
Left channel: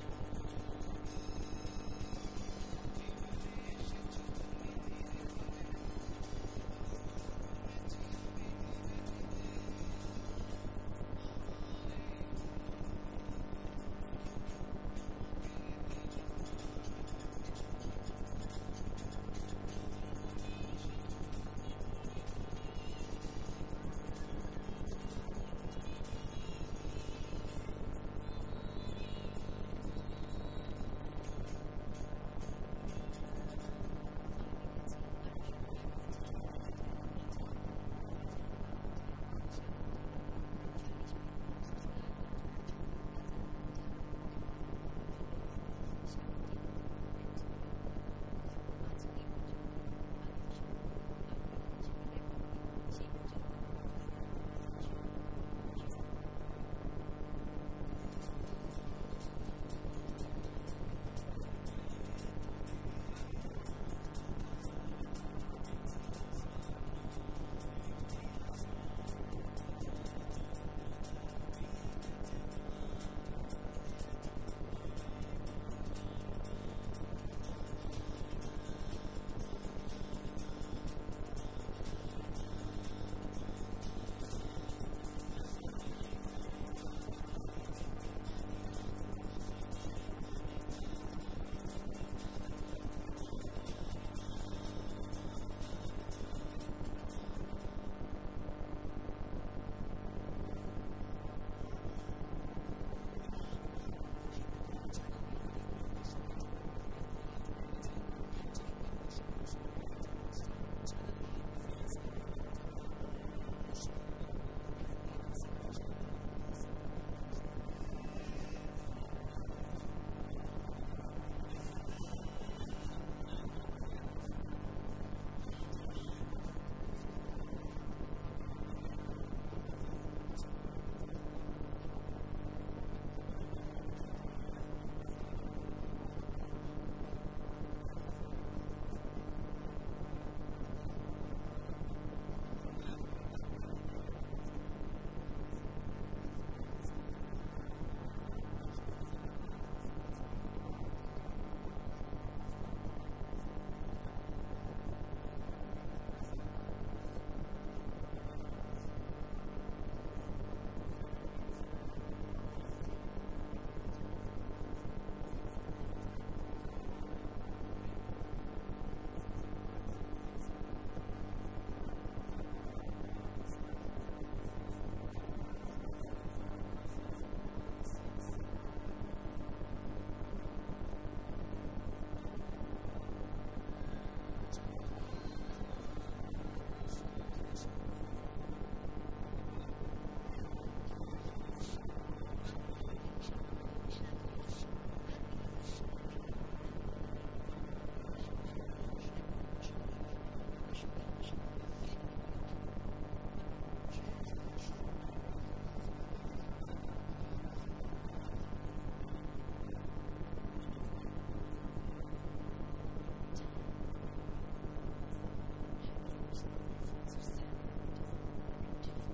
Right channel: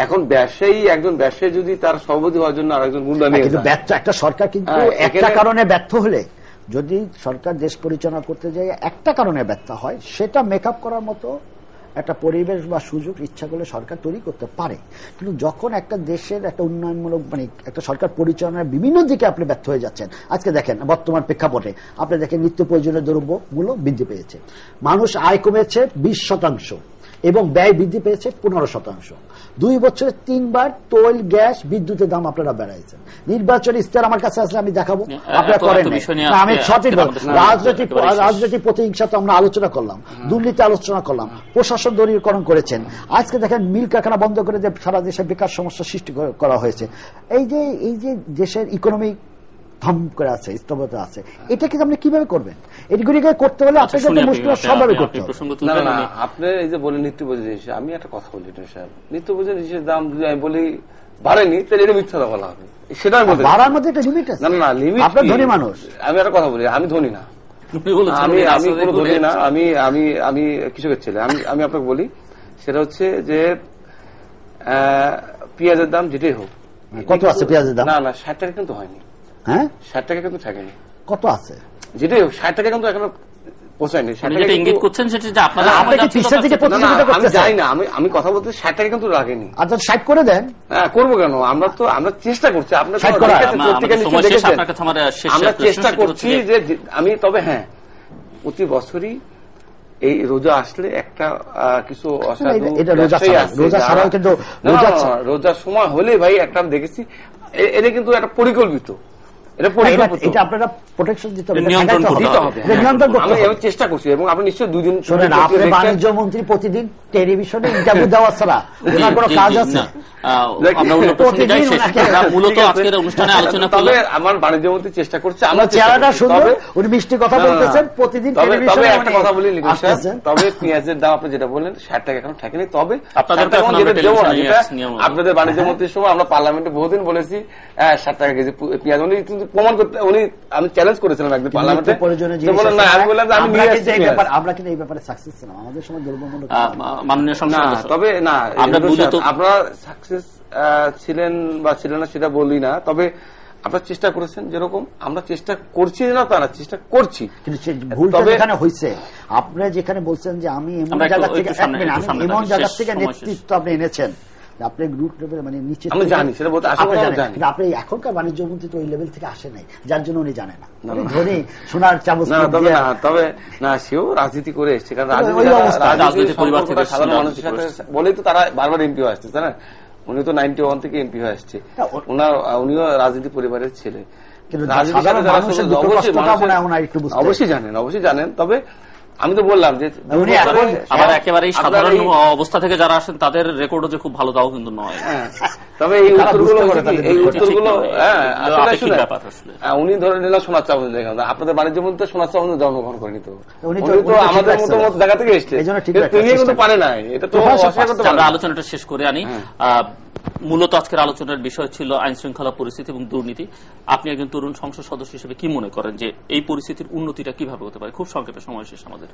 এখন ব্যবসায়ী, একজন ব্যবসায়ী যদি তার সভাপতি হওয়ার জন্য আরেকজন গুন্ডা নিয়ে, কিন্তু একটা সরকার কিন্তু একটা কারণে ব্যর্থ হলে, যদি সরকার দেশ পরিচালনা করতে যায় একটা কারণে ব্যর্থ হয়, সেটা মেকআপ করার মতো একটা পরিবেশ বা সুযোগ ইচ্ছা করলে সরকার তৈরি করতে পারে। কিন্তু যখন একটা দেশের একটা উন্নয়নমূলক মানে একটা সরকার পরিচালনার বিভিন্ন দিকে আপনি ব্যর্থ হয়ে যাচ্ছেন, আজকে দেখেন বর্তমান প্রেক্ষাপটে আপনি দেখেন নিত্য প্রয়োজনীয় দ্রব্যমূল্য বৃদ্ধি পেয়েছে, মানুষ আয় কমেছে 20% এবং ব্যয় বৃদ্ধি পেয়েছে 15%। 2 বছরে 3 বার তৈল, গ্যাস, বিদ্যুতের দাম আপনারা বেড়াইছেন। নির্বাচনী ইস্তাহার আমার কাছে আসলে আমি দেখাবো, আপনারা করেন না। আমি সঠিক রাজনৈতিক প্রতিহিংসা তো আমরা আলোচনা করলাম, দুর্নীতি আলোচনা করলাম, প্রশাসন দলীয়করণ করেছেন। আজকে দেখেন মিল কারখানা বন্ধ করে যে সারা দেশে বেকার সমস্যা সৃষ্টি করা হয়েছে। এই যে দেশের ইকোনমিক ধম করে আছে, স্তব্ধতা আছে, এটা কিন্তু আপনি কিভাবে করবেন? এগুলিকে করতে হলে আপনাকে মুশকিল সবভাবে করতে হবে। আপনি এই যে বলেন নিত্য প্রয়োজনীয় জিনিস, আমি একটা কথা বলি নিত্য প্রয়োজনীয় জিনিসের দাম যদি আমি বলি বাড়েনি, তাহলে এটা মিথ্যা বলা হবে। সেটা বাড়ার মধ্যে একটা লিমিট আছে। না লিমিট, আপনার ধনী মানুষ, আমি একটা কথা বলি, আমি ধনী না, আমি কোনো ধনী না, আমি কৃষকের ছেলে। আমি আপনাকে বলি, সেটা হচ্ছে যে পেঁয়াজের দাম যেটাই হোক, কত আছে পেঁয়াজের দাম? না 60 টাকা কিন্তু হয়নি। হ্যাঁ 60 টাকা কিন্তু থাকেনি। কত আছে? যেটাই হোক 60 টাকা কিন্তু এখনো পৌঁছায়নি। আমি যাই না, আমি কথা বলতে 60 টাকা কিন্তু লাগেনি। আচ্ছা 60 করে দেন। হ্যাঁ করবো কেন, আমরা চেষ্টা করছি। আমরা চেষ্টা করছি যে আমি, তবে হ্যাঁ প্রতি বছরই এই রোজা আসলে একটা কিছু অসাধু এটা রোজা ব্যবসায়ী ছাড়া, আছে রোজা যারা- ছাড়াও কিন্তু না, রোজা না, ছাড়া- রোজার সময় হলে ভাই একটা আমি দেখেছি এটা কিন্তু একটা পরিকল্পিত, এটা পরিকল্পিত। এটা আপনারা প্রোটেকশন দিতে হবে, নিয়ন্ত্রণ ঠেকাইতে করতে হবে। হবে। এটা নিয়ন্ত্রণ করতে আমি হবে। চেষ্টা করছি এবং আপনি নিশ্চয়ই 2 দিন শোনেন, আপনি বাণিজ্য মন্ত্রী প্রতিদিন টেলিভিশনে ইন্টারভিউ দেওয়া ছাড়া ওনার কোনো কাজ আছে? আমরা অন্য প্রসঙ্গে যাই, শেষ প্রতিদিন আমরা মূলত ঠিক আছে। আজকের অনুষ্ঠানে আলোচনা তবে করলাম। আমার বাণিজ্য মন্ত্রী চেষ্টা করছে, আমার আমরা চেহারাটা সুন্দর, তবে উনি মিষ্টি কথা না, না, না। বলতেছেন, প্রতিদিন তবে টেলিভিশনে একটা কথা বলি লিখুন সাহেব, আসতেছেন। তবে পেঁয়াজের দাম আপনি যেটা বললেন 60 টাকা এখন ঠেকেনি, তবে আপনাদের 60 টাকা এখন যেটা আমরা দেবো না, টেলিভিশনে যেটা নিয়ে আসছি, আপনাদের বাণিজ্য মন্ত্রীর সময় আমরা পার্লামেন্টে বহুদিন বলেছি 60 টাকা কেজি পেঁয়াজ, উনি কিন্তু প্রমাণ করতে, উনি আমি চ্যালেঞ্জ করেছিলাম একদিন পার্লামেন্টে, প্রয়োজনে তো বললেন না, আমি বললাম যে আমি নিয়ে আসছি পেঁয়াজ। আমরা কিন্তু এই ব্যাপারে সাকসেস ছিলাম, আমাদের সময় দ্রব্যমূল্য মাননীয় না, সংসদ তবে না, আমরা মূলত আপনারা সাকসেস ছিলেন বা ছিলেন না সেটা বলি না, তবে আপনারা চেষ্টা করেছেন, যেরকম আমরা চেষ্টা করছি না তা না, চেষ্টা করছি, কিন্তু ভুলটা তবে- যেখানে হয়েছে, আপনারা যেখানে বলছেন যে আমি এমন আমরা একটু- জায়গা থেকে একটু সামনে- এক মিনিট, একটু সামনে আমি এমন থাকি, জায়গা শেষ থেকে সময় শেষ। নেতৃত্ব আপনি এনেছেন, আপনি গ্রুপ লেভেল মানে নিচে আমি জানি, সেটা বলতে আসলে আপনি আমরা জানেন, জানি। কিন্তু আপনি এখনকার বাণিজ্য মন্ত্রী তো ওই লেভেল থেকে আসে নাই, যার জন্য উনি জানেন না। উনি ধনী সোনার চামচ না, তবে দিয়ে- না, তবে না, সেও রাজনীতি করে এসছে, কারণ ওই রাজনীতি অবস্থা, রাজনৈতিক পরিবার থেকে সাধারণ রাজনীতি মানুষের সাথে করেছে। বলেই তো তারা বারবার এমপি হয়ে আসছে, তাই না? উনি তো 91 থেকে এমপি হয়ে আসছে, উনিও রাজনীতি পরিবারের ছেলে, কিন্তু রাজনীতির সাধারণ সাথে যারা মানুষের আসলে দুঃখ অবশ্যই কষ্টটা মানুষের- মনে হয় ওনার একটু বুঝতে অবশ্যই জানেন, তবে আমি তো বললাম যে উনি এখন আবার একেবারে আপনার সাধারণ এই- অবস্থা থেকে যারা আসেন তাদের রেকর্ডও যে খুব ভালো তাও কিন্তু নয়। হ্যাঁ, তবে এই তারা উত্তরগুলো বুঝতে পারে হচ্ছে কি, তাদের এই দুঃখ। উত্তরগুলো ঠিক নয়, হ্যাঁ, এগুলো আসলে আপেক্ষিক শুনেন, ব্যাপার আসলে। উনি ধরে নিলাম সোনার চামচ দেখা, আপনাদের বাণিজ্য মন্ত্রী সোনার চামচ জন্মগ্রহণ করেনি তো, উনি উনি তো তো ঠিক আমাদের রাখছে মতো জায়গা থেকে এসছে, এই জন্য ঠিক কিন্তু রাখছে, তিনি কিন্তু চেষ্টা পারে নাই, এটা তো প্রভাষক অস্বীকার করতে পারে আমরা না। আলোচনাটা শেষ করে আনি। মূলত আজকের আলোচনার বিষয় ছিল আইন শৃঙ্খলা পরিস্থিতি এবং দুর্নীতি। আপনি একজন তরুণ সংসদ সদস্য হিসেবে কি মনে করেন যে এই পরিস্থিতির উন্নতিটা কিভাবে হতে পারে? খুব সংক্ষেপে, সময় শেষ আমাদের।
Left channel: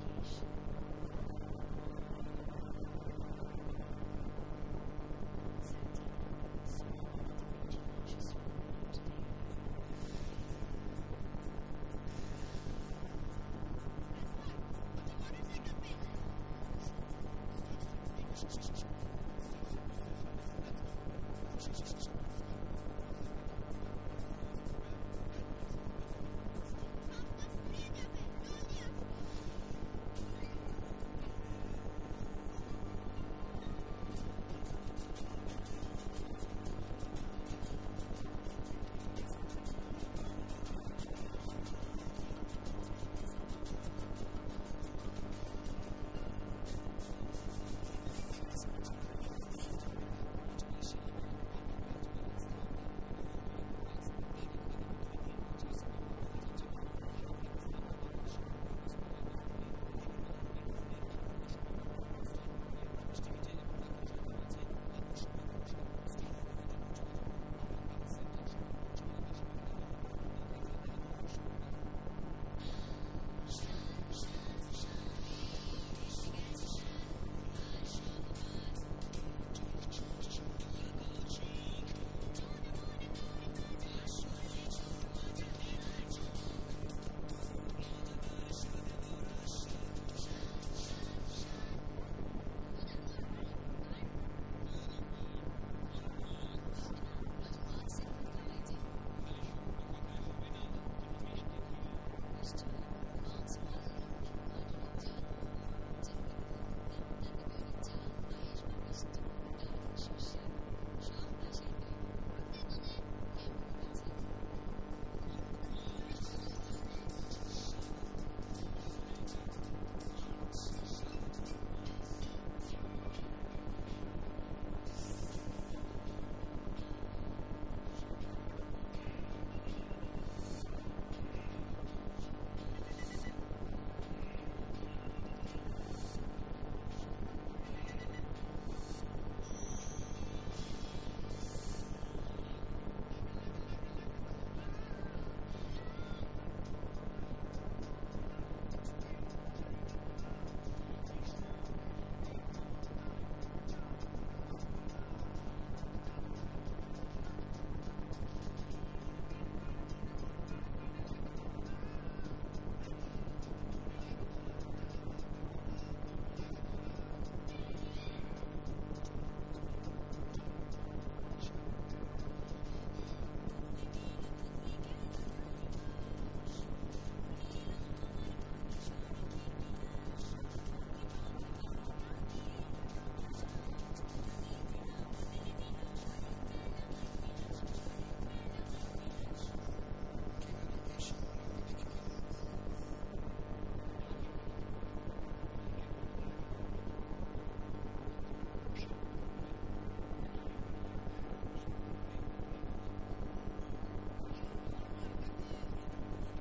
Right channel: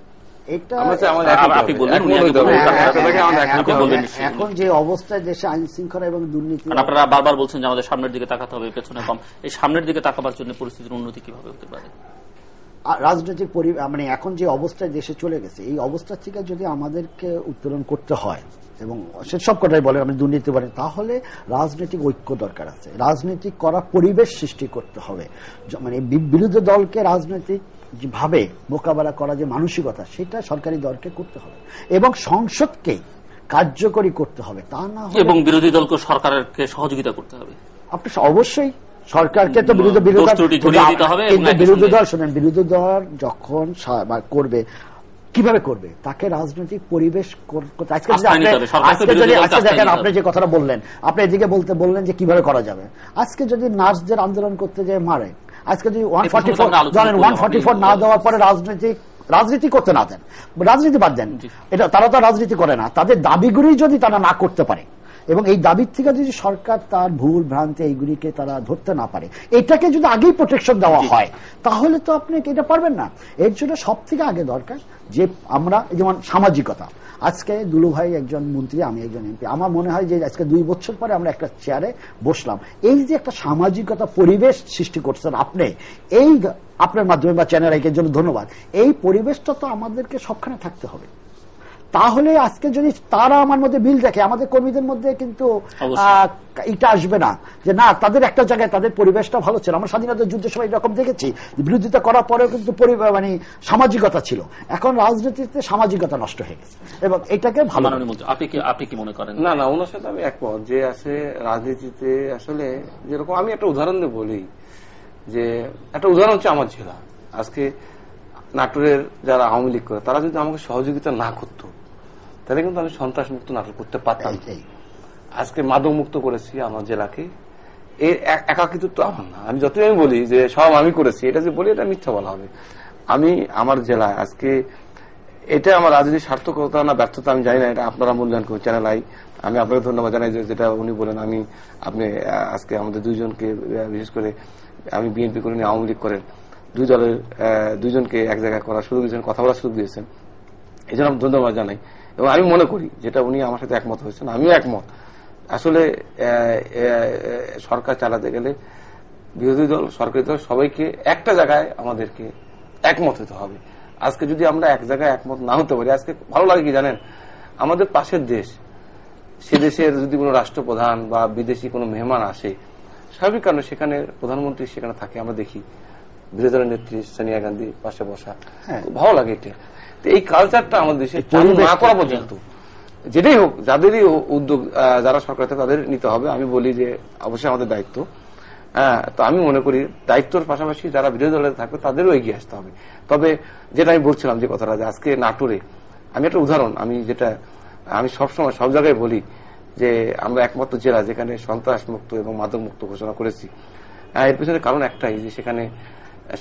এটা আমরা চাই আমাদের একমত আপনি হবে, বললেন, একমত উনি আগে হতে হবে, বললেন, আপনাকে আমাদের একমত আপনি হবে। বলবেন নিশ্চয়ই। এখন যে অবস্থায় দেশে আইন শৃঙ্খলা এবং দুর্নীতি, কারণ আপনারা বারবার বলছেন যে আমাদের সামনের দিকে তাকাতে হবে, পেছনে কম। এই সামনের দিকে তাকাবার জন্য পরিস্থিতির উন্নতি কিভাবে হতে পারে? রাজনৈতিক মানে এখন যে অবস্থায় দেশে চলে গেছে, এই অবস্থা থেকে যদি আমাদেরকে উত্তোলন করতে হয়, এবং সে সব কথাই বলে আমি দুর্নীতি বলে, তাহলে রাজনৈতিক ঐক্য দরকার আছে, রাজনৈতিক করা পরিবেশ সৃষ্টি করতে হবে, মানে বিরোধী দলকে রাজনৈতিক ভাবে মোকাবেলা করা যে মানসিকতা, সেটা সরকারি দলকে করতে হবে এবং সংসদকে কার্যকরী করতে হবে, তা না হলে এবং বিরোধী দলকে সরকারকে সহযোগিতা করতে হবে। আপনি অবশ্যই সরকারকে তো বিরোধী দোষ ত্রুটি ধরিয়ে দিতে হবে এবং কিন্তু একই বিরোধী সঙ্গে- দল শোনেন, বিরোধী দল যখন করবে, কিভাবে করবে, তাকে রাজনৈতিক পরিবেশ করতে, আজকে যদি আস্থা নিতে হবে, সরকারকে বিরোধী দলকে আজকে আস্থা দেখেন নিতে আপনি হবে। যে কথাটা বললেন, আপনি এদিকে বললেন যে কিভাবে করা যাবে, আজকে যদি নার্সদের আন্দোলন করতে যায় মারে, আজকে যদি 144 জানেন 144 না দেওয়ার পরে রাজনীতি করতে না দেন, রাজনীতি বাদ দেন, এটা তারা তো রাজনীতি করে না, তাদের দাবিগুলি যদি তারা না করতে পারে এবং এই দাবির থেকে যদি সরকার তার ভুল ভ্রান্তি এইগুলিকে তারা ধরতে না পারে, এটাকে যদি আগেই প্রোটেকশন দেওয়া হয়, তাহলে তো আপনি এটা পারবেন না। এর জন্য সব থেকে আগে দরকার যে আমরা যেমন সামাজিকতা, আজকে দুলু ভাই একজন মন্ত্রী, আমি একজন এমপি, আমার মনে হয় যে আজকে 2 বছর পরে আমরা একটা চেয়ারে বসলাম, এই যে একটা সামাজিকতা পরিবেশ সৃষ্টি করছেন আপনি, এই আপনার মাধ্যমে বা চ্যানেল আইকের জন্য ধন্যবাদ, এই পরিবেশটা তো আমাদেরকে সবখানে থাকতে হবে। তাহলে আজকে যদি তারা আমার মধ্যে মিল দেখে, আমাদের কর্মীদের মধ্যে কিন্তু এটা আসবে না যে না, তাদের একটা জায়গায় তাদের পরিবেশটা ভালো ছিল, আমরা স্বাধীনতা যুদ্ধের সময় এরকম দেখেছি, বিরোধিতা করার পরেও কিন্তু মানে সামাজিকতা ছিল, এখন রাজনীতিতে সামাজিকতা নষ্ট হয়ে গেছে এবং এটাকে ভালো। আপনি কি মনে করেন? না, ওনার সাথে আমি একমত যে আছে রাজনীতিতে আসলে যেরকম, আমি একটা উদাহরণ দিয়ে বলি, যে একটা উদাহরণ হচ্ছে আমার জেলা, আজকে নাটোরের যারা আওয়ামী লীগ করে তারা যদি আমাকে সহযোগিতা না করতো, তাহলে কিন্তু আমি সন্ত্রাস মুক্ত নাটক করতে পারতাম। আজকে মাদক মুক্ত করেছি আমার জেলাকে, এই একাকিত্ব আমার না, আমি যতই আমি বলি যে সব আমি করেছি, এটা যে বলি এটা মিথ্যা বলা হবে। আমি আমার জেলায় আজকে, এটা আমার রাজনীতির সার্থকতা না ব্যর্থতা আমি জানি না, এটা আপনারা মূল্যায়ন করুন, চ্যানেল আই। আমি আপনাকে ধন্যবাদ জানাই যেটা উনি বলেন, আপনি আজকে আমাদের দুইজনকে, বিশেষ করে আমি বিএনপি করেন, আওয়ামী লীগ করেন, দুই দলের দুইজনকে এক জায়গায় করার সুযোগ দিয়েছেন, কথা বলার সুযোগ দিয়েছেন, এই জন্য আমি ধন্যবাদ জানাই। এবং আমি মনে করি যেটা উনি আমার সাথে একমত হয়েছেন, আমিও একমত, আসলে সরকার চালাতে গেলে বিরোধী দল, সরকারি দল সবাইকে একটা জায়গায় আমাদেরকে একমত হতে হবে। আজকে যদি আমরা এক জায়গায় একমত না হতে পারি, আজকে ভালো লাগে কি জানেন, আমাদের পাশের দেশ, সে দেশের যদি কোনো রাষ্ট্রপ্রধান বা বিদেশি কোনো মেহমান আসে, স্বাভাবিক কারণে সেখানে প্রধানমন্ত্রী সেখানে থাকে, আমরা দেখি বিরোধী দলের নেত্রী সোনিয়া গান্ধী পাশে বসা, ভালো লাগে এটা। তো এই কালচারটা আমাদের দেশে চালু না করা পর্যন্ত যেটাই হোক, যাদেরই উদ্যোগ যারা সরকার থেকে তাদের নিতে হবে। আমি বলি যে অবশ্যই আমাদের দায়িত্ব। তো আমি মনে করি দায়িত্বর পাশাপাশি যারা বিরোধী দলে থাকবে তাদেরও এগিয়ে আসতে হবে। তবে যেটা আমি বলছিলাম যে কথাটা, যে আজকে নাটোরে আমি একটা উদাহরণ, আমি সবসময় সব জায়গায় বলি যে আমরা একমাত্র জেলা যেখানে সন্ত্রাস মুক্ত এবং মাদক মুক্ত ঘোষণা করেছি। এর পিছনে কারণ একটাই, যে সেখানে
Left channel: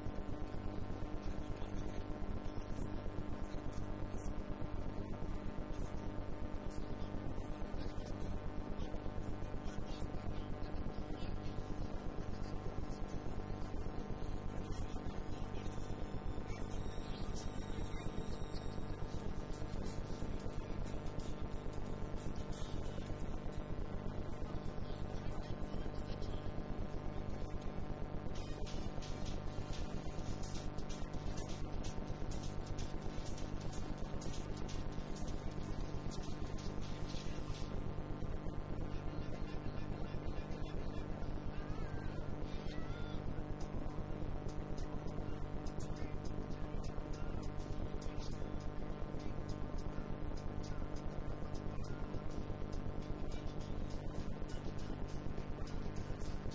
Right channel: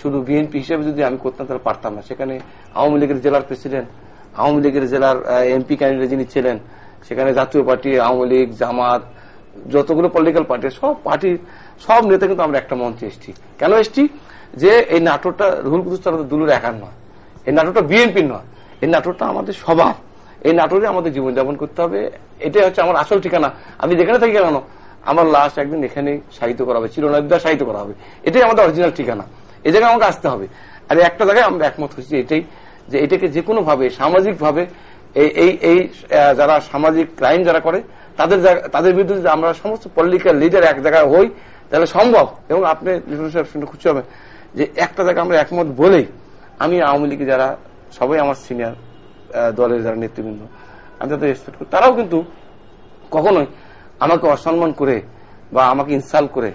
শুধু বিএনপি হিসেবে যদি আমি করতাম তাহলে পারতাম না। সেখানে আওয়ামী লীগের জেলার প্রেসিডেন্ট, আওয়ামী লীগের জেলার এমপি ক্যান্ডিডেট যিনি ছিলেন, সেখানে জাতীয় পার্টি, আওয়ামী লীগ, জামাত, যতগুলো পলিটিক্যাল পার্টি, সব পার্টির সব নেতা কিন্তু আমরা একটা মঞ্চে এসেছি। কেন এসেছি? যে এই নাটোরটা রুহুল কুদ্দুস দুলুর একার নয়, এই নাটোরটা বিএনপির নয়, এই নাটোরটা আমাদের সবার। এই নাটোরে আমাদের জীবনযাপন করতে হবে, এটাই হচ্ছে আমার আসল ঠিকানা। আমি যেখানে থাকি কেন, আমার লাশ একদিন এখানে শায়িত করা হবে, চিরনবিদ্যা শায়িত করা হবে, এটাই আমাদের অরিজিনাল ঠিকানা। এই জায়গায় আমাকে আসতে হবে। আর একটা জায়গায় আমরা একমত হয়েছি এটাই, যে এটাকে যে কোনো ভাবে সামাজিক ভাবে এই যারা সামাজিক ক্রাইম যারা করে তাদের বিরুদ্ধে যদি আমরা সমস্ত পলিটিক্যাল লিডার এক জায়গায় হই তাহলে সম্ভব। এবং আপনি শুনে খুশি হবেন যে একটা জায়গায় আমরা একমত বলেই আমি আওয়ামী লীগে যারা সবাই আমার সিনিয়র দলের যারা নেতৃবৃন্দ, আমি তাদের রেসপেক্ট করি, তারাও কিন্তু কখনোই আমাকে অসম্মান করে বা আমাকে ইনসাল্ট করে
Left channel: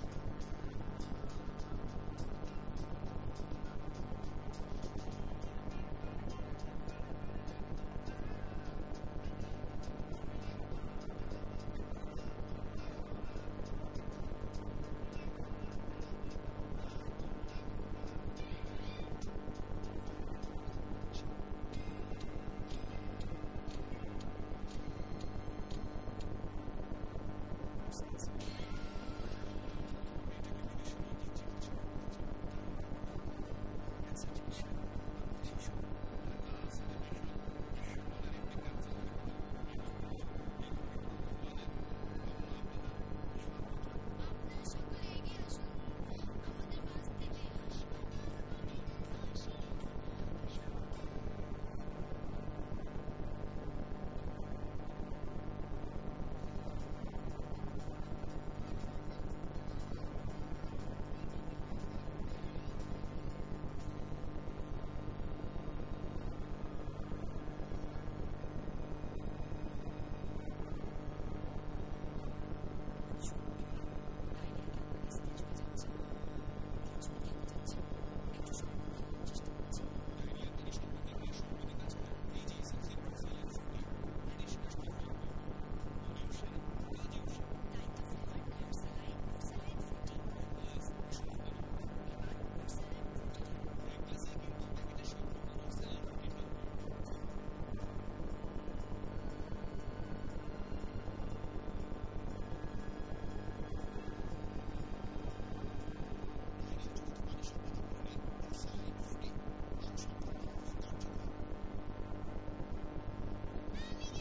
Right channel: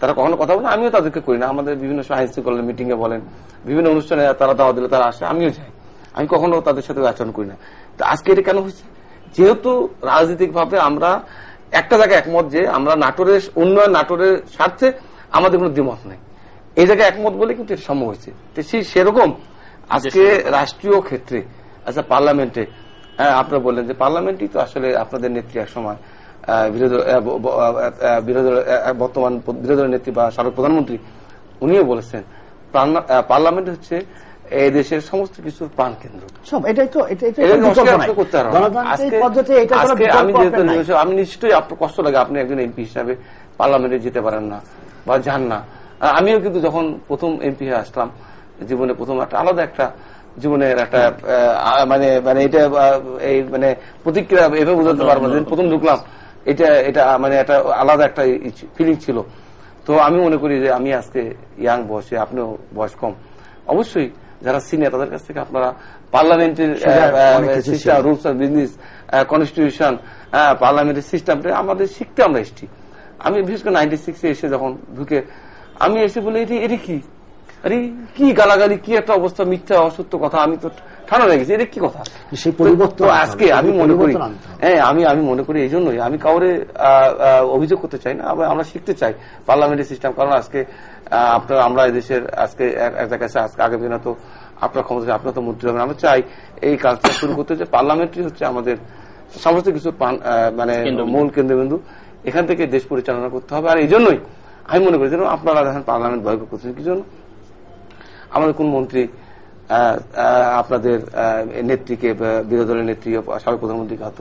তারা কখনো কথা বলে, আমিও তাদেরকে করি না। আমাদের বিভিন্ন আইন শৃঙ্খলা মিটিং এ বলেন, বিভিন্ন অনুষ্ঠানে তারা দাওয়া দিলে তারা আসে, আমিও যাই, আমি কখনো তাদের সাথে আচরণ করি না। তো আজকে এটা কেন হয়েছে? যেহেতু রাজনৈতিক ভাবে আমরা একটা জায়গায় একমত যে আমরা নাটোরের উন্নয়ন, নাটোরের স্বার্থে আমাদের কোনো দ্বিমত নেই, এই জায়গায় একমত বলে কিন্তু এটা সম্ভব হয়েছে। সেরকম আজকে রাষ্ট্রীয় ক্ষেত্রে, আচ্ছা পার্লামেন্টে, আপনারা বললেন যে পার্লামেন্টই তো আসলে আপনাদের নেত্রী এক সময় বর্তমান বিরোধী দলের নেত্রী বা সাবেক প্রধানমন্ত্রী উনিও বলেছেন পার্লামেন্ট হচ্ছে এই দেশের সমস্ত কিছুর প্রাণ কেন্দ্র। আমি নিশ্চয়ই আপনার কষ্ট লাগে, আপনি একজন এমপি হিসাবে পার্লামেন্টে যেতে পারেন না বা যান না। আমিও কিন্তু যখন প্রথম এমপি হয়ে আসলাম, জীবনে প্রথম একটা আলাদা একটা জীবনের একটা মানে এটা এই মানে প্রতিক্রিয়া এভাবে বোঝাতে পারবো যে প্রথম ঢুকলাম এটা মানে একটা আলাদা একটা ফিলিং ছিল। তো আমি মনে করি যে আমি আজকে ইয়াং বয়সে, আপনিও বয়স কম, অবশ্যই যারা সিনিয়র তাদের কাছ থেকে আপনারা পার্লামেন্টের system, rules of business, constitution, পার্লামেন্টের সিস্টেমটা আমাদের শিখতে আমরা এসেছি। আমি বিশেষ করে 96 এসে যখন ঢুকে আমি এসে বলি এটা কি, আরে কি গালাগালি, কি একটা অবস্থা, মিথ্যা অসত্য কথা, আমি তো ঠান্ডা হয়ে গেছি, এটা কি কথা। সেই পরিবর্তন আজকে আমি মনে করি, আমি মনে করি এই জন্যই আমি কাউরে অভিযোগ করতে চাই না, আমরা শিখতে চাই পার্লামেন্টের সিস্টেম। কারণ আজকে আপনার আমরা এই দেশের আজকে এক জায়গায় আজকে আগামী দিনে তো আপনার ক্ষমতা, আপনার তো মন্ত্রী হবেন, আমরা চাই এই কাজটা শুরু করতে, যে পার্লামেন্টই হচ্ছে আমাদের সমস্ত কিছু মানে মূল কেন্দ্রবিন্দু, এখান থেকে দেশ পরিচালনা করতে হবে। আর এই জন্যই আমি মনে করি যেন আপনারা দেখেন পার্লামেন্ট বয়কট করছেন কি জন্য, আমাদের কোন মন্ত্রী আপনাদের নেত্রীকে, বিরোধী দলের নেত্রী সাবেক প্রধানমন্ত্রীকে হাত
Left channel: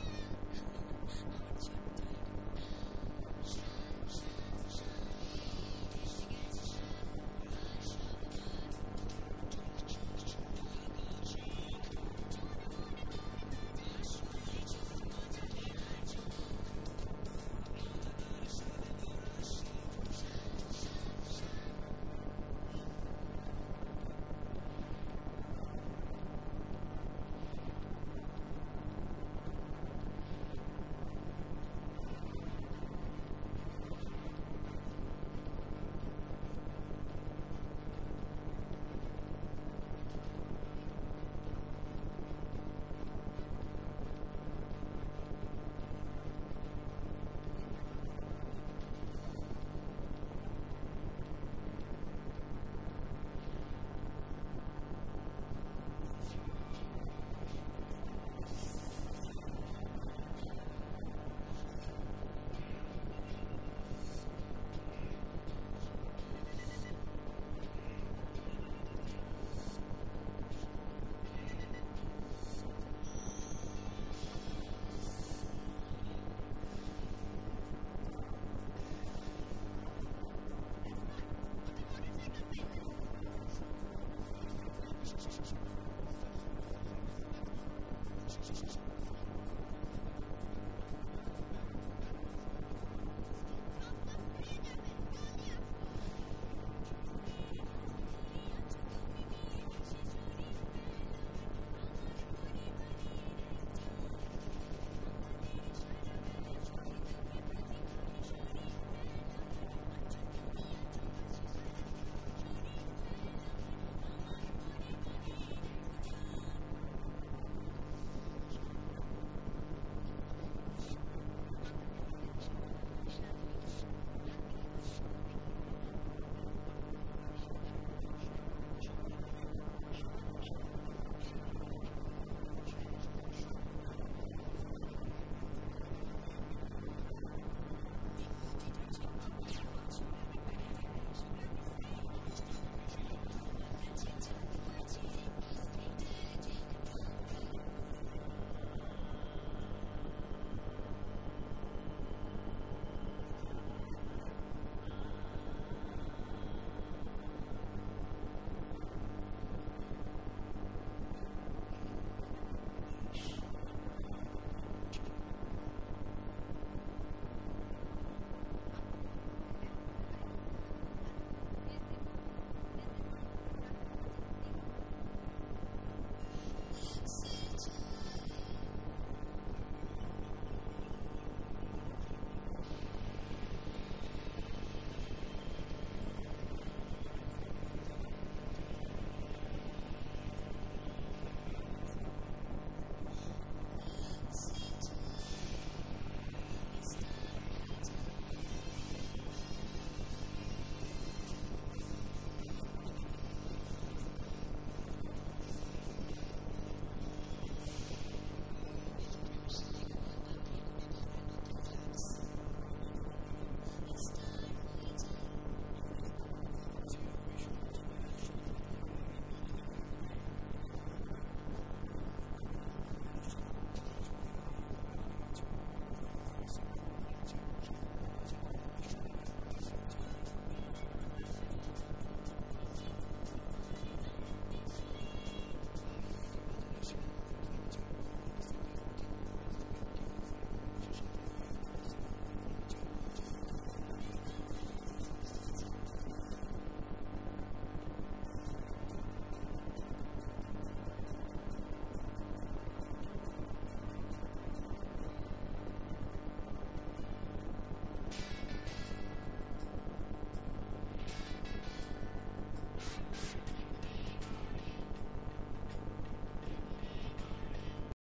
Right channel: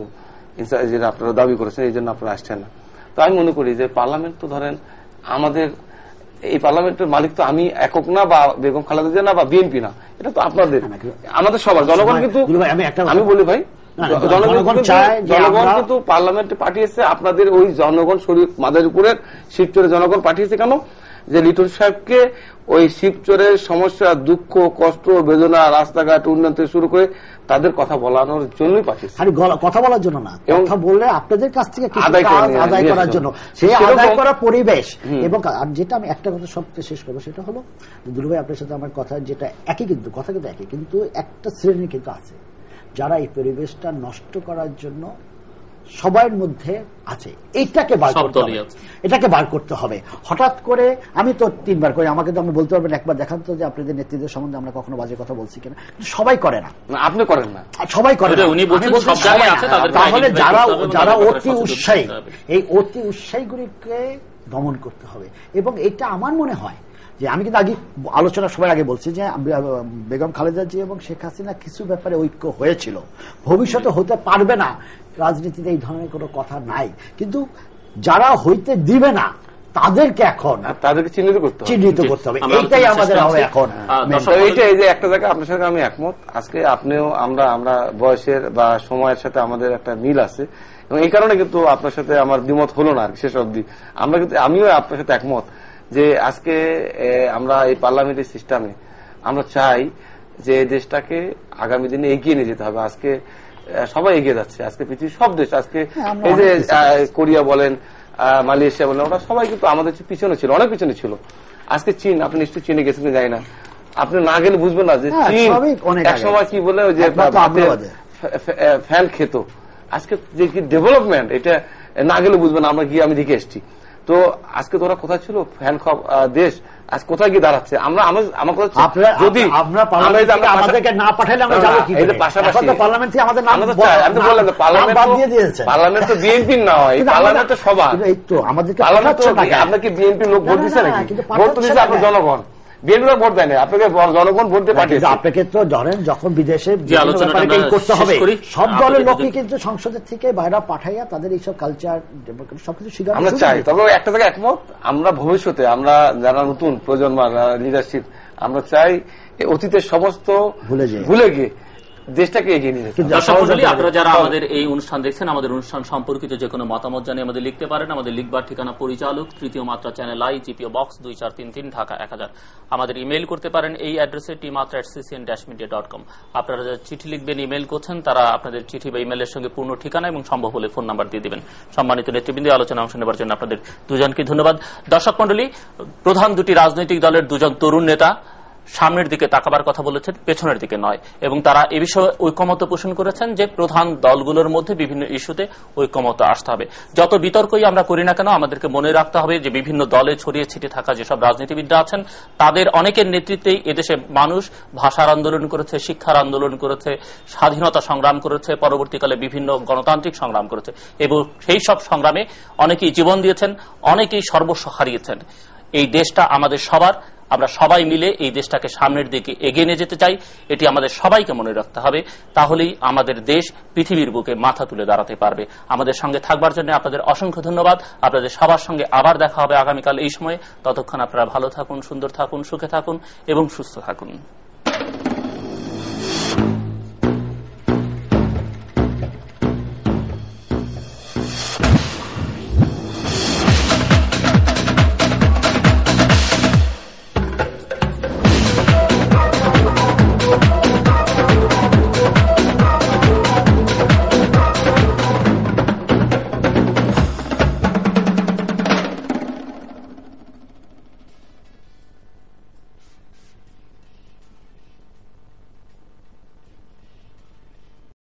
যেটা আপনারা দাবি করেছেন, এই জন্য আপনারা আসছেন না। তো আমি মনে করি যে পার্লামেন্ট তো ধরেন আমাদের, এই পার্লামেন্টের মালিক তো আমি একক না, বা বেগম খালেদা জিয়া না, বা বিএনপি না, এটা তো আপনাদের, আমাদের সবার জনগণ। কিন্তু আমি বলি ভাই, জনগণ কিন্তু পার্লামেন্টে পাঠিয়েছে, আপনাদের ওই জনগণ শরীর মাদারীপুরের শিবচরের জনগণ পাঠিয়েছে কেন, যে লিটন সাহেবকে ওই শিবচরের সমস্যা, দুঃখ, কষ্ট, বেদনা, রাস্তাঘাট উন্নয়ন থেকে শুরু করে তাদের কথা বলানোর জন্যই পাঠিয়েছে। কথা বলার জন্য না, কথা বললে আপনাদের কাছ থেকে আদায় করার জন্য, সেই আদায় করা পরিবেশ। এবং যেটা আমি একটা কথা সবচেয়ে শেষ করবো, সেটা হলো দুলু ভাই আপনার সাথে আমার কথা যেটা একই, কিন্তু কথা কিন্তু একই, কিন্তু একটা শ্রেণী কিন্তু আছে যারা এই পরিবেশটা নষ্ট করার জন্য সবার মধ্যে আছে। এটাকে বার করতে হবে। হঠাৎ করে আমি তো 3 বার করি, আমাকে তো আপনি বলতে পারবেন একবার দেখান তো যে আপনাদের নেতৃত্বের সম্বন্ধে আমরা কখনো বাজে কথা বলছি কিনা। সবাই করে না, আপনি করেন না, সবাই করে না। তাহলে যারা অতি উৎসাহী, এই অতি উৎসাহীগুলিকে দমন করতে হবে। এবং এটা আমার মনে হয় যে আমি কিন্তু আগে আলোচনা সবার আগে বলছি যে বেগম খালেদা জিয়া এবং শেখ হাসিনা কিছু ব্যাপারে ঐক্য হয়েছিল, ভবিষ্যতে হতে পারবে না, রাজনীতিতে এই ধরনের কোনো কথা নাই। কিন্তু যারা হইতে দিবে না তাদেরকে এখন তাদেরকে চিহ্নিত করতে হবে, এইটাই আমাদের এখন। এইটাই যে একটা জায়গায় আপনার সাথে আমি একমত, আজকে আপনিও আমরা বয়সের বা সময়ের সাথে আমাদের একটা মিল আছে, এবং এই কারণে কিন্তু আপনার সাথে আমার দ্বিমত হলো না শেষ অবধি। আমরা কিন্তু আমিও আপনার সাথে একমত যে আজকে আমরা এই পার্লামেন্টের সিস্টেমে আমরা চাই যে এই দেশটাকে আগামী দিনে এগিয়ে নিয়ে যেতে হবে। আজকে সবাই এগিয়ে যাচ্ছে, আজকে পৃথিবীর সব দেশ, আজকে এই যে কোরিয়া বলেন, মালয়েশিয়া বলেন, ওরা সবাই কিন্তু আমাদের পিছনে ছিল, অনেক পিছনে ছিল। আজকে চীন, আপনি নিশ্চয়ই চীনে গেছেন যাই না, আপনি না গেলে বুঝবেন না যে চীন একসময় কি বলে ওই যে ফ্যান খেত, আজকে যে কি ডেভেলপমেন্ট, এটা না গেলে বুঝবেন। আমরা গিয়ে আমি দেখে এসছি, তো আজকে তোরা কোথায় ছিল ফ্যান খাওয়া দেশ, আজ কোথায় গিয়ে দাঁড়াচ্ছে। আমরা আমার কথা যদি আমাদেরকে না পাঠালে আমরা যাবো কি করে? পাশাপাশি পার্লামেন্ট থেকে আমাদের নাম আমি বললাম পার্লামেন্ট তো বিএনপির না হয়, পার্লামেন্ট তো সবার, এই তো আমাদেরকে আপনাকে বিএনপি লোক ভোট দিচ্ছে নাকি? ভোট তো দিচ্ছে আপনার জনগণ, বিএনপি ভোট দেয় না আপনাকে, জনগণ ভোট দিয়ে পাঠিয়েছে আপনাকে। তো ধরেন যখন বিদেশে করতে হবে, সব দলের লোকই কিন্তু সংসদের থেকে বাইরে পাঠাইয়া তাদের এইসব কালচার সবকিছু শিখা আমরা চাই। তবে একটা থেকে একমত, আমরা ভবিষ্যতে আমরা যারা নতুন প্রজন্ম লিডারশিপ, আমরা চাই অতীতের সমস্ত ভুলে গিয়ে দেশটাকে এগিয়ে নিয়ে যেতে। দর্শক মণ্ডলী, আপনারা যারা আমাদের এই অনুষ্ঠান দেখছেন, আমাদের অনুষ্ঠান সম্পর্কিত যে কোনো মতামত জানিয়ে আমাদের লিখতে পারেন। আমাদের লিখবার ঠিকানা পরিচালক, তৃতীয় মাত্রা, channel I, GPO box 2433, Dhaka 1000। আমাদের ইমেইল করতে পারেন এই অ্যাড্রেসে tmatra@ccn-media.com। আপনারা যারা চিঠি লিখবেন, ইমেইল করছেন, তারা আপনাদের চিঠি বা ইমেইলের সঙ্গে পূর্ণ ঠিকানা এবং সম্ভব হলে ফোন নাম্বার দিয়ে দিবেন। সম্মানিত নেতৃবৃন্দ, আলোচনা অংশ নেবার জন্য আপনাদের দুজনকে ধন্যবাদ। দর্শক মণ্ডলী, প্রধান দুটি রাজনৈতিক দলের দুজন তরুণ নেতা সামনের দিকে তাকাবার কথা বলেছেন, পেছনের দিকে নয়, এবং তারা এ বিষয়ে ঐকমত্য পোষণ করেছেন যে প্রধান দলগুলোর মধ্যে বিভিন্ন ইস্যুতে ঐকমত্য আসতে হবে। যত বিতর্কই আমরা করি না কেন, আমাদেরকে মনে রাখতে হবে যে বিভিন্ন দলে ছড়িয়ে ছিটিয়ে থাকা যেসব রাজনীতিবিদরা আছেন, তাদের অনেকের নেতৃত্বেই এদেশে মানুষ ভাষার আন্দোলন করেছে, শিক্ষার আন্দোলন করেছে, স্বাধীনতা সংগ্রাম করেছে, পরবর্তীকালে বিভিন্ন গণতান্ত্রিক সংগ্রাম করেছে, এবং সেই সব সংগ্রামে অনেকেই জীবন দিয়েছেন, অনেকেই সর্বস্ব হারিয়েছেন। এই দেশটা আমাদের সবার, আমরা সবাই মিলে এই দেশটাকে সামনের দিকে এগিয়ে নিয়ে যেতে চাই। এটি আমাদের সবাইকে মনে রাখতে হবে, তাহলেই আমাদের দেশ পৃথিবীর বুকে মাথা তুলে দাঁড়াতে পারবে। আমাদের সঙ্গে থাকবার জন্য আপনাদের অসংখ্য ধন্যবাদ। আপনাদের সবার সঙ্গে আবার দেখা হবে আগামীকাল এই সময়ে। ততক্ষণ আপনারা ভালো থাকুন, সুন্দর থাকুন, সুখে থাকুন এবং সুস্থ থাকুন।